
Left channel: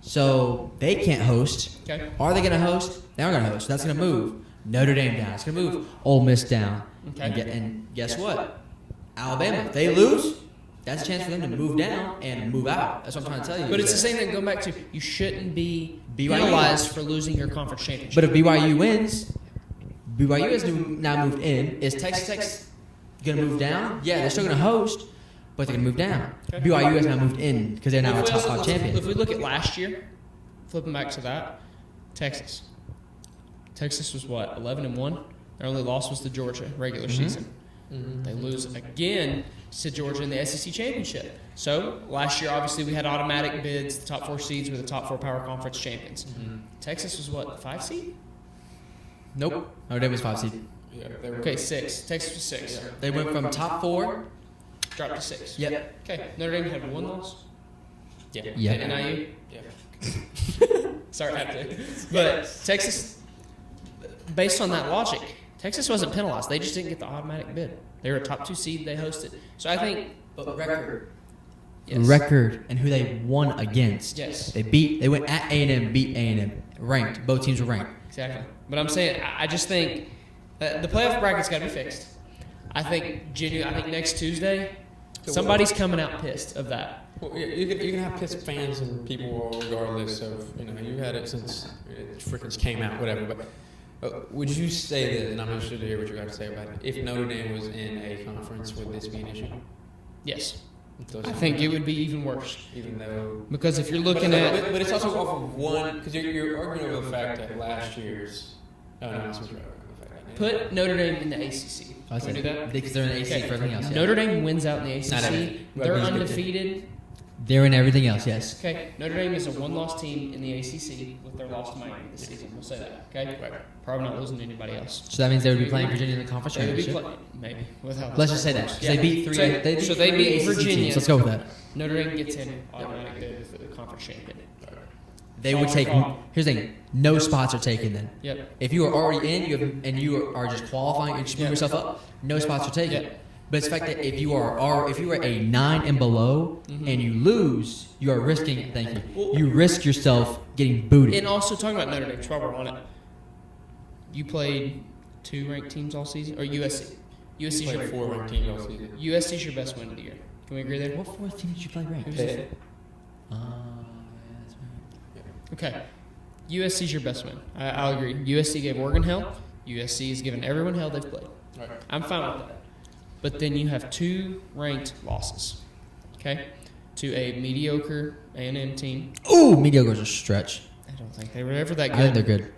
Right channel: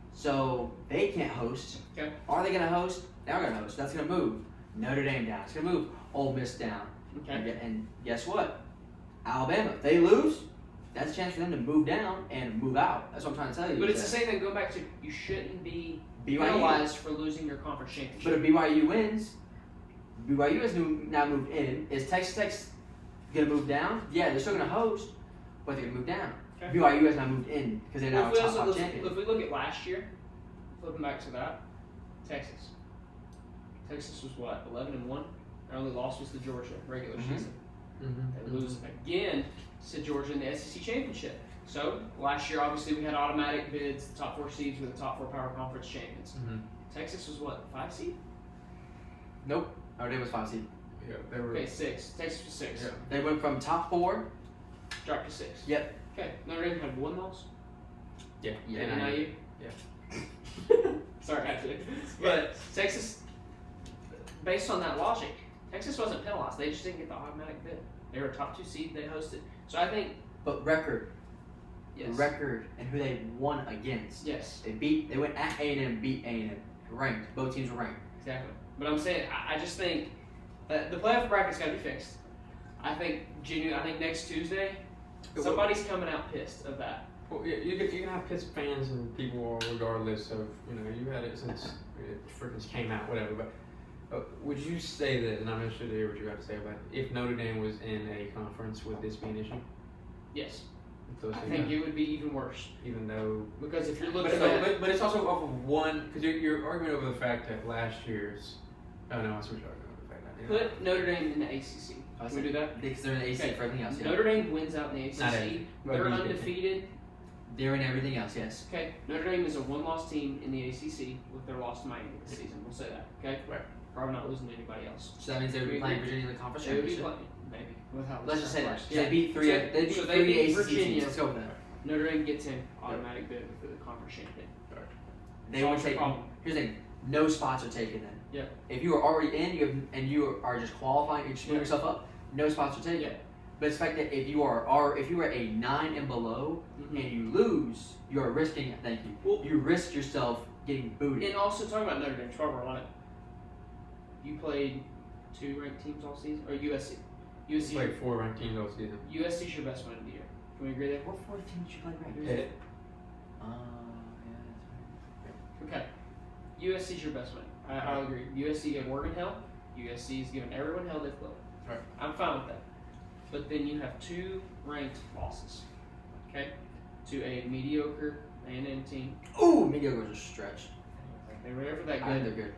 So they can't host. Okay. Are they going to host? They're not going to host. That's going to move Notre Dame down. It's going to move Ole Miss down. And guess what? Alabama, if they lose, that's a chance for them to move down and move out. That's what I'm trying to tell you. But it's the same thing. Go back to you shouldn't be penalized for losing your conference championship. But if BYU wins, BYU is now moved in. Is Texas Tech going to move down? Yeah, they're still going to host, but they're going to move down. BYU has now moved in because they're now a top If champion. we look at last year, flipping back to that, Texas. Texas was what, 11-1? Their only loss was to Georgia regular season. They lose again to Georgia in the SEC championship. So last year, obviously, we had automatic bids. The top 4 seeds were the top 4 power conference champions. Texas was what, 5 seed? Nope. Notre Dame was 5 seed. Okay, 6. Texas was 6. They went from top 4. Dropped to 6. Yep. Okay, Notre Dame had 1 loss. Yeah. Yeah. And sorry about that. But Texas, based on that logic, Texas wasn't penalized. They just didn't get the automatic bid. They were a top 2 seed. They hosted. So I think But record Yes. record and who they won against. Yes. They went at A&M, beat A&M, ranked. Both teams were ranked. Exactly. But I'm saying, I just think that the playoff bracket's got to be fixed. I think next Tuesday, somebody's coming out pissed of that. Well, if you have pissed fans and people regardless of, you had it since it freaking came out, whatever, but would you say that, and I'm not sure what you got to say about it, if Notre Dame was in a conference with this nation? Yes. I think it would be even worse. Even though, because if you're looking at, but it's also one, because you're arguing over the fact that last year's announcement. Put Notre Dame in the ACC. I Can we do that? think they're in the ACC for everything else. Notre Dame wins out in the No. ACC. They're undefeated. They're in everything else, yes. Okay, Notre Dame is a one-loss team in the ACC with their loss to Miami this season. We'll say that. Okay, probably not losing to anybody else. So that means they would be playing Virginia in the conference Maybe, championship. maybe. Without- Let's just say that. Yeah. They beat three. So they beat Virginia. Let's go with that. Notre Dame gets in automatically for the conference champion. They would take. Here's the thing: no spots are taken then. Yep. If you are already in, and you are just qualifying, you just move yourself up. No spots are taken. But it's the fact that if you are a 9 and below and you lose, you are risking. Thank you. You risk yourself getting booted. And also talking about Notre Dame, while we're on it, you played 2 ranked teams all season, or USC? USC's your USC's your best win of the year. Can we agree there? What team did you play ranked? Pitt. Okay. USC's your best win. I'll agree. USC gave Oregon hell. USC has given everyone hell they've played. I'm fine with that. But then you have 2 ranked losses. Okay? To a mediocre A&M team. Ooh, mediocre's a stretch. I don't think they were ever that I good. think they're good.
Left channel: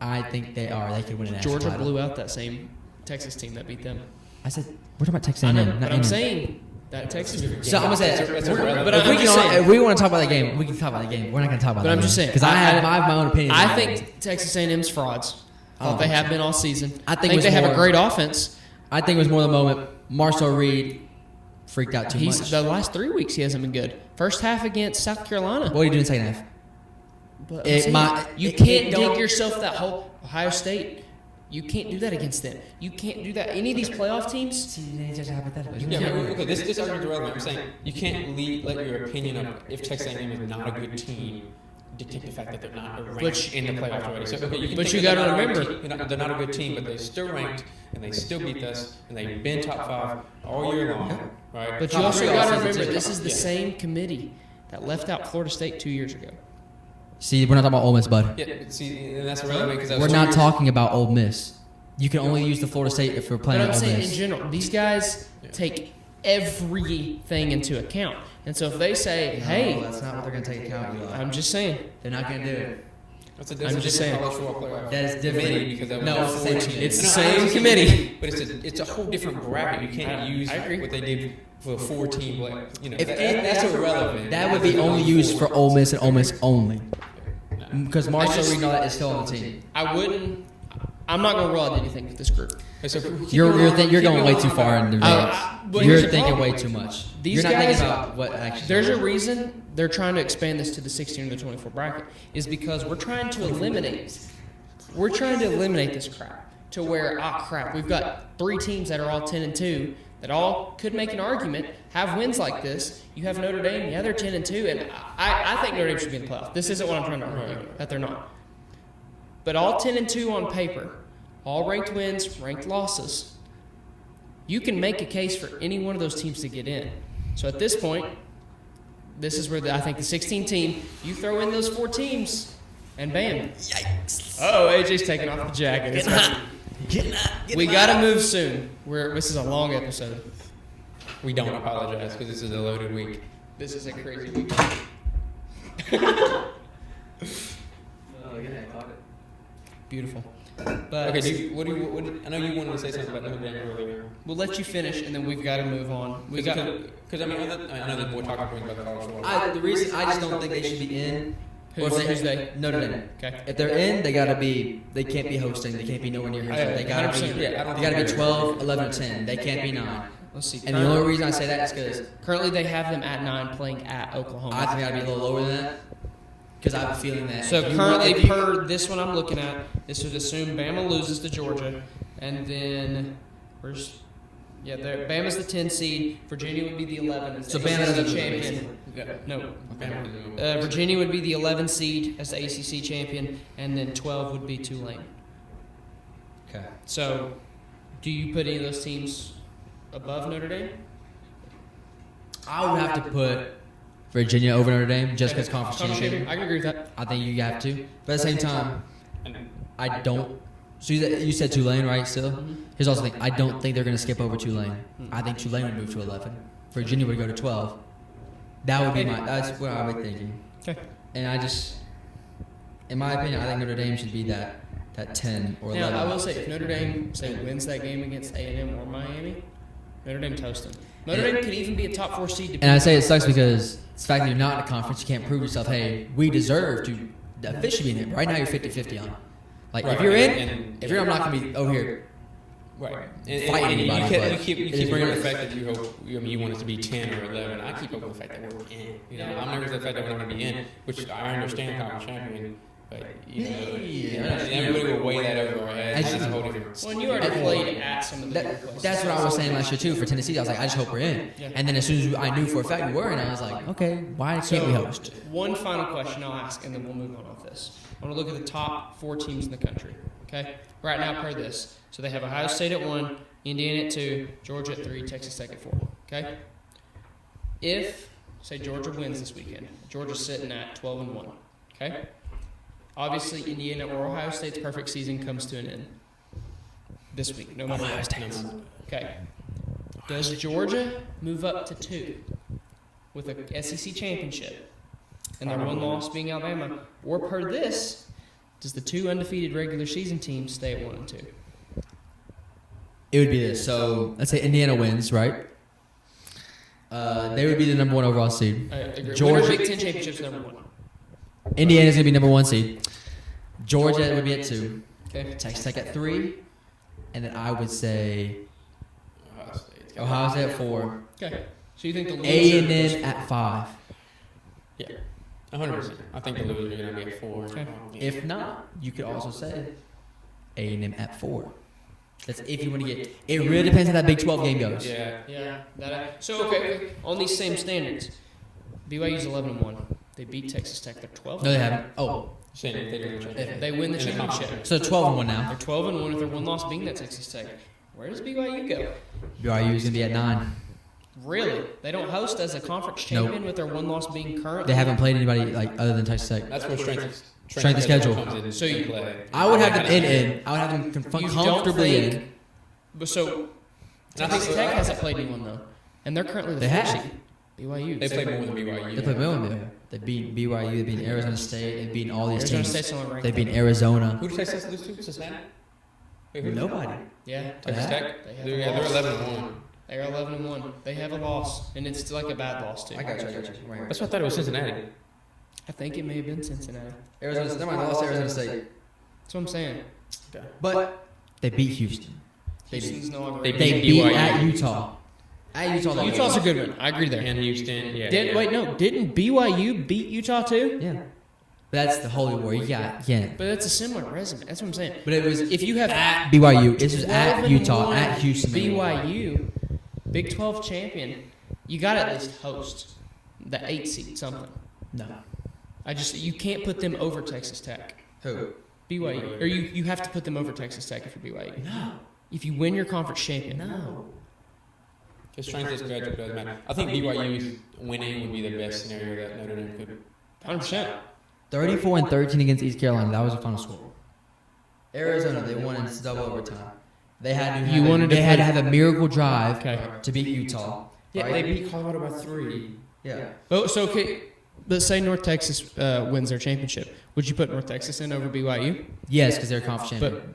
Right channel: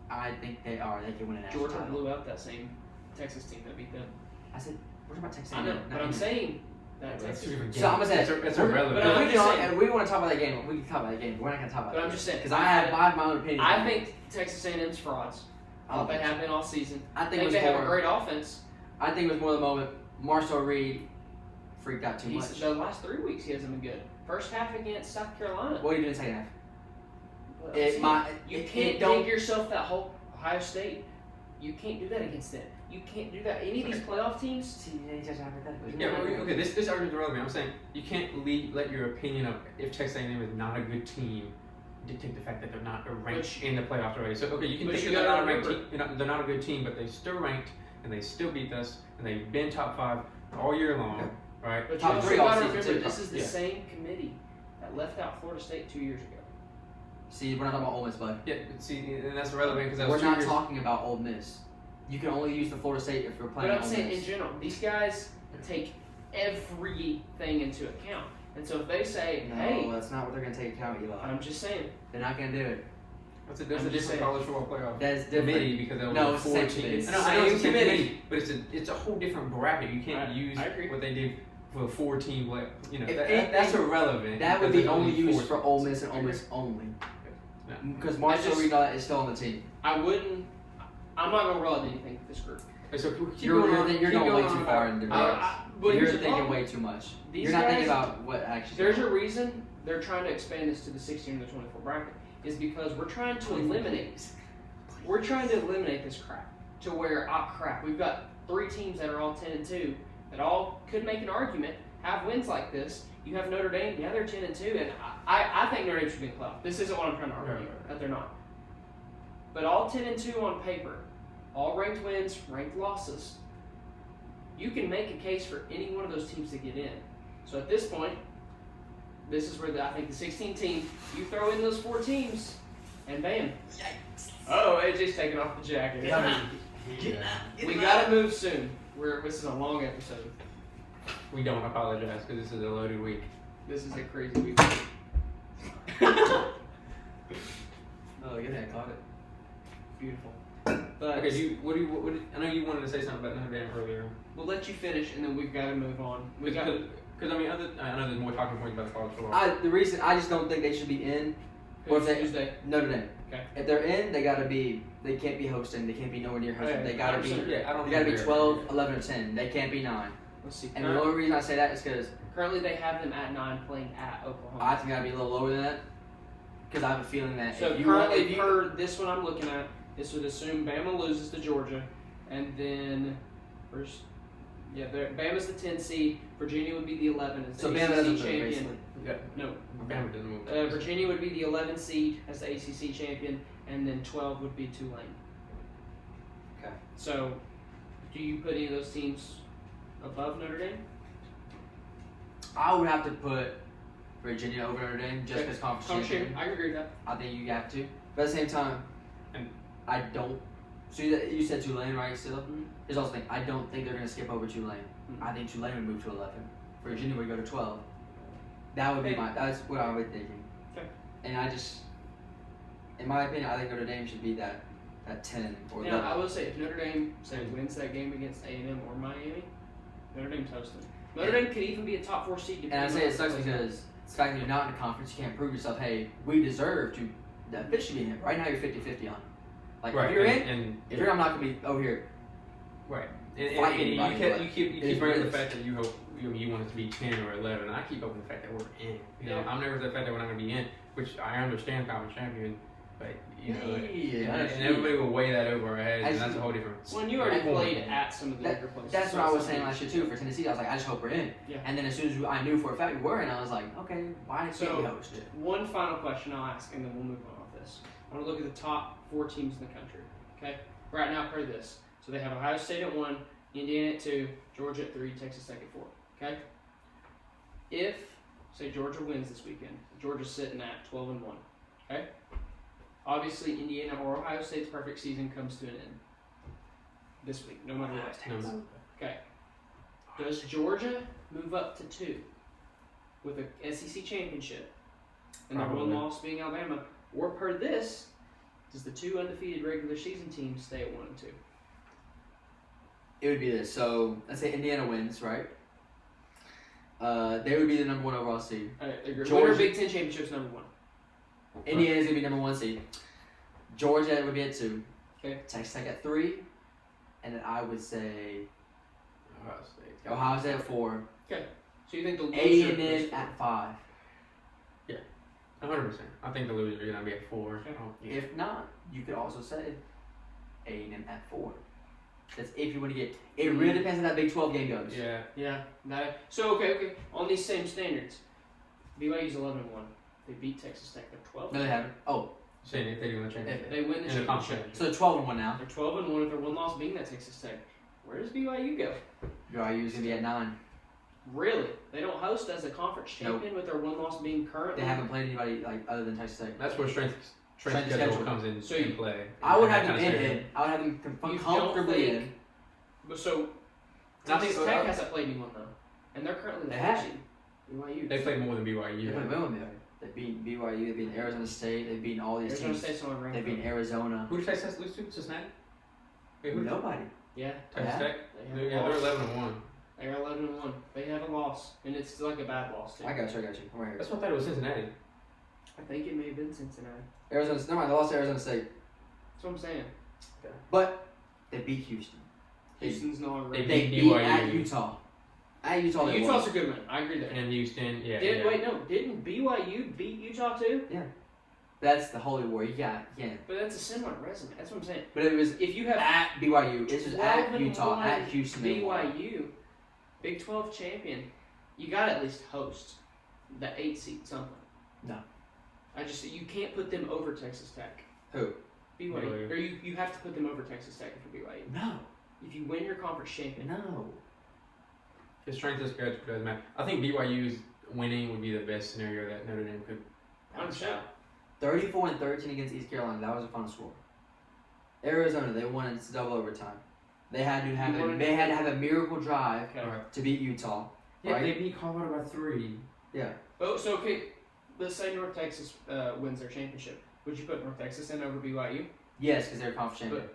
I think they are. They can win an Georgia national blew title. out that same Texas team that beat them. I said, we're talking about Texas I A&M. know, not but I'm A&M. saying that Texas. So I'm saying, But if I'm just saying. we want to talk about the game, we can talk about the game. We're not going to talk about But it. I'm just saying. Because I have my own opinion. I think Texas A&M's frauds. They have been all season. I I think think they it's have a more- great offense. I think it was more the moment Marcel Reed freaked out too He's much. the last 3 weeks he hasn't been good. First half against South Carolina. What are you doing second half? But It's I'm my- saying, you can't dig yourself that hole. Ohio State. You can't do that against them. You can't do that. Any of these playoff teams. Yeah, this is what I'm saying. You can't let your opinion of if Texas A&M is not a good team dictate the fact that they're not ranked in the playoff race. But you gotta remember, they're not a good team, but they're still ranked, and they still beat us, and they've been top 5 all year long. Right? But you also gotta remember, this is the same committee that left out Florida State 2 years ago. See, we're not talking about Ole Miss, bud. Yeah, see, and that's relevant because We're not talking about Ole Miss. You can only use the Florida State if we're But playing I'm Ole saying in Miss. general, these guys take everything into account. And so if they say, hey, I'm just saying. They're not going to do it. I'm just saying. That's different. No, It's the same committee. But it's a whole different bracket. You can't use what they did for 14. If that's irrelevant, that would be only used for Ole Miss and Ole Miss only. Because Marshall Reed got his film team. I wouldn't. I'm not gonna roll out anything with this group. You're going way too far in the But You're here's the thinking problem. way too much. These You're not guys- thinking about what actually. There's a reason they're trying to expand this to the 16 and the 24 bracket is because we're trying to eliminate. We're trying to eliminate this crap to where crap. We've got 3 teams that are all 10 and 2 that all could make an argument, have wins like this. You have Notre Dame, yeah, they're 10 and 2, and I think Notre Dame should be in the playoff. This isn't what I'm trying to argue that they're not. But all 10 and 2 on paper, all ranked wins, ranked losses. You can make a case for any one of those teams to get in. So at this point, this is where I think the 16 team, you throw in those 4 teams, and bam. Oh, AJ's taking off the jacket. We gotta move soon. This is a long episode. We don't apologize because this is a loaded week. This is a crazy week. Oh, look at that, caught it. Beautiful. Okay, so what do you, I know you wanted to say something about that earlier. We'll let you finish, and then we've got to move on. We got to. Because I mean, I know we're talking about The reason I just don't think they should be in. Who's they? Notre Dame. Okay. If they're in, they gotta be. They can't be hosting. They can't be nowhere near. They gotta be 12, 11, 10. They can't be 9. Let's see. And the only reason I say that is because Currently, they have them at 9 playing at Oklahoma. I think I gotta go lower than that. Because I'm feeling that. So currently, per this one I'm looking at, this was assumed Bama loses to Georgia, and then Yeah, Bama's the 10 seed. Virginia would be the 11. So Bama's the champion. No. Virginia would be the 11 seed as the ACC champion, and then 12 would be Tulane. Okay. So, do you put any of those teams above Notre Dame? I would have to put Virginia over Notre Dame just because conference championship. I agree with that. I think you have to. But at the same time, I don't. So you said Tulane, right? Still, here's also the thing. I don't think they're going to skip over Tulane. I think Tulane would move to 11. Virginia would go to 12. That would be that's what I would think. And I just, in my opinion, I think Notre Dame should be that 10 or 11. Yeah, I will say if Notre Dame wins that game against A&M or Miami, Notre Dame toasted. Notre Dame can even be a top 4 seed. And I say it sucks because the fact that you're not in the conference, you can't prove yourself. Hey, we deserve to officially be in it. Right now, you're 50-50 on. Like if you're in, if you're not going to be over here. Right. Fighting You anybody. keep bringing the fact that you want it to be 10 or 11. I keep going with the fact that we're in. I'm never the fact that I want to be in, which I understand how I'm champion. But, everybody will weigh that over. That's a whole different. Well, you already played at some of the That's what I was saying last year too for Tennessee. I was like, I just hope we're in. And then as soon as I knew for a fact we were in, I was like, okay, why can't we host? One final question I'll ask, and then we'll move on with this. I want to look at the top 4 teams in the country. Okay? Right now, I've heard this. So they have Ohio State at 1, Indiana at 2, Georgia at 3, Texas Tech at 4. Okay? If, say, Georgia wins this weekend, Georgia's sitting at 12-1. Okay? Obviously, Indiana or Ohio State's perfect season comes to an end this week. No matter Ohio State. Okay. Does Georgia move up to 2 with an SEC championship and their one loss being Alabama? Or per this, does the 2 undefeated regular season teams stay at 1 and 2? It would be this. So let's say Indiana wins, right? They would be the number 1 overall seed. Georgia Big Ten championships number 1. Indiana's gonna be number 1 seed. Georgia would be at 2. Okay. Texas Tech at 3, and then I would say Ohio State at 4. Okay. So you think A&M at 5. Yeah. 100%. I think they're going to be at 4. If not, you could also say A&M at 4. That's if you want to get. It really depends how that Big 12 game goes. Yeah. So okay. On these same standards, BYU's 11-1. They beat Texas Tech at 12. No, they haven't. Oh, They win the championship. so 12-1 now. They're 12-1 with one loss being at Texas Tech. Where does BYU go? BYU's gonna be at 9. Really? They don't host as a conference champion with their one loss being current? They haven't played anybody like other than Texas Tech. That's what Strength of schedule. So you play. I would have them in. I would have them comfortably in. But so Texas Tech hasn't played anyone though, and they're currently They have. BYU. They played more BYU. They played Maryland. They beat BYU. They beat Arizona State. They beat all these Arizona teams. State's on They beat Arizona. Who did Texas lose to? Cincinnati? Nobody. Yeah. Texas Tech? They're 11-1. They're 11-1. They have a loss, and it's like a bad loss too. I got you. That's what I thought it was Cincinnati. I think it may have been Cincinnati. Arizona State. That's what I'm saying. But they beat Houston. They They beat beat BYU. at Utah. At Utah. Utah's a good one. I agree there. And Houston, yeah. Didn't BYU beat Utah too? Yeah. But that's the holy war. You can't. But that's a similar resume. That's what I'm saying. But it was If you have at BYU. This is at Utah, at Houston. BYU, Big 12 champion, you got to at least host the 8 seed something. No. You can't put them over Texas Tech. Who? BYU. Or you have to put them over Texas Tech for BYU. No. If you win your conference champion. No. I think BYU winning would be the best scenario. 100%. 34-13 against East Carolina. That was the final score. Arizona, they won in double overtime. They had to have a miracle drive to beat Utah. Yeah, Right? they beat Colorado by 3. Yeah. Oh, so okay. But say North Texas wins their championship. Would you put North Texas in over BYU? Yes, because they're conference champion. But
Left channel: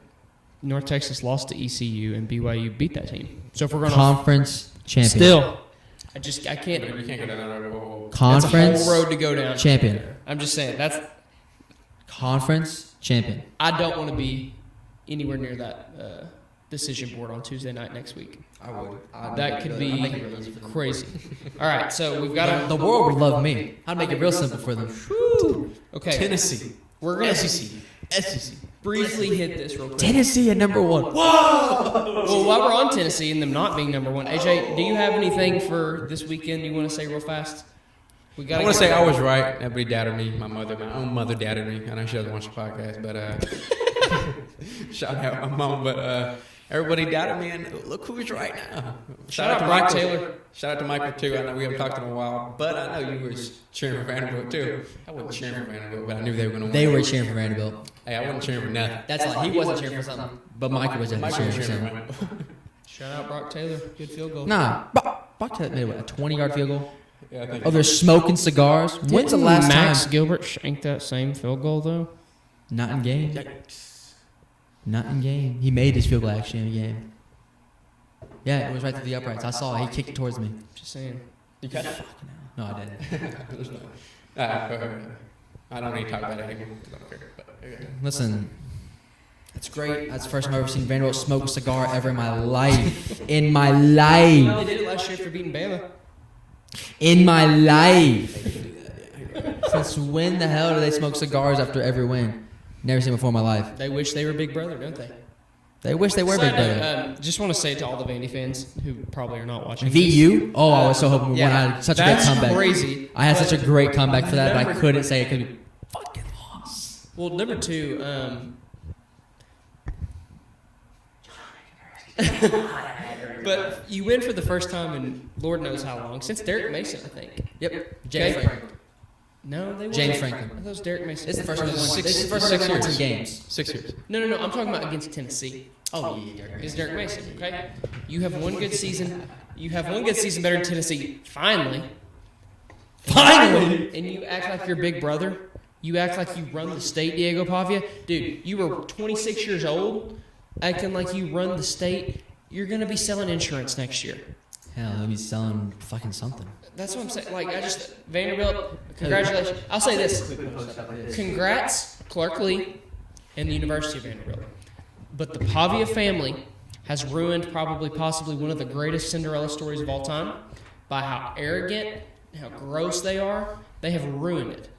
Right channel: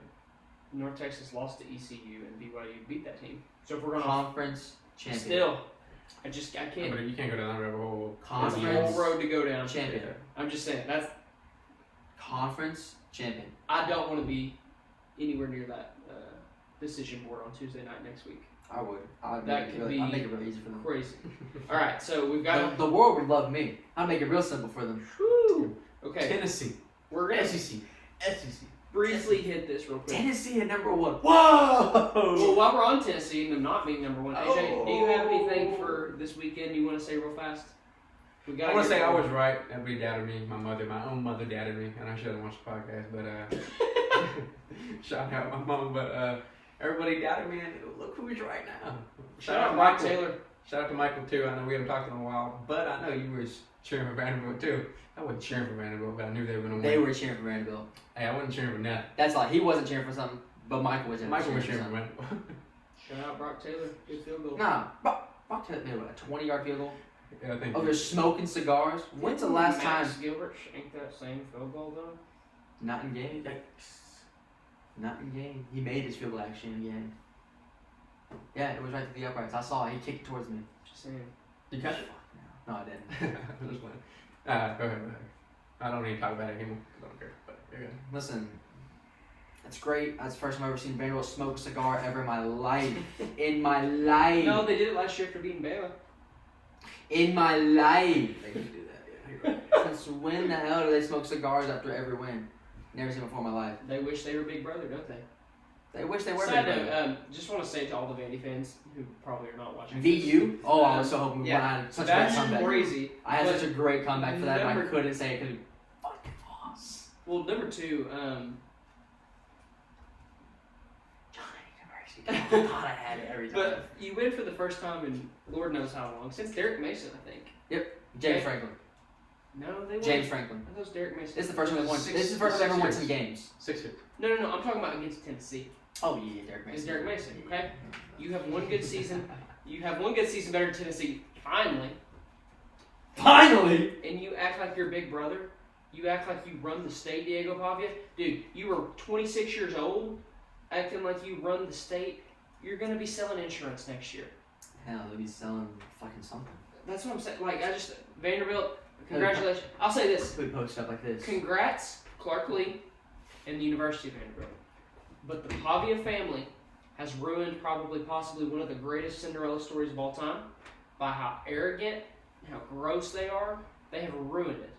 North Texas lost to ECU and BYU beat that team. So if we're going to Conference champion. still, I can't. Conference That's a whole road to go down. champion. I'm just saying that's. Conference champion. I don't want to be anywhere near that decision board on Tuesday night next week. I would. That could be crazy. All right, so we've got The world would love me. I'd make it real simple for them. Okay, Tennessee. we're gonna SEC. briefly hit this real quick. Tennessee at number 1. Whoa! Well, while we're on Tennessee and them not being number 1, AJ, do you have anything for this weekend you want to say real fast? I want to say I was right. Everybody doubted me. My mother doubted me. I know she doesn't watch the podcast, but shout out my mom. But everybody doubted me, and look who's right now. Shout out to Mike Taylor. Shout out to Michael too. I know we haven't talked in a while, but I know you were cheering for Vanderbilt too. I wasn't cheering for Vanderbilt, but I knew they were going to win. They were cheering for Vanderbilt. Hey, I wasn't cheering for nothing. That's like he wasn't cheering for something, but Mike was cheering for something. Shout out Brock Taylor. Good field goal. Nah, Brock Taylor did a 20-yard field goal. Oh, they're smoking cigars. When's the last Max time? Gilbert shanked that same field goal, though? Not in game. Not in game. He made his field goal actually in game. Yeah, it was right through the uprights. I saw it. He kicked it towards me. Just saying. You got it? No, I didn't. I don't need to talk about that anymore. Listen, it's great. That's the first time I've ever seen Vanderbilt smoke a cigar ever in my life. In my life. No, they did last year beating Baylor. In my life. Since when the hell do they smoke cigars after every win? Never seen before in my life. They wish they were Big Brother, don't they? They wish they were Big Brother. Just want to say to all the Vandy fans who probably are not watching. VU? Oh, I was so hoping we Yeah, had such a good that's comeback. crazy. I had such a great comeback for that, but I couldn't say it could fucking lost. Well, number 2, but you win for the first time in Lord knows how long. Since Derek Mason, I think. Yep. James Franklin. No, they James were Franklin. That was Derek Mason. This is the first 6 years games. 6 years. No, I'm talking about against Tennessee. Oh, yeah. It's Derek Mason, okay? You have one good season. You have one good season better than Tennessee. Finally. Finally! And you act like your big brother. You act like you run the state, Diego Pavia. Dude, you were 26 years old, acting like you run the state. You're going to be selling insurance next year. Hell, I'll be selling fucking something. That's what I'm saying. Like, I just, Vanderbilt, congratulations. I'll say this. Congrats, Clark Lee and the University of Vanderbilt. But the Pavia family has ruined probably possibly one of the greatest Cinderella stories of all time by how arrogant, how gross they are. They have ruined it.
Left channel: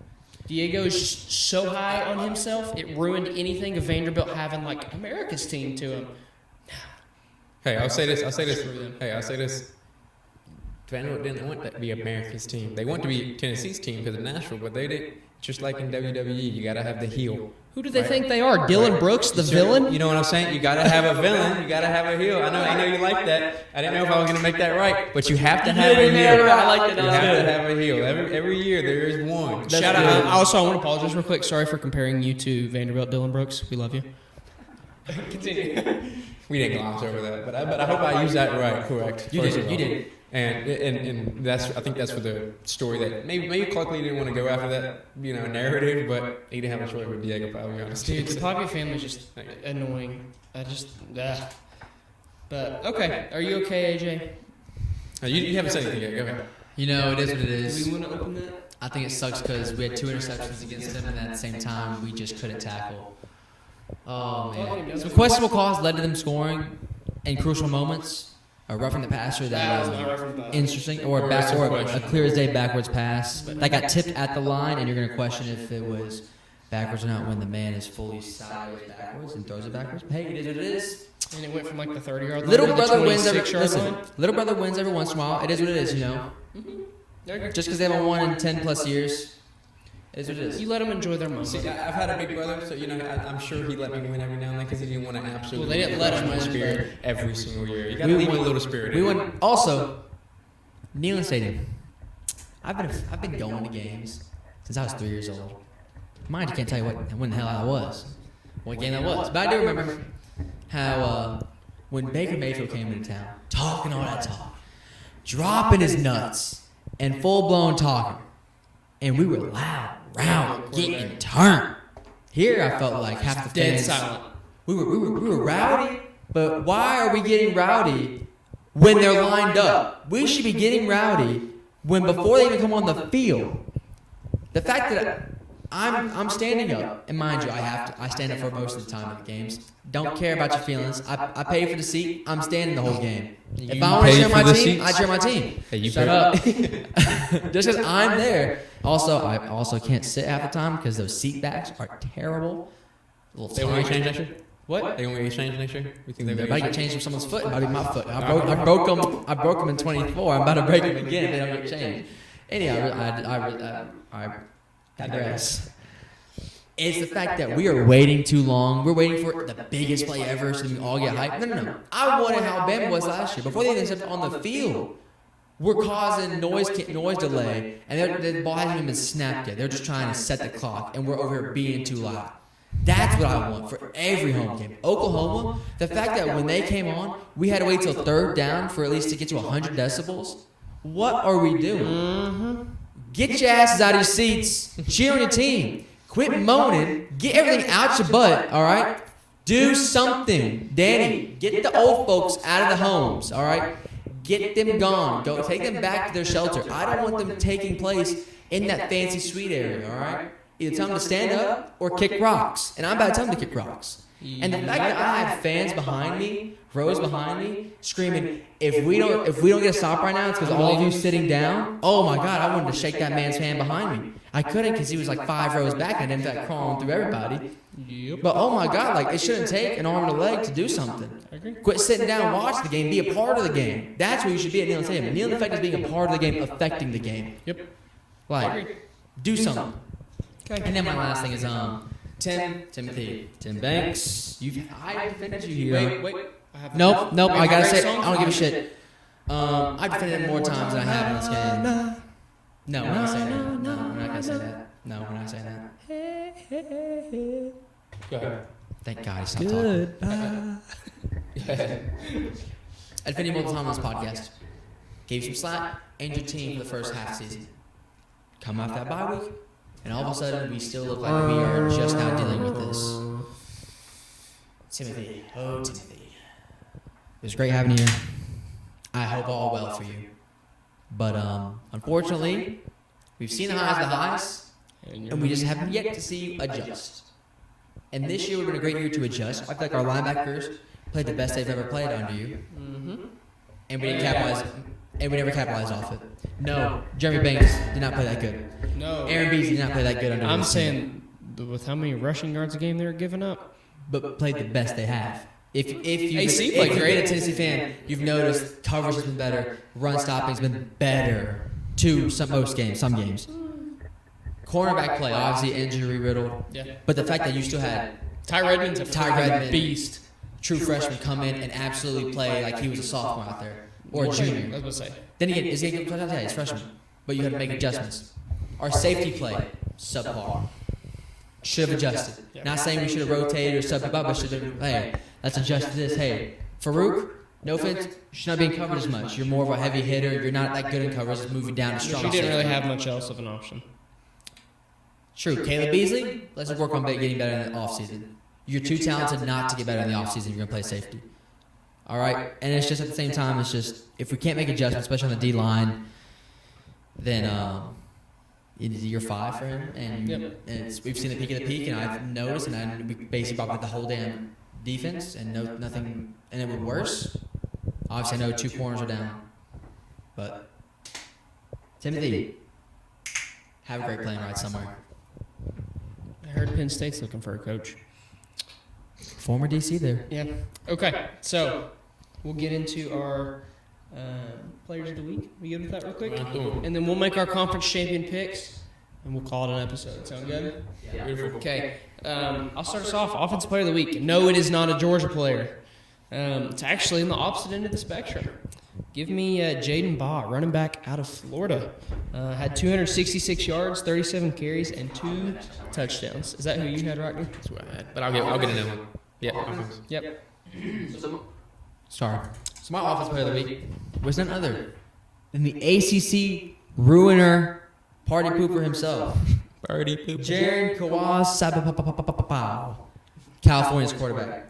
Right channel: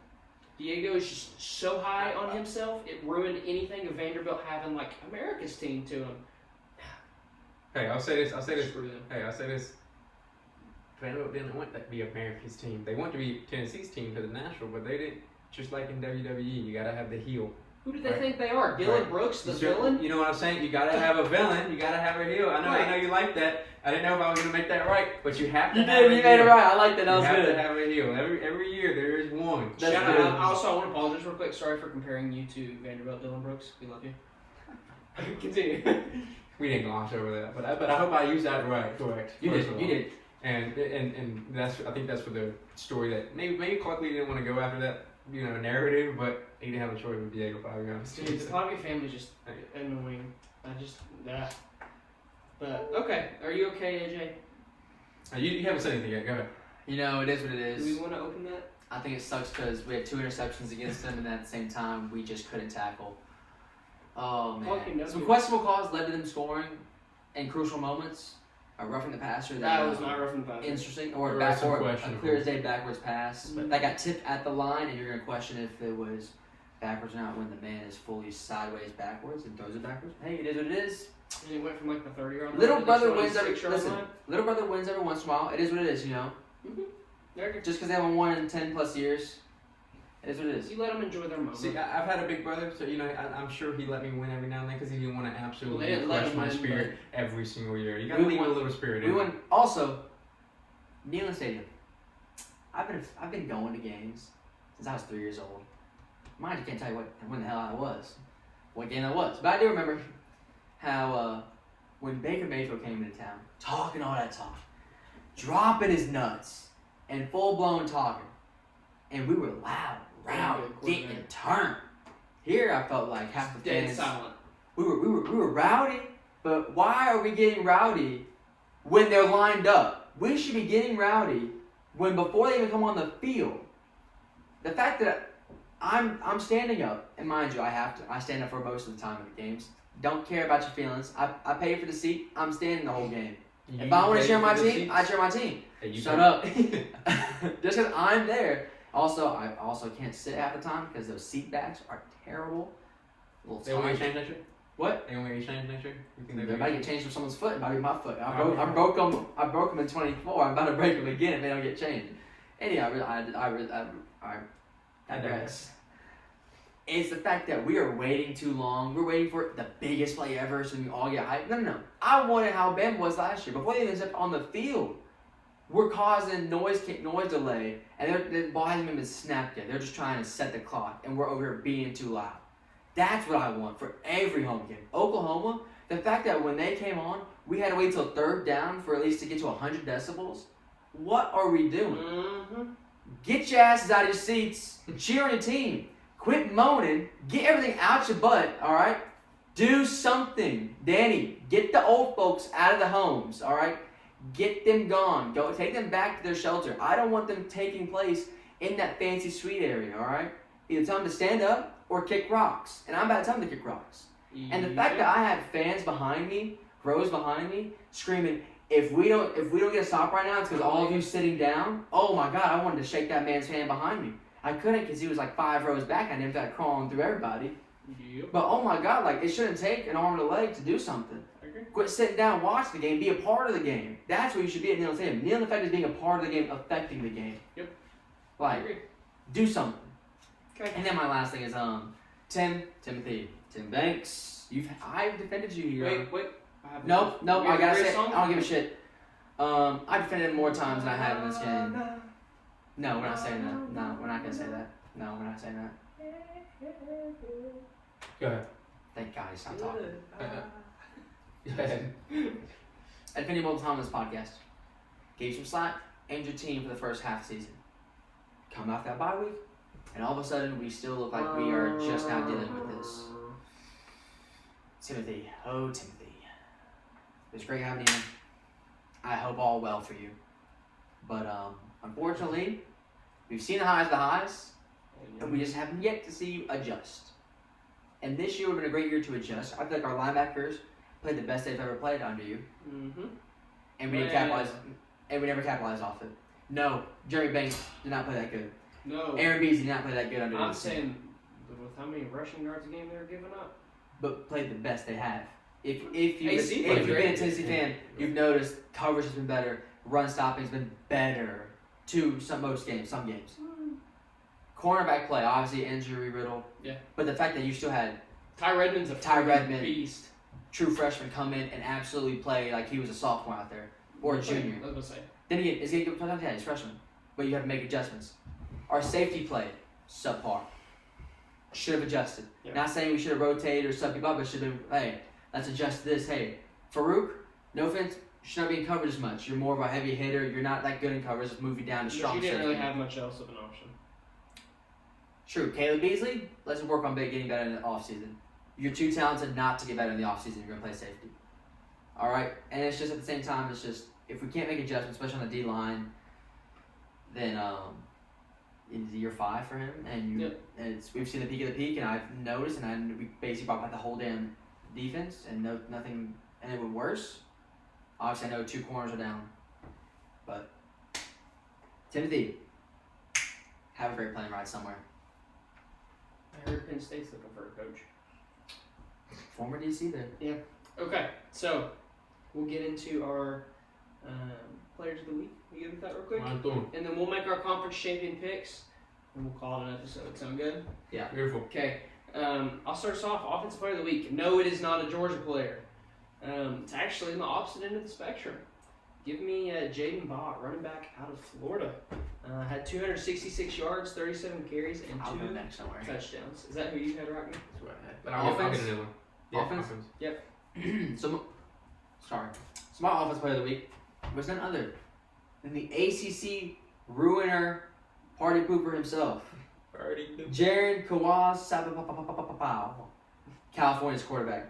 Diego is so high on himself, it ruined anything of Vanderbilt having like America's team to him. Hey, I'll say this. Vanderbilt didn't want that to be America's team. They want to be Tennessee's team because of Nashville, but they didn't. Just like in WWE, you gotta have the heel. Who do they think they are? Dylan Brooks, the villain? You know what I'm saying? You gotta have a villain. You gotta have a heel. I know I didn't like that. I didn't know if I was gonna make that right, but you have to have a heel. You have to have a heel. Every year there is one. Shout out. Also, I want to apologize real quick. Sorry for comparing you to Vanderbilt, Dylan Brooks. We love you. We didn't get lost over that, but I hope I used that right quick. You did. And that's, I think that's for the story that maybe Clark Lee didn't want to go after that, narrative, but he didn't have a choice with Diego. Dude, the Pavia family is just annoying. But okay, are you okay, AJ? You haven't said anything yet. Go ahead. You know, it is what it is. I think it sucks because we had 2 interceptions against them, and at the same time, we just couldn't tackle. Oh, man. Some questionable calls led to them scoring in crucial moments. A roughing the passer that was interesting, or a clear as day backwards pass that got tipped at the line, and you're going to question if it was backwards or not when the man is fully sideways backwards and throws it backwards. Hey, it is what it is. And it went from like the 30-yard line. Little brother wins every once in a while. It is what it is, you know. Just because they haven't won in 10 plus years. You let them enjoy their moment. See, I've had a big brother, so I'm sure he let me win every now and then because he won an absolute. They didn't let him win spirit every single year. You gotta leave a little spirit. We went also Neyland Stadium. I've been going to games since I was 3 years old. Mind you, can't tell you when the hell I was. What game that was. But I do remember how when Baker Mayfield came into town, talking all that talk, dropping his nuts, and full blown talking, and we were loud, round, getting turned. Here I felt like half the Dead fans. silent. We were rowdy, but why are we getting rowdy when they're lined up? We should be getting rowdy when before they even come on the field. The fact that I'm standing up, and mind you, I stand up for most of the time in games. Don't care about your feelings. I pay for the seat. I'm standing the whole game. If I want to cheer my team, I cheer my team. Hey, you Shut up. Just because I'm there. Also, I also can't sit half the time because those seat backs are terrible. little They want to scary. change next year? What? They want to change next year? You think If they I might can change? change someone's foot, I'll be my foot. I broke him in 24. I'm about to break him again. And I'll get changed. Anyhow, I digress. It's the fact that we are waiting too long. We're waiting for the biggest play ever, so we all get hyped. No. I wanted how Alabama was last year. Before they even stepped on the field, we're causing noise delay, and the ball hasn't even snapped yet. They're just trying to set the clock, and we're over here being too loud. That's what I want for every home game. Oklahoma, the fact that when they came on, we had to wait till third down for at least to get to 100 decibels. What are we doing? Get your asses out of your seats. Cheer on your team. Quit moaning. Get everything out your butt, all right? Do something. Danny, get the old folks out of the homes, all right? Get them gone. Go take them back to their shelter. I don't want them taking place in that fancy suite area, all right? Either tell them to stand up or kick rocks. And I'm about to tell them to kick rocks. And the fact that I have fans behind me, rows behind me, screaming, if we don't get a stop right now, it's because all of you sitting down. Oh my God, I wanted to shake that man's hand behind me. I couldn't because he was like 5 rows back and ended up crawling through everybody. But oh my God, like it shouldn't take an arm and a leg to do something. Quit sitting down and watch the game. Be a part of the game. That's what you should be at the end. Kneel the fact is being a part of the game, affecting the game. Yep. Like, do something. Okay. And then my last thing is Timothy Banks. I've mentioned you. Wait. Nope. I gotta say, I don't give a shit. I've defended more times than I have in this game. No, I'm not saying that. No, I'm not gonna say that. No, I'm not saying that. Go ahead. Thank God. It's good. I defended more times on this podcast. Gave you some slack and your team for the first half of the season. Come off that bye week. And all of a sudden, we still look like we are just now dealing with this. Timothy. It was great having you. I hope all well for you. But unfortunately, we've seen the highs, and we just haven't yet to see adjust. And this year, we're going to great year to adjust. I feel like our linebackers played the best they've ever played under you. And we never capitalized off it. No, Jeremy Banks did not play that good. No, Aaron Reeves did not play that good. I'm saying with how many rushing yards a game they were giving up, but played the best they have. If you seem like you're a Tennessee fan, you've noticed coverage has been better, run stopping has been better. Some games. Cornerback play, obviously injury riddled. Yeah. But the fact that you still had Ty beast, true freshman come in and absolutely play like he was a sophomore out there or a junior. Then he's freshman, but you had to make adjustments. Our safety play, subpar. Should have adjusted. Not saying we should have rotated or subbed, but should have been, hey, let's adjust this. Hey, Farouk, no offense, you should not be in coverage as much. You're more of a heavy hitter. You're not that good in coverage. Moving down strong. She didn't really have much else of an option. True. Caleb Beasley, let's work on getting better in the offseason. You're too talented not to get better in the offseason. You're going to play safety. All right? And it's just at the same time, it's just, if we can't make adjustments, especially on the D-line, then you're 5 for him. And we've seen it peak at peak, and I've noticed, and we based about the whole damn defense, and nothing, and it went worse. Obviously, I know 2 corners are down. But Timothy, have a great playing right somewhere. I heard Penn State's looking for a coach. Former DC there. Yeah. Okay. So we'll get into our players of the week. We get into that real quick, and then we'll make our conference champion picks, and we'll call it an episode. Sound good? Yeah. Okay. I'll start us off. Offensive player of the week. No, it is not a Georgia player. It's actually in the opposite end of the spectrum. Give me Jaden Baugh, running back out of Florida. Had 266 yards, 37 carries, and 2 touchdowns. Is that who you had right now? That's what I had. But I'll get it in. Yep. Sorry. So my offensive player of the week was none other than the ACC ruiner, party pooper himself, Jared Kawasabapapapapapapau, California's quarterback.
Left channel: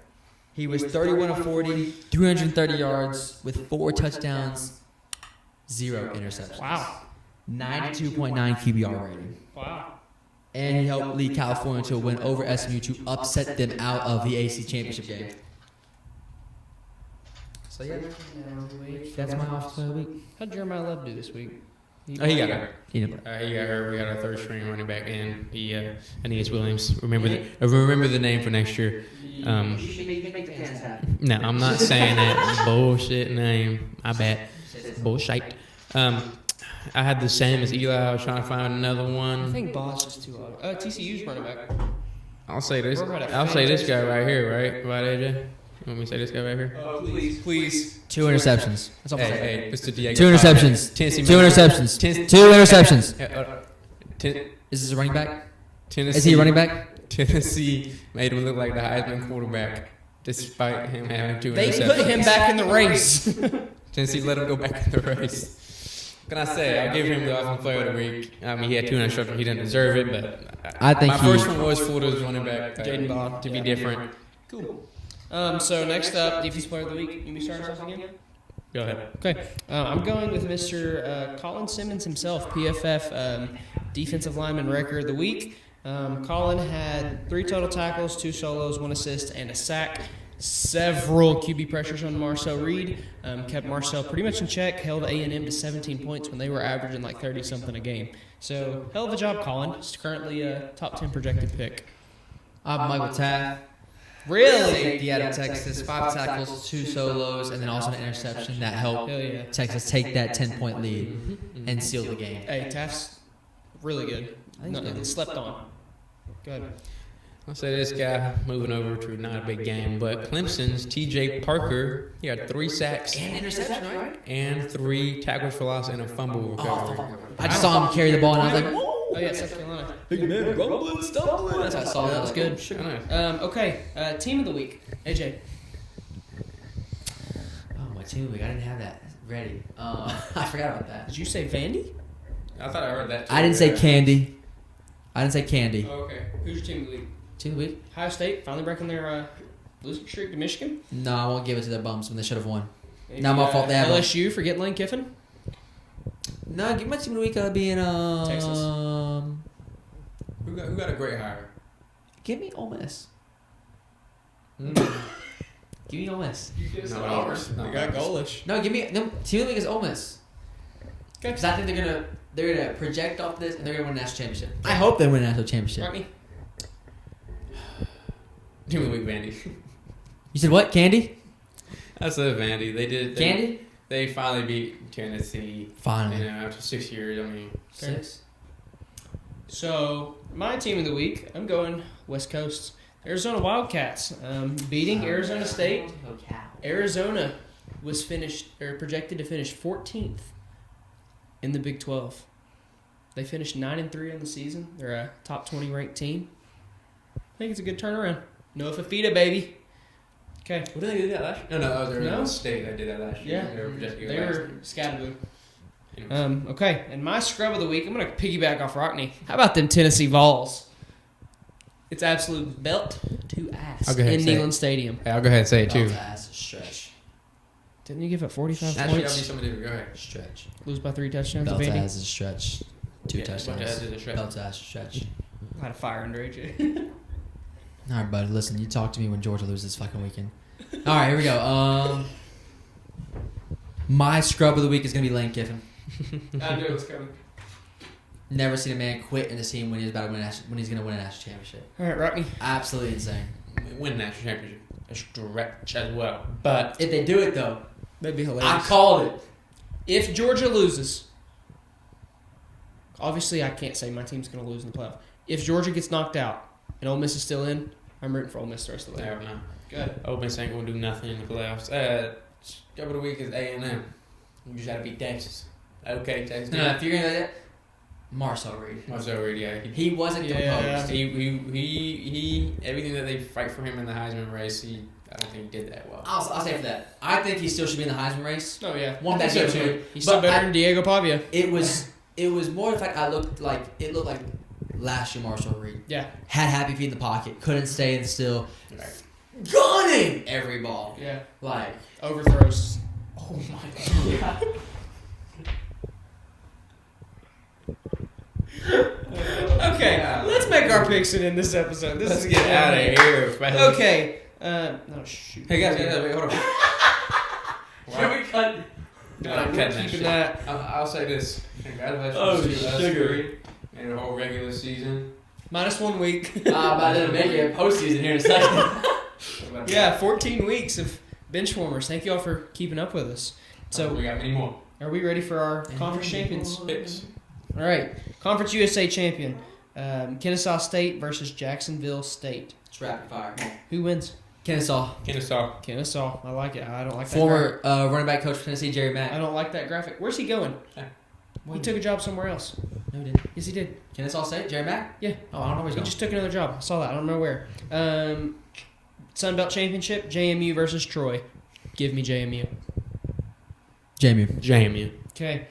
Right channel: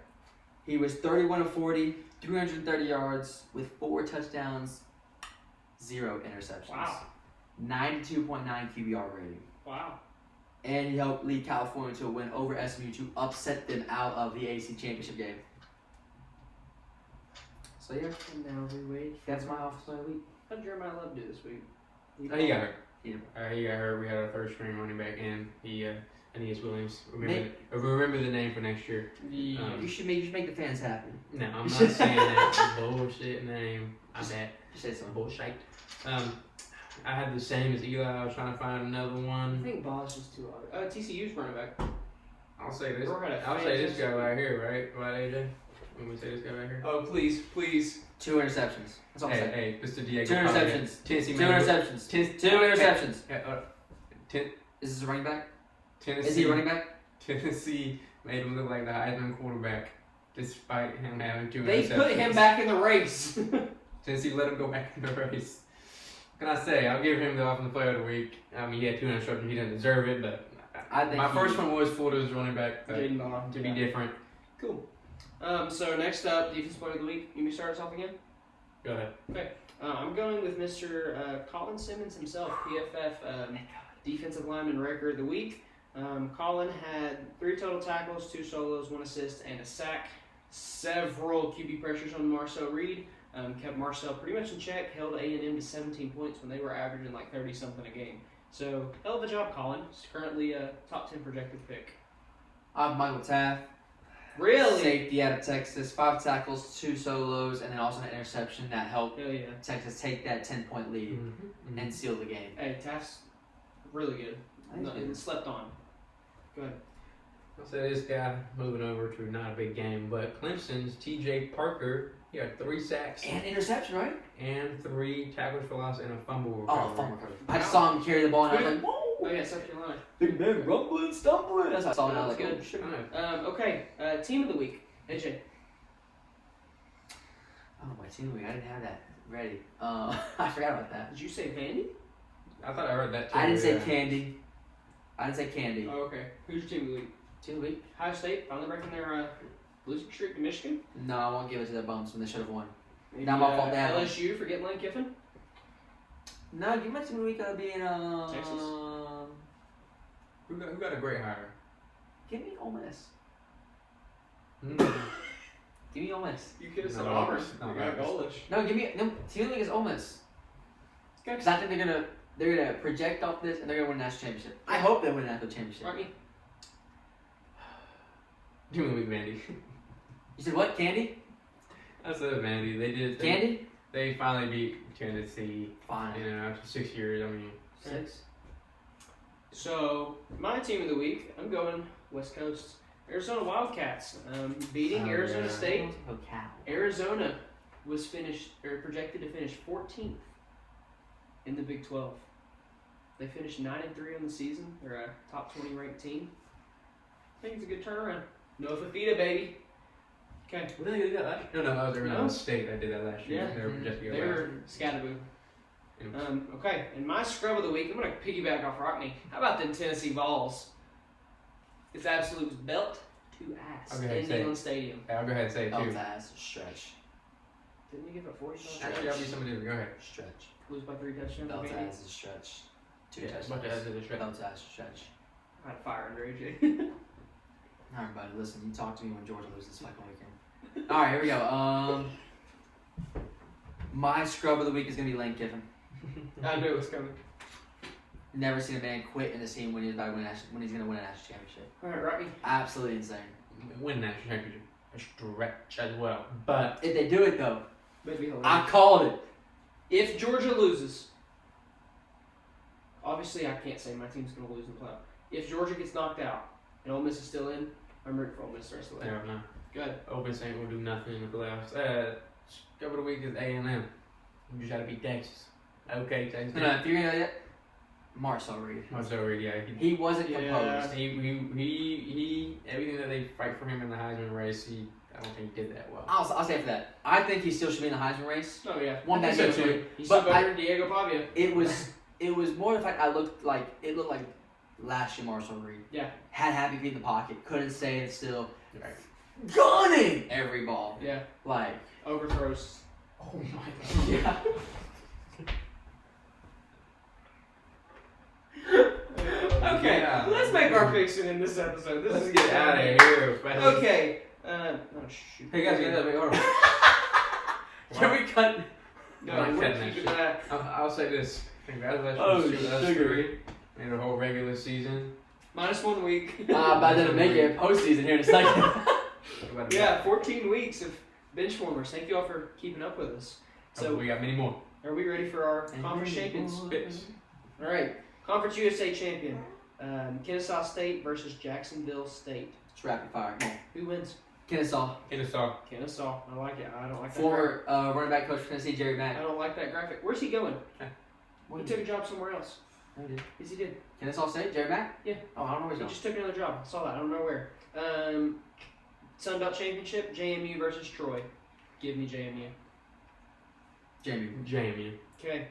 He was 31 of 40, 330 yards with 4 touchdowns, 0 interceptions. Wow. 92.9 QBR rating. Wow. And he helped lead California to a win over SMU to upset them out of the AC championship game. So yeah, that's my offensive player of the week. How'd Jeremiah Love do this week? Oh, he got hurt. He didn't. He got a third string running back, and Aeneas Williams. Remember the name for next year. You should make the fans happy. No, I'm not saying that bullshit name. I bet bullshit. I had the same as Eli. I was trying to find another I one. think Boston's too low. TCU's running back. I'll say this guy right here, right? Right, AJ? Let me say this guy right here. Oh, please. 2 interceptions. That's all I'm saying. Hey, it's the 2 interceptions. 2 interceptions. 2 interceptions. Is this a running back? Tennessee, Is he a running back? Tennessee made him look like the Heisman quarterback, despite him having 2 They interceptions. put him back in the race. Tennessee let him go back in the race. Can I say, I give him the Offensive Player of the Week. I mean, he had 2 interceptions. He didn't deserve it, but I think my first one was Florida's running back to be different. Cool. So next up, Defensive Player of the Week. Can we start something again? Go ahead. Okay. I'm going with Mr. Colin Simmons himself, PFF Defensive Lineman Record of the Week. Colin had 3 total tackles, 2 solos, 1 assist, and a sack. Several QB pressures on Marcel Reed. Kept Marcel pretty much in check. Held A&M to 17 points when they were averaging like 30-something a game. So, hell of a job, Colin. He's currently a top 10 projected pick. I'm Michael Taff. Really? Safety out of Texas. 5 tackles, 2 solos, and then also an interception that helped Texas take that 10-point lead and seal the game. Hey, Taft's really good. Nothing slept on. Go ahead. I'll say this guy, moving over to not a big game, but Clemson's T.J. Parker, he had 3 sacks And interception, right? and 3 tackles for loss and a fumble recovery. I just saw him carry the ball and I was like, Oh, yeah, South Carolina. I saw that. That was good. Okay, Team of the Week. AJ. Oh, my team of the week. I didn't have that ready. I forgot about that. Did you say Vandy? I thought I heard that too. I didn't say candy. Oh, okay. Who's your Team of the Week? Team of the week? Ohio State finally breaking their losing streak to Michigan. No, I won't give it to their bums when they should have won. Not my fault. They have LSU for getting Lane Kiffin. No, give my team of the week gotta be in Texas. Who got a great hire? Give me Ole Miss. Mm. Give me Ole Miss. You got Golish. No, give me no. Team of the week is Ole Miss. Because I think they're gonna project off this and they're gonna win a national championship. I hope they win a national championship. Rodney. Team of the week, Vandy. You said what? Candy? I said Vandy. They did. Candy? They finally beat Tennessee. Finally. You know, after 6 years. I mean, 6. So my Team of the Week, I'm going West Coast. Arizona Wildcats beating Arizona State. Arizona was projected to finish 14th in the Big 12. They finished 9-3 on the season. They're a top 20 ranked team. I think it's a good turnaround. Noah Fafita, baby. Okay. what did they do that last year? No, they're No. in State. I did that last year. Yeah. They were projected. They were scattered. Okay, and my scrub of the week, I'm going to piggyback off Rockney. How about them Tennessee Vols? It's absolute belt to ass I'll go ahead in and say Neyland it. Stadium. Hey, I'll go ahead and say it too. Stretch. Didn't you give up 45 Actually, points? somebody to go ahead. Stretch. Lose by 3 touchdowns? Belt Vandy? ass is a stretch. 2 touchdowns. Belt ass is a stretch. Belt ass stretch. Had a fire under AJ. All right, buddy. Listen, you talk to me when Georgia loses fucking weekend. All right, here we go. My scrub of the week is gonna be Lane Kiffin. I knew it was coming. Never seen a man quit in a team when he's about to win when he's gonna win a national championship. All right, Rockney. Absolutely insane. Win national championship. A stretch as well. But If they do it though, That'd be hilarious. I called it. If Georgia loses, obviously I can't say my team's going to lose in the playoff. If Georgia gets knocked out and Ole Miss is still in, I'm rooting for Ole Miss the rest of the way. never mind. Good. Ole Miss ain't gonna do nothing in the playoffs. Scrub of the week is A&M. You just gotta beat Texas. Okay, Texas. No, if you're gonna Marcel Reed. Marcel Reed, yeah. He wasn't Yeah. composed. He everything that they fight for him in the Heisman race, I don't think he did that well. I'll say for that. I think he still should be in the Heisman race. Oh, yeah. One He's thing still too. He's still But better than Diego Pavia. It was more the fact it looked like last year Marcel Reed. Yeah. Had happy feet in the pocket, couldn't stay still. Gunning every ball. Yeah. Like Overthrows. oh my god. Yeah. Okay, let's make our picks in this episode. This Let's is get out of here. Man. Okay. Oh, shoot. Hey guys, hold on. Can we cut? No, I'm cutting that shit. Nah. I'll say this. Congratulations. Oh, to us sugar. three in the whole regular season. Minus 1 week. But I didn't make it postseason here in a second. Yeah, 14 weeks of bench warmers. Thank you all for keeping up with us. So So, we got any more are we ready for our conference champions? picks? All right, Conference USA champion, Kennesaw State versus Jacksonville State. It's rapid fire. Come on. Who wins? Kennesaw. Kennesaw. Kennesaw. I like it. I don't like that. Former running back coach for Tennessee, Jerry I Mack. don't like that graphic. Where's he going? Yeah. He took a job somewhere else. No, he did. Yes, he did. Kennesaw State, Jerry Mack? Yeah. Oh, I don't know where He he's just took another job. I saw that. I don't know where. Sun Belt Championship, JMU versus Troy. Give me JMU. going. Jamie. Okay.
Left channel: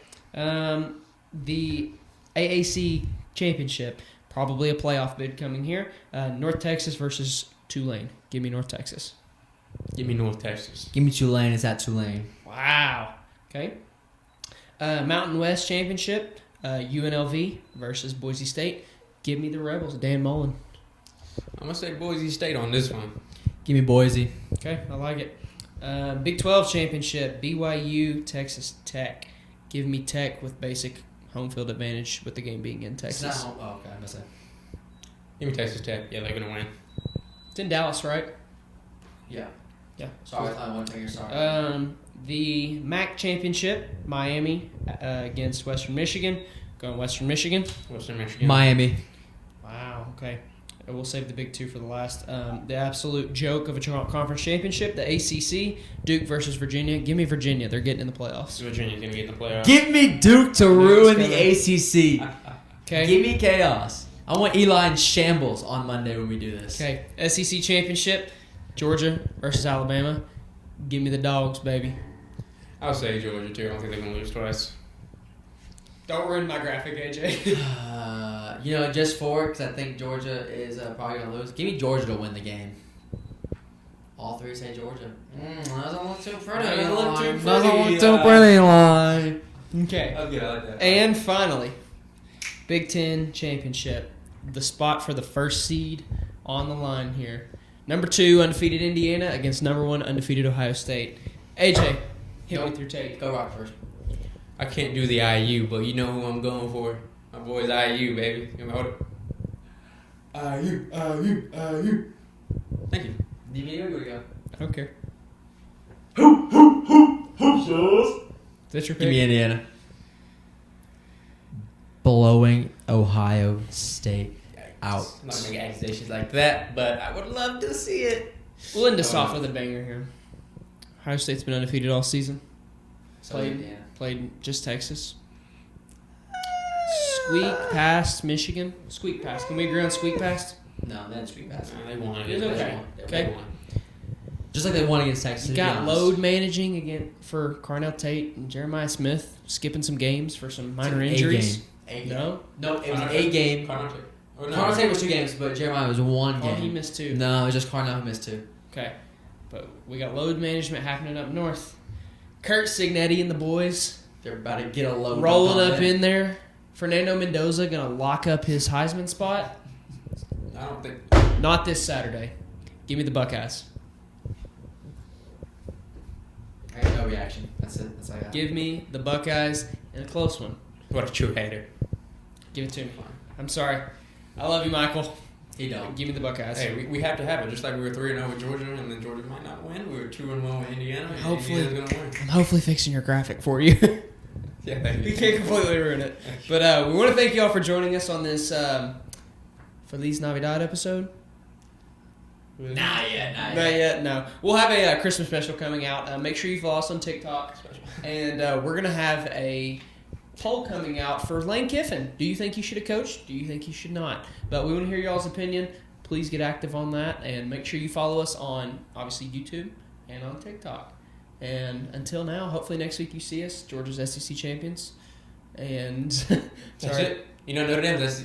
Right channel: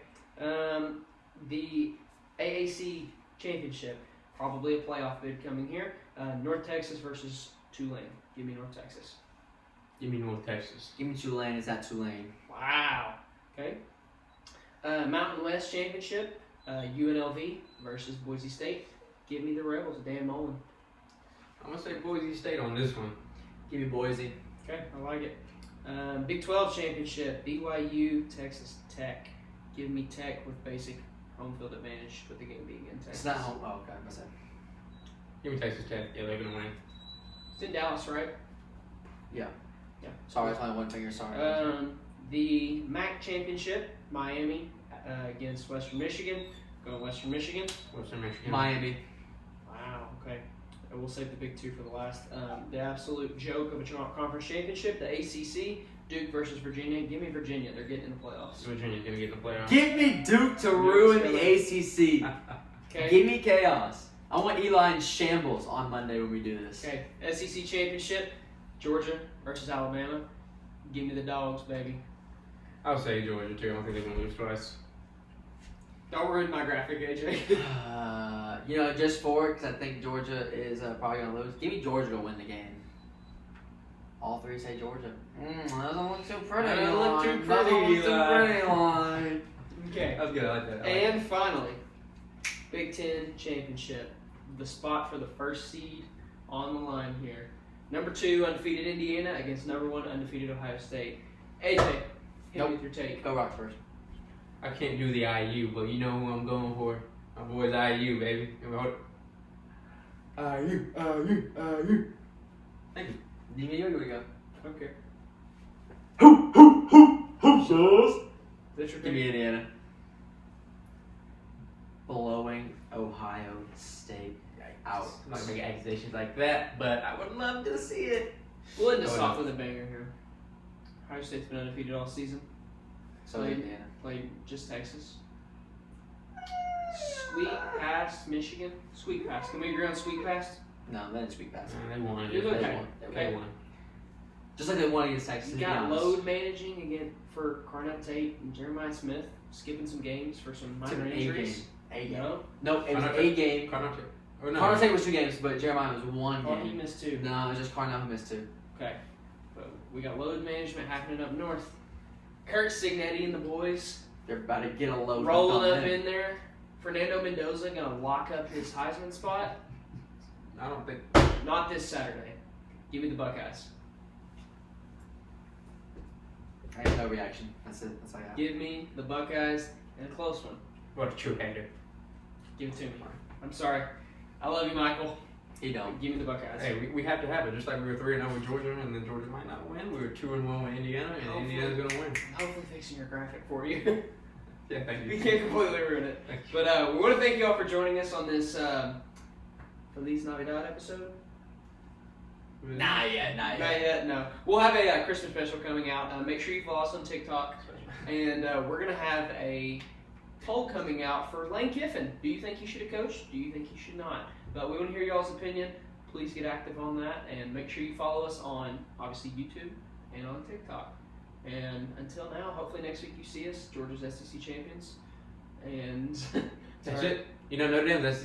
The AAC Championship, probably a playoff bid coming here. North Texas versus Tulane. Give me North Texas. Give me North Texas. Give me Tulane. It's at Tulane. Wow. Okay. Mountain West Championship, UNLV versus Boise State. Give me the Rebels. Dan Mullen. I'm gonna say Boise State on this one. Give me Boise. Okay, I like it. Big 12 Championship, BYU, Texas Tech. Give me Tech with basic home field advantage with the game being in It's Texas. not home. Oh, okay. I missed that. Give me Texas Tech. Yeah, they're gonna win. It's in Dallas, right? Yeah. Yeah. Sorry, I thought one finger. Sorry. The MAC Championship, Miami against Western Michigan. Going Western Michigan. Western Michigan. Miami. Wow, okay. We'll save the big two for the last. The absolute joke of a conference championship, the ACC, Duke versus Virginia. Give me Virginia. They're getting in the playoffs. Virginia's gonna get in the playoffs. Give me Duke to ruin the ACC. Okay. Give me chaos. I want Eli in shambles on Monday when we do this. Okay. SEC Championship, Georgia versus Alabama. Give me the dogs, baby. I'll say Georgia too. I don't think they're gonna lose twice. Don't ruin my graphic, AJ. Just for because I think Georgia is probably going to lose. Give me Georgia to win the game. All three say Georgia. Doesn't look too pretty. Doesn't look too pretty. Doesn't look too pretty, line. Okay. Okay, I like that. And finally, Big Ten Championship. The spot for the first seed on the line here. Number 2, undefeated Indiana against number 1, undefeated Ohio State. AJ, hit me with your take. Go Rock first. I can't do the IU, but you know who I'm going for. My boy's IU, baby. You know what? IU. Thank you. Here we go. Okay. That's your Give me pick? Indiana. Blowing Ohio State out. Not gonna get accusations like that, but I would love to see it. We'll end this off with a banger here. Ohio State's been undefeated all season. So Indiana. Played just Texas. Squeak past Michigan. Squeak past. Can we agree on squeak past? No, then Street Pass. They won It's it. okay. They Okay. won. Just like they won against Texas. You to be got honest. load managing again for Carnell Tate and Jeremiah Smith, skipping some games for some minor A injuries. game. A game. No? No, it was a game. Or Carnell State was 2 games, but Jeremiah was 1 Oh, he game. missed 2. No, it was just Carnell missed 2. Okay. But we got load management happening up north. Kurt Signetti and the boys They're about to get a load. rolling up in there. Fernando Mendoza gonna lock up his Heisman spot. I don't think. Not this Saturday. Give me the Buckeyes. I have no reaction. That's it. That's all I got. Give me the Buckeyes in a close one. What a true hater. Give it to me. I'm sorry. I love you, Michael. You don't. Give me the Buckeyes. Hey, we have to have it. Just like we were 3-0 with Georgia, and then Georgia might not win. We were 2-1 with Indiana, and Hopefully. Indiana's gonna win. I'm hopefully fixing your graphic for you. Yeah, thank You you. can't completely ruin it. But we want to thank you all for joining us on this Feliz Navidad episode. Not yet. Not yet, no. We'll have a Christmas special coming out. Make sure you follow us on TikTok. And we're going to have a poll coming out for Lane Kiffin. Do you think he should have coached? Do you think he should not? But we want to hear y'all's opinion. Please get active on that. And make sure you follow us on, obviously, YouTube and on TikTok. And until now, hopefully next week you see us, Georgia's SEC champions. And That's it. You know, Notre Dame's,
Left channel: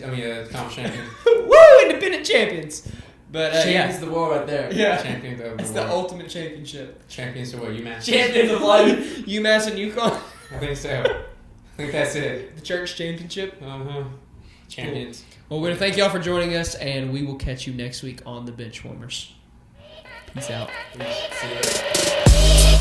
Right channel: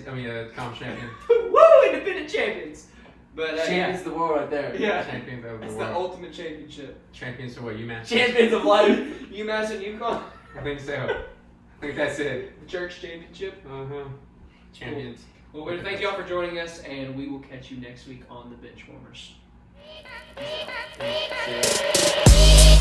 conference champion. woo, independent champions. But Champions yeah, of the world right there. yeah, Champions of it's the the world. ultimate championship. Champions of what? UMass? Champions of life. UMass and UConn, I think so. I think that's it. the church championship. Uh-huh. Champions. Well, we want to thank y'all for joining us, and we will catch you next week on the Bench Warmers. Peace out. See ya.